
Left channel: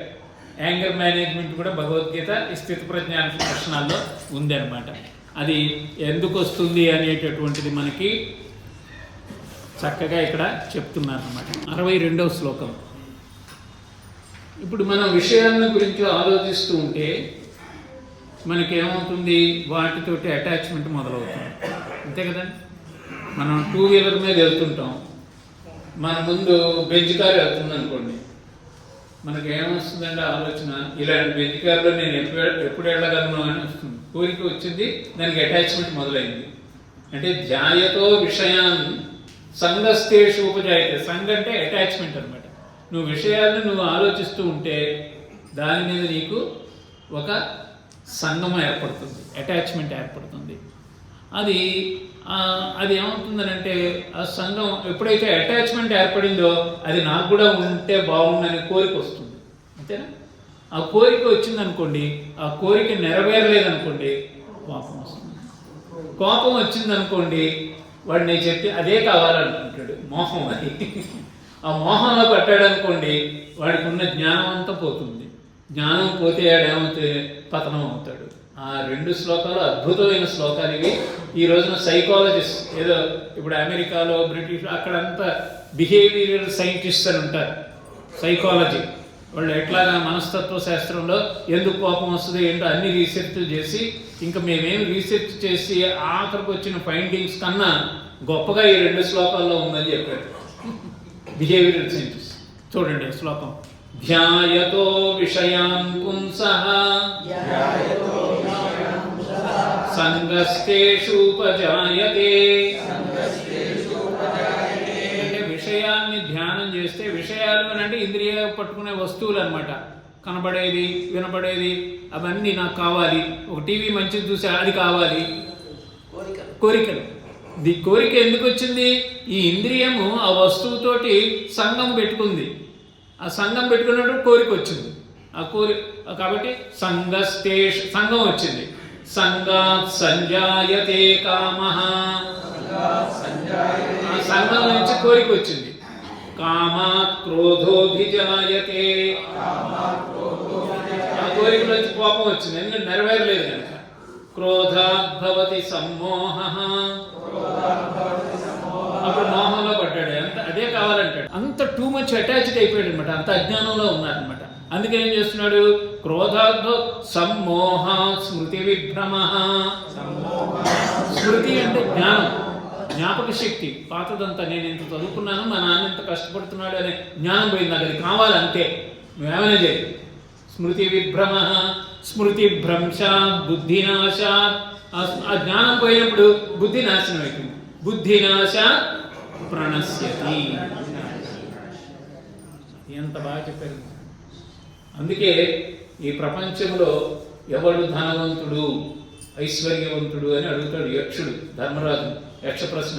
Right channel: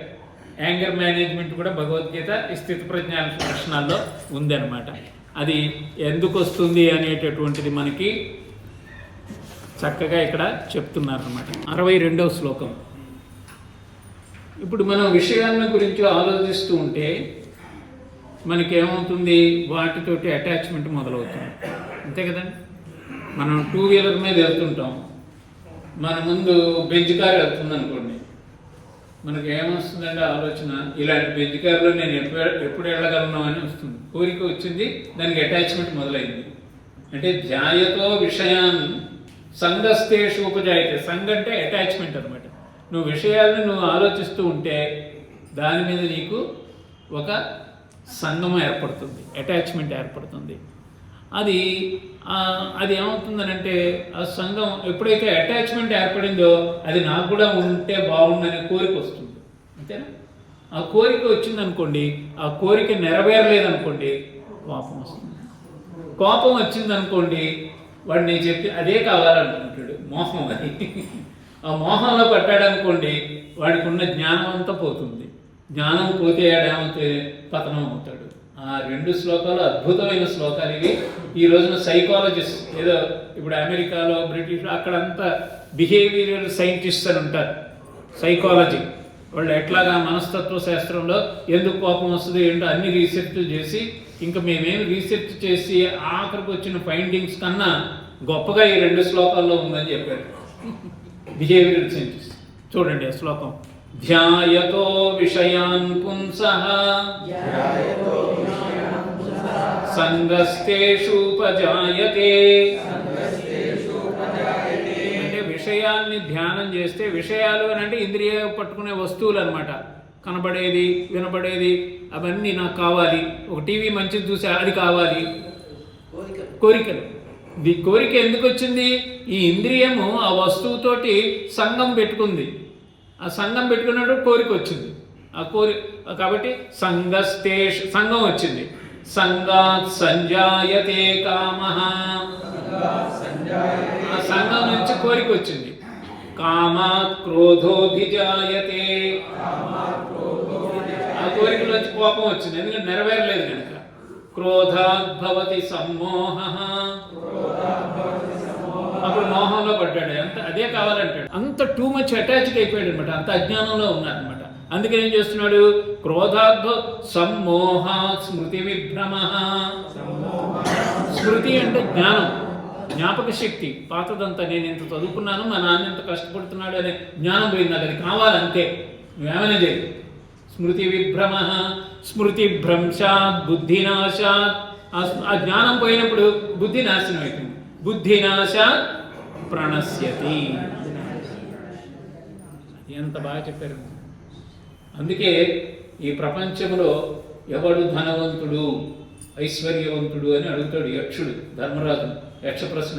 మేనేజ్మెంట్ కూడా భగవద్గీత ఈ స్థితప్రజ్ఞ లక్షణాల్లో ఉంది అనమాట. అది ఎందుకు వస్తుంది అనేటటువంటిది మనకి చక్కగా ఇక్కడ చెప్తున్నారు అనమాట. 62వ శ్లోకం. ఇప్పుడు మనం విషయాలను గురించి ఆలోచిస్తూ ఉంటే మనకేమవుతుంది, వాటితోటి అటాచ్మెంట్ మొదలవుతుంది, అంతే కదండి. మనం 2 వీలర్ మీద వెళ్తుంటాం, మన ముందు బెంచ్ కార్ వెళ్తుంది అనుకోండి, మనకి ఏమొస్తుందంటే ఆలోచన, ఇలాంటి బెంచ్ కార్లో నేను ఎప్పుడు వెళ్ళగలను అని వస్తుంది. కోరిక వచ్చింది, దానికి అటాచ్మెంట్ మొదలైంది. అంటే ధ్యాయతో విషయాన్ సంగస్తేషు ఉపజాయతే. సంగ అంటే అటాచ్మెంట్ అనమాట. నువ్వు విషయాలను నువ్వు ఆలోచిస్తూ ఉంటే దాని మీద నీకు ఒక సంగం ఏర్పడుతుంది, అటాచ్మెంట్ ఏర్పడుతుంది. అది ఏమవుతుందనంటే ఆ సంఘం ఎప్పుడైతే అటాచ్మెంట్ ఏర్పడిందో అది నాకు కూడా ఉంటే బాగుందని కోరిక వస్తుంది, అంతేనా? ఆ కోరిక వచ్చిందనుకోండి, ఆ కోరిక నెరవేరలేదనుకోండి కోపం వస్తుంది. కోపం వచ్చిందనుకోండి వాడు నేను చెప్పి అదే కావాలనుకుంటాడు, మోహం. అది ఆ మోహంలో పట్టాడనుకోండి వాడికి ఉన్న జ్ఞానం అంతా పోతుంది. జ్ఞానం పోతే ఏమవుతే పతనం అవుతాడు. ఆ 2 శ్లోకాలు అద్భుతమైన శ్లోకాలు ఇవి. ఈ రోజున సైకాలజిస్ట్, ఏదో ఇప్పుడు అమెరికాలో బ్రిటిష్ అక్కడంతా బిహేవియరల్ సైంటిస్ట్ అని ఉంటారు, సైకాలజీ వాళ్ళు. ఎట్లాగా మనస్తత్వ శాస్త్రంలో ఎందుకు కోపం వస్తుంది ఏంటో అన్ని రీసెర్చ్ చేసి, ఇంకా మేమేం రీసెర్చ్ చేసి ఆఖరికి వచ్చిన ఫైండింగ్స్ కన్నా గొప్పగా ఈ 2 శ్లోకాల్లో ఉందని చెప్పారు బిహేవియరల్ సైంటిస్ట్. చూడండి ఆ శ్లోకం. ధ్యాయతో విషయాన్ పుంసః సంగస్తేషూపజాయతే. అంటే విషయాల్ని ధ్యానం చేస్తే, విషయాలు అని అంటే ఇంద్రియ పట్టుకునే వస్తువులు అనమాట. కనబడేది, వినబడేది, అవన్నీ నాకు కావాలి. ఒక టీవీ మంచిది చూసి అది కావాలి, కోరికలు. ఈ కోరిక ఎందుకు వచ్చింది? ఈ ఇంద్రియము ఆ వస్తువుతోటి సంగం పెట్టుకుంది. ఆ సంఘం పెట్టుకున్నప్పుడు కోరిక వచ్చింది. ఆ కాబట్టి సంఘం వచ్చింది. సంగాత్ సంజాయతే కామః. ఆ సంఘం నుంచి కోరిక వచ్చింది. కామాత్ క్రోధోభిజాయతే. ఆ కోరిక నుంచి కోపం వచ్చింది, ఎందుకంటే నెరవేరలేదు కనుక. క్రోధాత్ భవతి సమ్మోహః. అప్పుడు మోహంలో పడ్డాడు, అంత అదే కావాలంటాడు. అంత టూ మచ్ అటాచ్డ్ అయిపోయాడు అనమాట, అంత అజ్ఞానంలో ఉన్నారనమాట. అందుకే ఏం చేస్తున్నాడు? క్రోధార్థ సమ్మోహ స్మృతి విభ్రమ. స్మృతి అంటే జ్ఞానం, జ్ఞాపక శక్తి. పాతదంతా నేను ఇంత చదువుకున్నాను, మా నాన్న ఇంత కష్టపడుతున్నాడు అనే జ్ఞానం పోయింది. అది కావాలంతే, నువ్వేమైనా చేయి. స్మృతి విభ్రమ, స్మృతి భ్రంశాత్ బుద్ధినాశాత్. ఆ జ్ఞానం పోయినప్పుడు బుద్ధి నాశనం అయిపోయింది. బుద్ధినాశాత్ ప్రణశ్యతి. ఎంత బాగా చెప్పారు. అందుకే ఈ ప్రపంచంలో ఎవడు ధనవంతుడు ఐశ్వర్యవంతుడు అని అడుగుతాడు యక్షుడు ధర్మరాజు. యక్ష ప్రశ్న.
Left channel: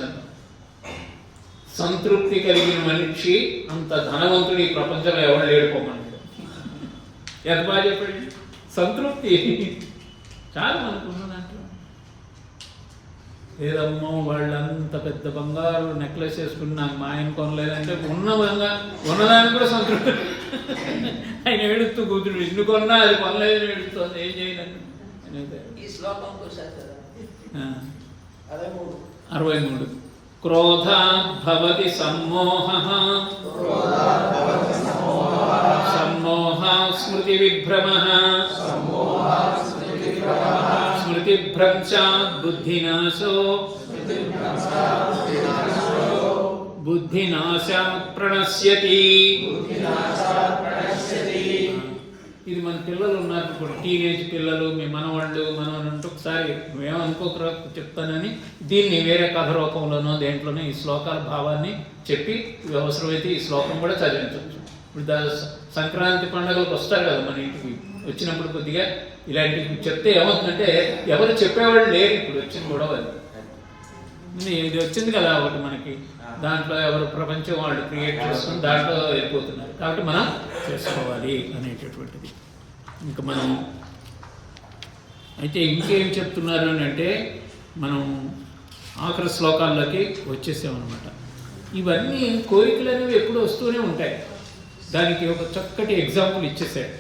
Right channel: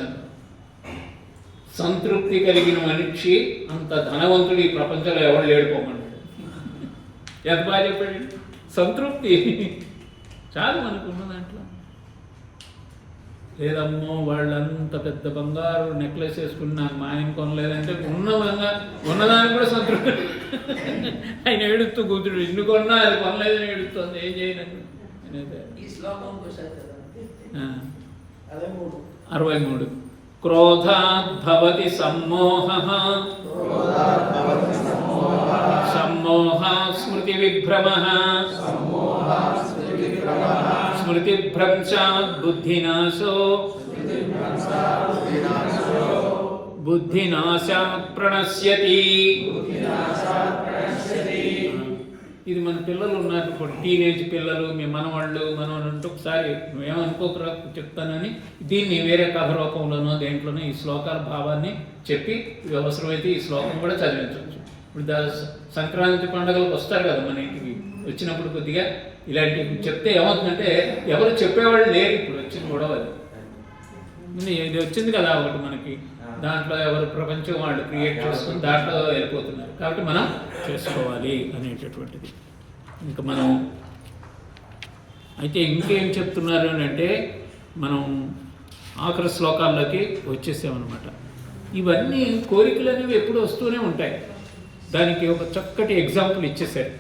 సంతృప్తి కలిగిన మనిషి అంత ధనవంతుడు ఈ ప్రపంచంలో ఎవరు లేడుకోమన్నాడు. ఎంత బాగా చెప్పాడు. సంతృప్తి చాలు మనకున్న దాంట్లో. లేదమ్మో వాళ్ళంత పెద్ద బంగారు నెక్లెస్ వేసుకుని నాకు మా ఆయన కొనలేదంటే ఉన్నదానికి కూడా సంతృప్తి. ఆయన ఏడుస్తూ కూతురు ఇన్ని కొన్నా అది కొనలేదని ఏడుస్తుంది. ఏం చేయను. 63. క్రోధాత్ భవతి సమ్మోహః. సమ్మోహ స్మృతి విభ్రమః. స్మృతి భ్రంశాత్ బుద్ధినాశో. బుద్ధినాశాత్ ప్రణశ్యతి. ఇది మన పిల్లలు ఉన్నారు ఇప్పుడు, టీనేజ్ పిల్లలు, మీ మనవాళ్ళు అంటే ఒకసారి నువ్వేమనుకోకరా చెప్తానని దీన్ని వేరే కథ రూపంలోనో దేంట్లోనో ఈ శ్లోకాల భావాన్ని చెప్పి అవసరమైతే ఈ శ్లోకం కూడా చదివించవచ్చు. ఇప్పుడు సంక్రాంతి పండుగలకు వస్తారు కదా మన ఇంటికి, వచ్చినప్పుడు కొద్దిగా ఇలాంటివి చెప్తే ఏమవుతుందంటే ఎవరు చెప్పేవాళ్ళు లేరు. ఇప్పుడు వచ్చింది కూడా ఇది వచ్చింది కదా ఒకటి మనకి, దాంట్లో ఎవరు ప్రపంచం వాళ్ళు క్రియేట్ చేసుకుని దాంట్లో వెళ్ళిపోతున్నారు. కాబట్టి మనం చేసుకోవాలి అనేటటువంటిది. ఇంకా మనం అయితే ఇంకేం చెప్తున్నారు అని అంటే మనం ఆఖరి శ్లోకాల్లోకి వచ్చేసామన్నమాట. ఇవన్నీ కోరికలు అనేవి ఎప్పుడు వస్తూనే ఉంటాయి. దానికి ఒక చక్కటి ఎగ్జాంపుల్ ఇచ్చేసారు.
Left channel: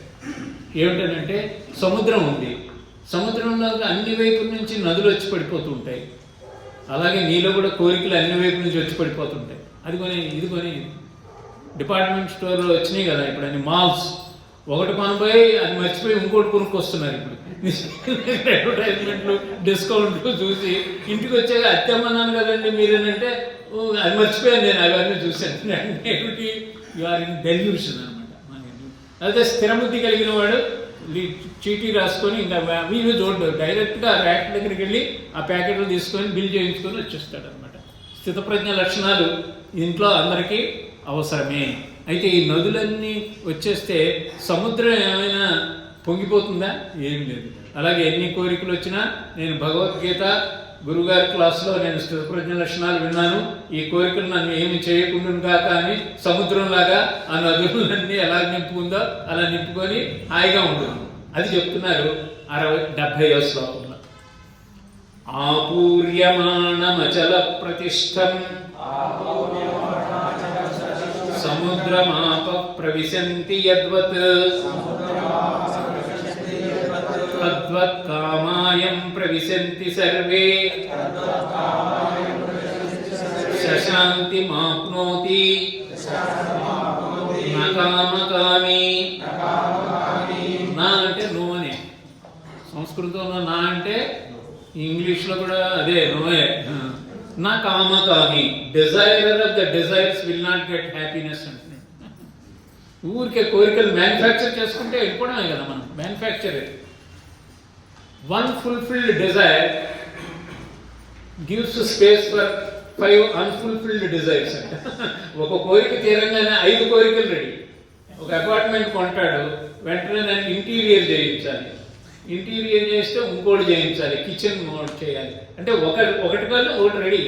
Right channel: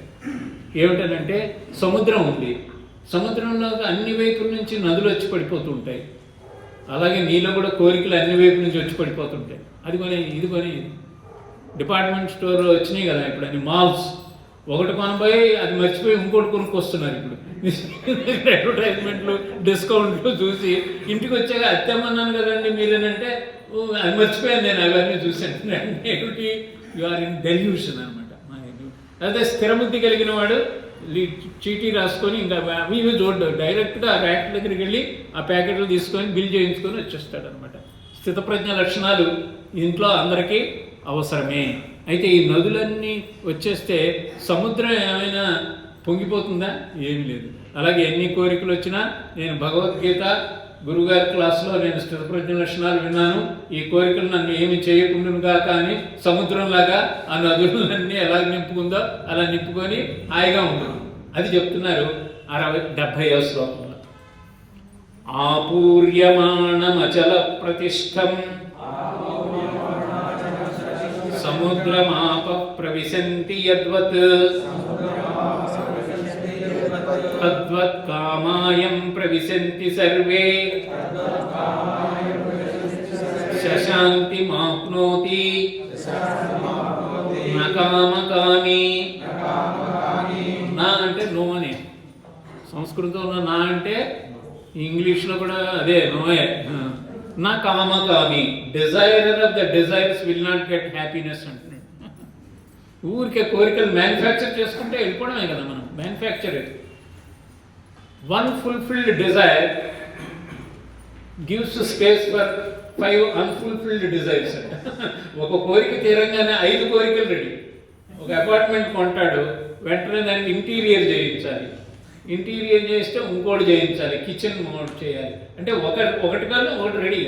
ఏమిటనంటే సముద్రం ఉంది, సముద్రంలో అన్ని వైపుల నుంచి నదులు వచ్చి పడిపోతూ ఉంటాయి. అలాగే నీలో కూడా కోరికలు అన్ని వైపుల నుంచి వచ్చి పడిపోతుంటాయి. అది కొని ఇది కొని ఇది. డిపార్ట్మెంట్ స్టోర్లో వచ్చినాయి కదా ఇప్పుడు అన్ని మాల్స్. ఒకటి కొనబోయి అది మర్చిపోయి ఇంకోటి కొనుక్కొస్తున్నారు ఇప్పుడు. అడ్వర్టైజ్మెంట్లు డిస్కౌంట్లు చూసి ఇంటికి వచ్చాక అత్తమ్మన్నాను కదండి మీరేనంటే అది మర్చిపోయాను నేను అవన్నీ చూశాను. ఏమిటి యు ఆర్ ఇన్ డెల్యూషన్ అనమాట. అదే స్థిరబుద్ధి కలిగిన వాడు చీటీ రాసుకొని ఇంకా అవి ఇవి చూడడు, డైరెక్ట్గా ఆ ర్యాక్ దగ్గరికి వెళ్ళి ఆ ప్యాకెట్లు తీసుకొని బిల్ చేయించుకొని వచ్చేస్తాడు అనమాట. స్థితప్రజ్ఞ లక్షణాలు ఇంట్లో అందరికీ అవసరమే. అయితే ఈ నదులన్నీ వచ్చేస్తే సముద్రం ఏమైనా పొంగిపోతుందా? ఏమీ లేదు. అలాగే ఎన్ని కోరికలు వచ్చినా నేను భగవద్గీత గురుగారి క్లాస్లో నేను స్థితప్రజ్ఞ లక్షణాలు విన్నాను, ఈ కోరికలు నన్ను ఏమి చేయకుండా కానీ సముద్రంలాగా ఆ నదులన్నీ ఎలా నింపుకుందో అలా నింపుకొని హాయిగా ఉంటుంది. అది చెప్తున్నారు 70వ శ్లోకంలో. ఆపూర్యమాణమచల ప్రతిష్టం సముద్రమాప ప్రవిశంతి యద్వత్ తద్వత్ కామాయం ప్రవిశంతి సర్వే శశాంతి మాప్నోతి న కామకామి. నా అంటే నో అని సంస్కృతంలో, నా అంటే ఇంగ్లీష్లో కూడా అదే నోయే. నా కామకామి, desirer of the desires will not get happiness అంటున్నాడు. ఊరికే కోరికలు మ్యానుఫ్యాక్చర్ చేసుకుంటే వెళ్ళిపోవడమే కదా మనం. Manufacture one fulfilled desire gives space for 5 unfulfilled desires. ఒక కోరిక తీరంగానే 5 కోరికలు రెడీ. ఒక అపార్ట్మెంట్ కొంటాడు, వెంటనే దానికి ఇంటీరియర్ చేయించాలి, ఇంటీరియర్ చేస్తే ఇంకోటి చేయించాలి, కిచెన్ చేయాలి, అంటే ఒకటి కన్నా ఒకటి రెడీ.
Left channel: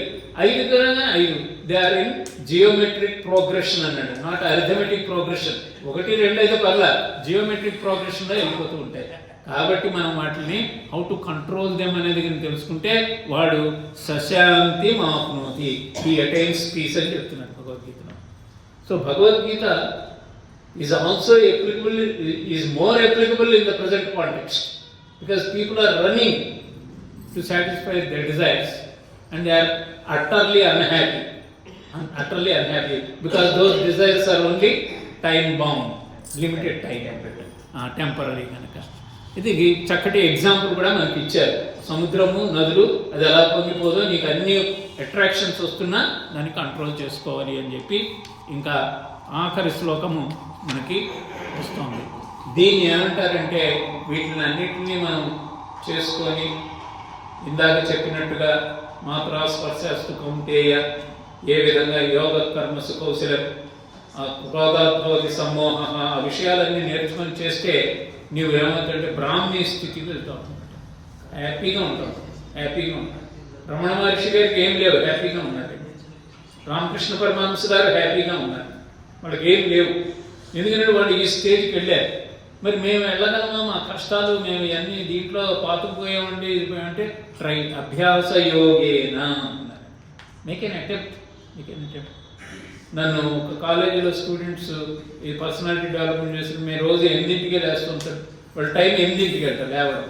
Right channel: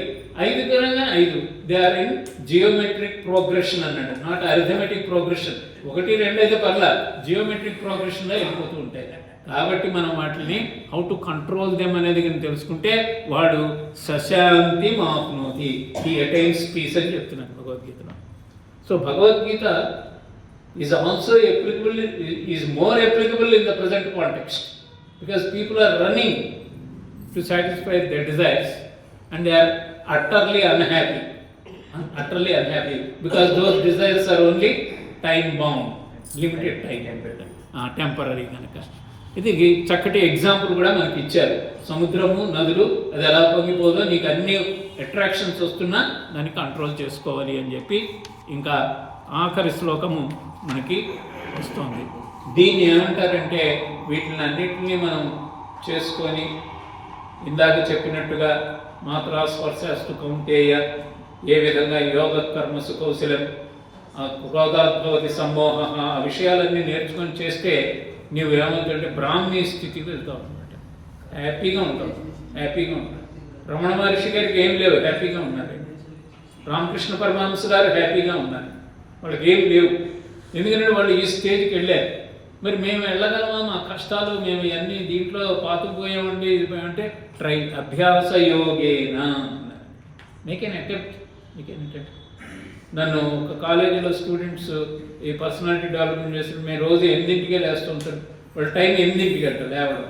5 తీరంగా 5. They are in geometric progression అన్నాడు, నాట్ అరిథమెటిక్ ప్రోగ్రెషన్. 1, 2 అయితే పర్లా, జియోమెట్రిక్ ప్రోగ్రెషన్లో వెళ్ళిపోతూ ఉంటాయి. కాబట్టి మనం వాటిని హౌ టు కంట్రోల్ దెమ్ అనేది కానీ తెలుసుకుంటే వాడు శశాంతి మాప్నోతి, హీ అటైన్స్ పీస్ అని చెప్తున్నాడు భగవద్గీతలో. So Bhagavad Gita is also applicable, is more applicable in the present context, because people are running to satisfy their desires and they are utterly unhappy because those desires are only time bound, limited time, temporary కనుక. ఇది చక్కటి example కూడా మనకి ఇచ్చారు. సముద్రము, నదులు అది ఎలా పొంగిపోదో, నీకు అన్ని అట్రాక్షన్స్ వస్తున్నా దాన్ని కంట్రోల్ చేసుకోవాలి అని చెప్పి ఇంకా ఆఖరి శ్లోకము మనకి వస్తుంది. దీన్ని ఏమంటారంటే వీటిని అన్నిటినీ మనం చేసుకొని ఇందాక చెప్పినట్టుగా మాత్రా స్పర్శాస్తు కౌంటేయ, ఏ విధంగా యోగ కర్మసు కౌశలం, క్రోధాద్భవతి సమ్మోహ, ఆ విషయాలన్నీ నేర్చుకొని చేస్తే నువ్వు ఏమవుతుందంటే బ్రాహ్మీ స్థితికి వెళ్తావు అనమాట. హ్యాపీగా ఉంటావు. రమణ మహర్షి గారికి ఏం లేవు, హ్యాపీగా ఉన్నాడు. రామకృష్ణ పరమహంస గారు హ్యాపీగా ఉన్నారు, వాళ్ళకి ఏం లేవు. ఎందుకంటే వాళ్ళు ఈ స్టేజ్కి వెళ్ళారు. మరి మేము వెళ్ళగలమా? మా కష్టాలు మేము ఇవన్నీ దీంట్లో పాతుకుపోయామండి అంటే ట్రై అభ్యాస యోగేన అన్నారు. Make an attempt. నన్ను ఒక కాలేజీలో స్టూడెంట్స్ ఈ పర్సనాలిటీ డెవలప్మెంట్ చేసి మేము రోజు 8ంటికే లేస్తుంటారు. వాళ్ళు టైం 8ంటికి వెళ్తారు లేవడం.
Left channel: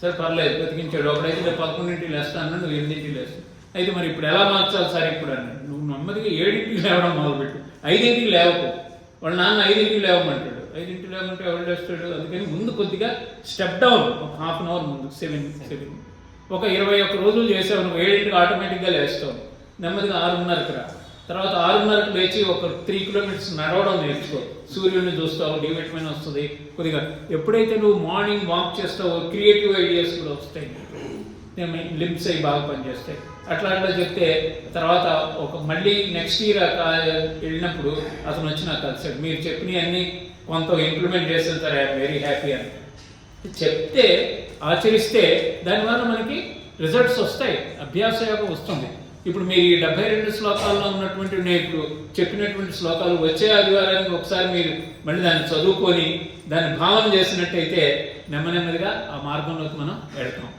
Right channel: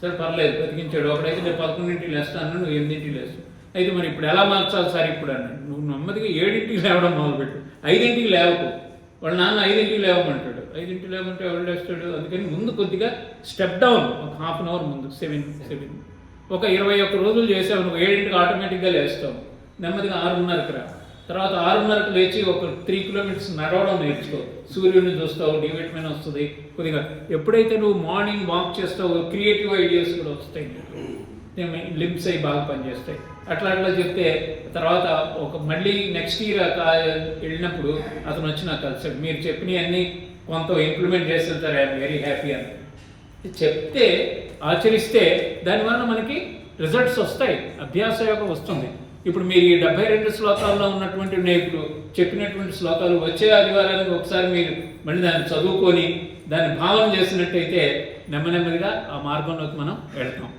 సరే పర్లేదు బతికించాడు. ఒకడైతే నేను 11ంటికి లేస్తాను, నువ్వు 8ంటికి లేస్తావు. అయితే మరి ఇప్పుడు ఎలా మార్చాలి సార్ ఇప్పుడు అన్నాడు. నువ్వు నెమ్మదిగా 7ంటికి లేవడం మొదలుపెట్టు, 5ంటికి లేవకు. వాళ్ళ నాన్న 5ంటికి లేవమంటాడు. 5ంటికి లేవమంటే ఎవరు లేస్తాడు? అందుకని ముందు కొద్దిగా స్టెప్ డౌన్, ఒక హాఫ్ అన్ అవర్ ముందు 7 ఒక 21 రోజులు చేసావు, నువ్వు 7ంటికి ఆటోమేటిక్గా లేస్తావు. నెమ్మదిగా 6:30కి రా. తర్వాత 6:30కి లేచి ఒక 3 కిలోమీటర్స్ నడవడం నేర్చుకో. సూర్యుడిని చూస్తావు, డి విటమిన్ వస్తుంది కొద్దిగా. ఎప్పుడైతే నువ్వు మార్నింగ్ వాక్ చేస్తావో క్రియేటివ్ ఐడియాస్ కూడా వస్తాయి, లిమ్స్ అవి బాగా పనిచేస్తాయి. అట్లా చెప్తే తర్వాత ఒక మళ్ళీ నెక్స్ట్ ఇయర్ వెళ్ళినప్పుడు అతను వచ్చి నాకు కలిసాడు. మీరు చెప్పినవి అన్నీ కొంత ఇంప్లిమెంట్ చేసిన సార్, ఐఎమ్ వెరీ హ్యాపీ అని చెప్తే ఆచరిస్తే దానివల్ల మనకి రిజల్ట్స్ వస్తాయి, అభ్యాస యోగం వస్తుంది. ఇప్పుడు మీరు ఈ 72 శ్లోకాల్లో ఉన్నటువంటి నేను ఇప్పుడు చెప్పినటువంటి శ్లోకాలు వచ్చే ఆదివారానికి ఒకసారి మీరు మళ్ళీ దాన్ని చదువుకొని దాన్ని భావన చేసినట్టయితే నెమ్మదిగా ఆ మార్గంలోకి మనం వెళ్తాం.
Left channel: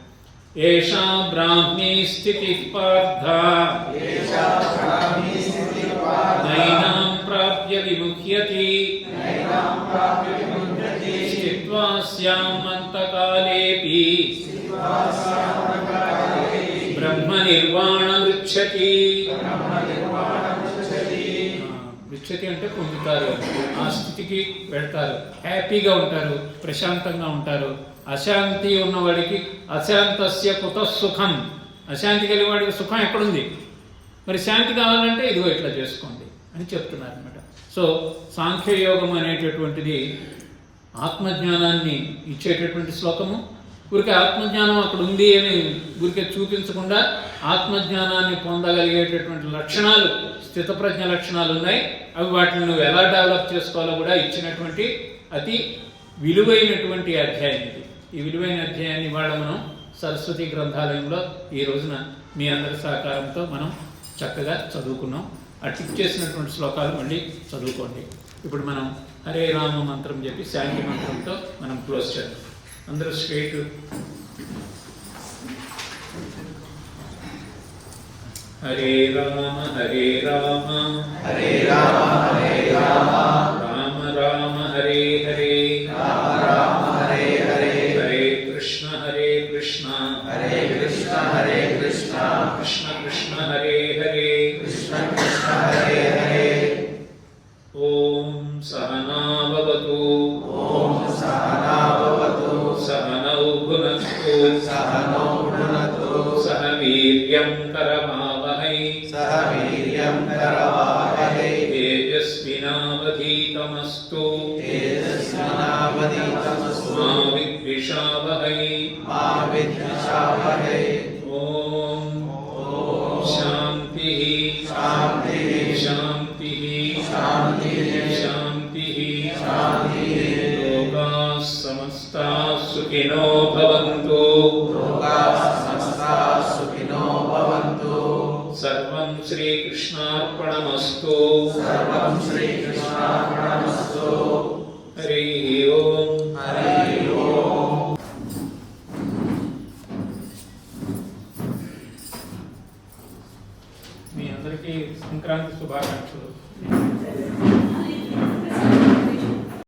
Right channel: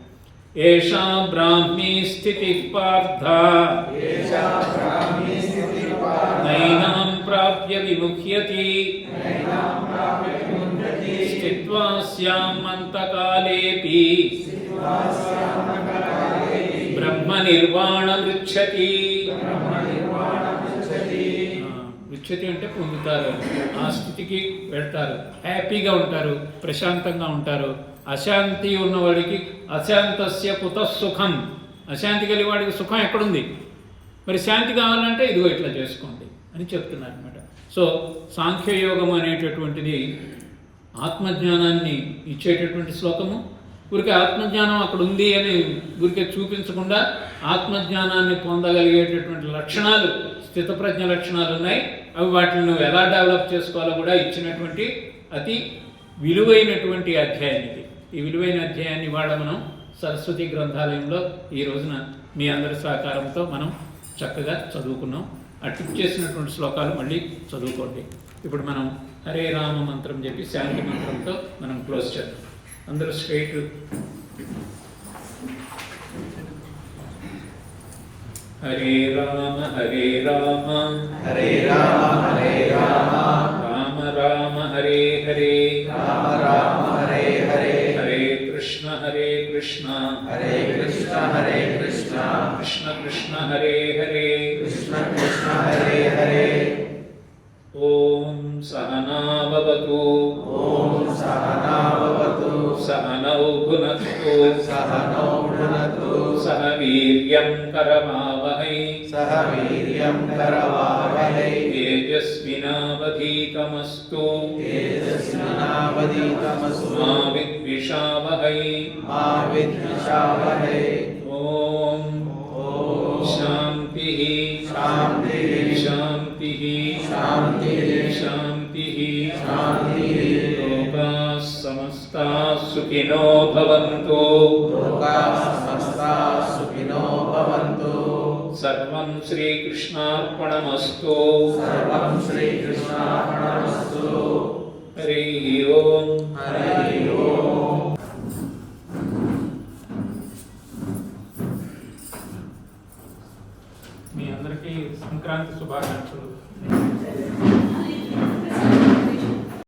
ఏషా బ్రాహ్మీ స్థితి పార్థ నైనాం ప్రాప్య విముఖ్యతి స్థిత్వా స్యామంతకాలేపి బ్రహ్మ నిర్వాణమృచ్చతి. రుచ్యతి అంటే పొందుతారు, ఆ స్థితికి వెళ్తారు, హ్యాపీగా ఉంటారు, ప్రశాంతంగా ఉంటారు. అశాంతి ఉన్నవాడికి అశాంతస్య కుత సుఖం, అశాంతి కలిగి వాడికి సుఖం ఎక్కడుంది? మరి శాంతి కావాలంటే ఇదిగో ఇట్లా చేసుకోండి అని చెప్తున్నారు అనమాట. సో సాంఖ్యయోగం అనేటటువంటిది ఆత్మజ్ఞానాన్ని ఇచ్చేటటువంటి శ్లోకము. ఊరికే ఆత్మజ్ఞానం అక్కడ ఉంది అని ఊరికే చూపించకుండా ఆత్మజ్ఞానాన్ని పొందగలిగేటటువంటి లక్షణాలు, స్థితప్రజ్ఞ లక్షణాలు ఉన్నాయి. అవి వాటిని నువ్వు ఎలా డెవలప్ చేసుకోవాలో కూడా ఇచ్చినటువంటి అతి విలువైనటువంటి అధ్యాయం ఇది. ఈ విలువైన అధ్యాయాన్ని ఇవాళ మనం సరస్వతి గ్రంథాలయంలో ఈ రోజున మీ అందరి సహకారంతో మనం చక్కగా చదువుకున్నాం. ఆ టిక్ చేసినటువంటి శ్లోకాలు మళ్ళీ చదువుకోండి. ఇప్పుడు మనం హరే రామ మంత్రం చెప్పి శాంతి మంత్రంతో మనం క్లోజ్ చేద్దాం. అందరూ స్ట్రైట్ హరే రామ హరే రామ హరే రామ హరే రామ రామ రామ హరే హరే రామ రామ హరే హరే హరే కృష్ణ హరే కృష్ణ హరే కృష్ణ హరే కృష్ణ కృష్ణ కృష్ణ హరే హరే కృష్ణ కృష్ణ హరే హరే. ఓం సహనా భవతు ఓం సహనా భవతు సహనౌ భునక్తు సహనౌ భునక్తు సహ వీర్యం కరవావహై సహ వీర్యం కరవావహై తేజస్వినావధీతమస్తు తేజస్వినావధీతమస్తు మా విద్విషావహై మా విద్విషావహై. ఓం ఓం శాంతి శాంతి శాంతి శాంతి శాంతి శాంతి. లోకాః సమస్తాః సుఖినో భవంతు లోకాః సమస్తాః సుఖినో భవంతు. సర్వం శ్రీకృష్ణార్పణమస్తు. సర్వం శ్రీకృష్ణార్పణమస్తు. హరి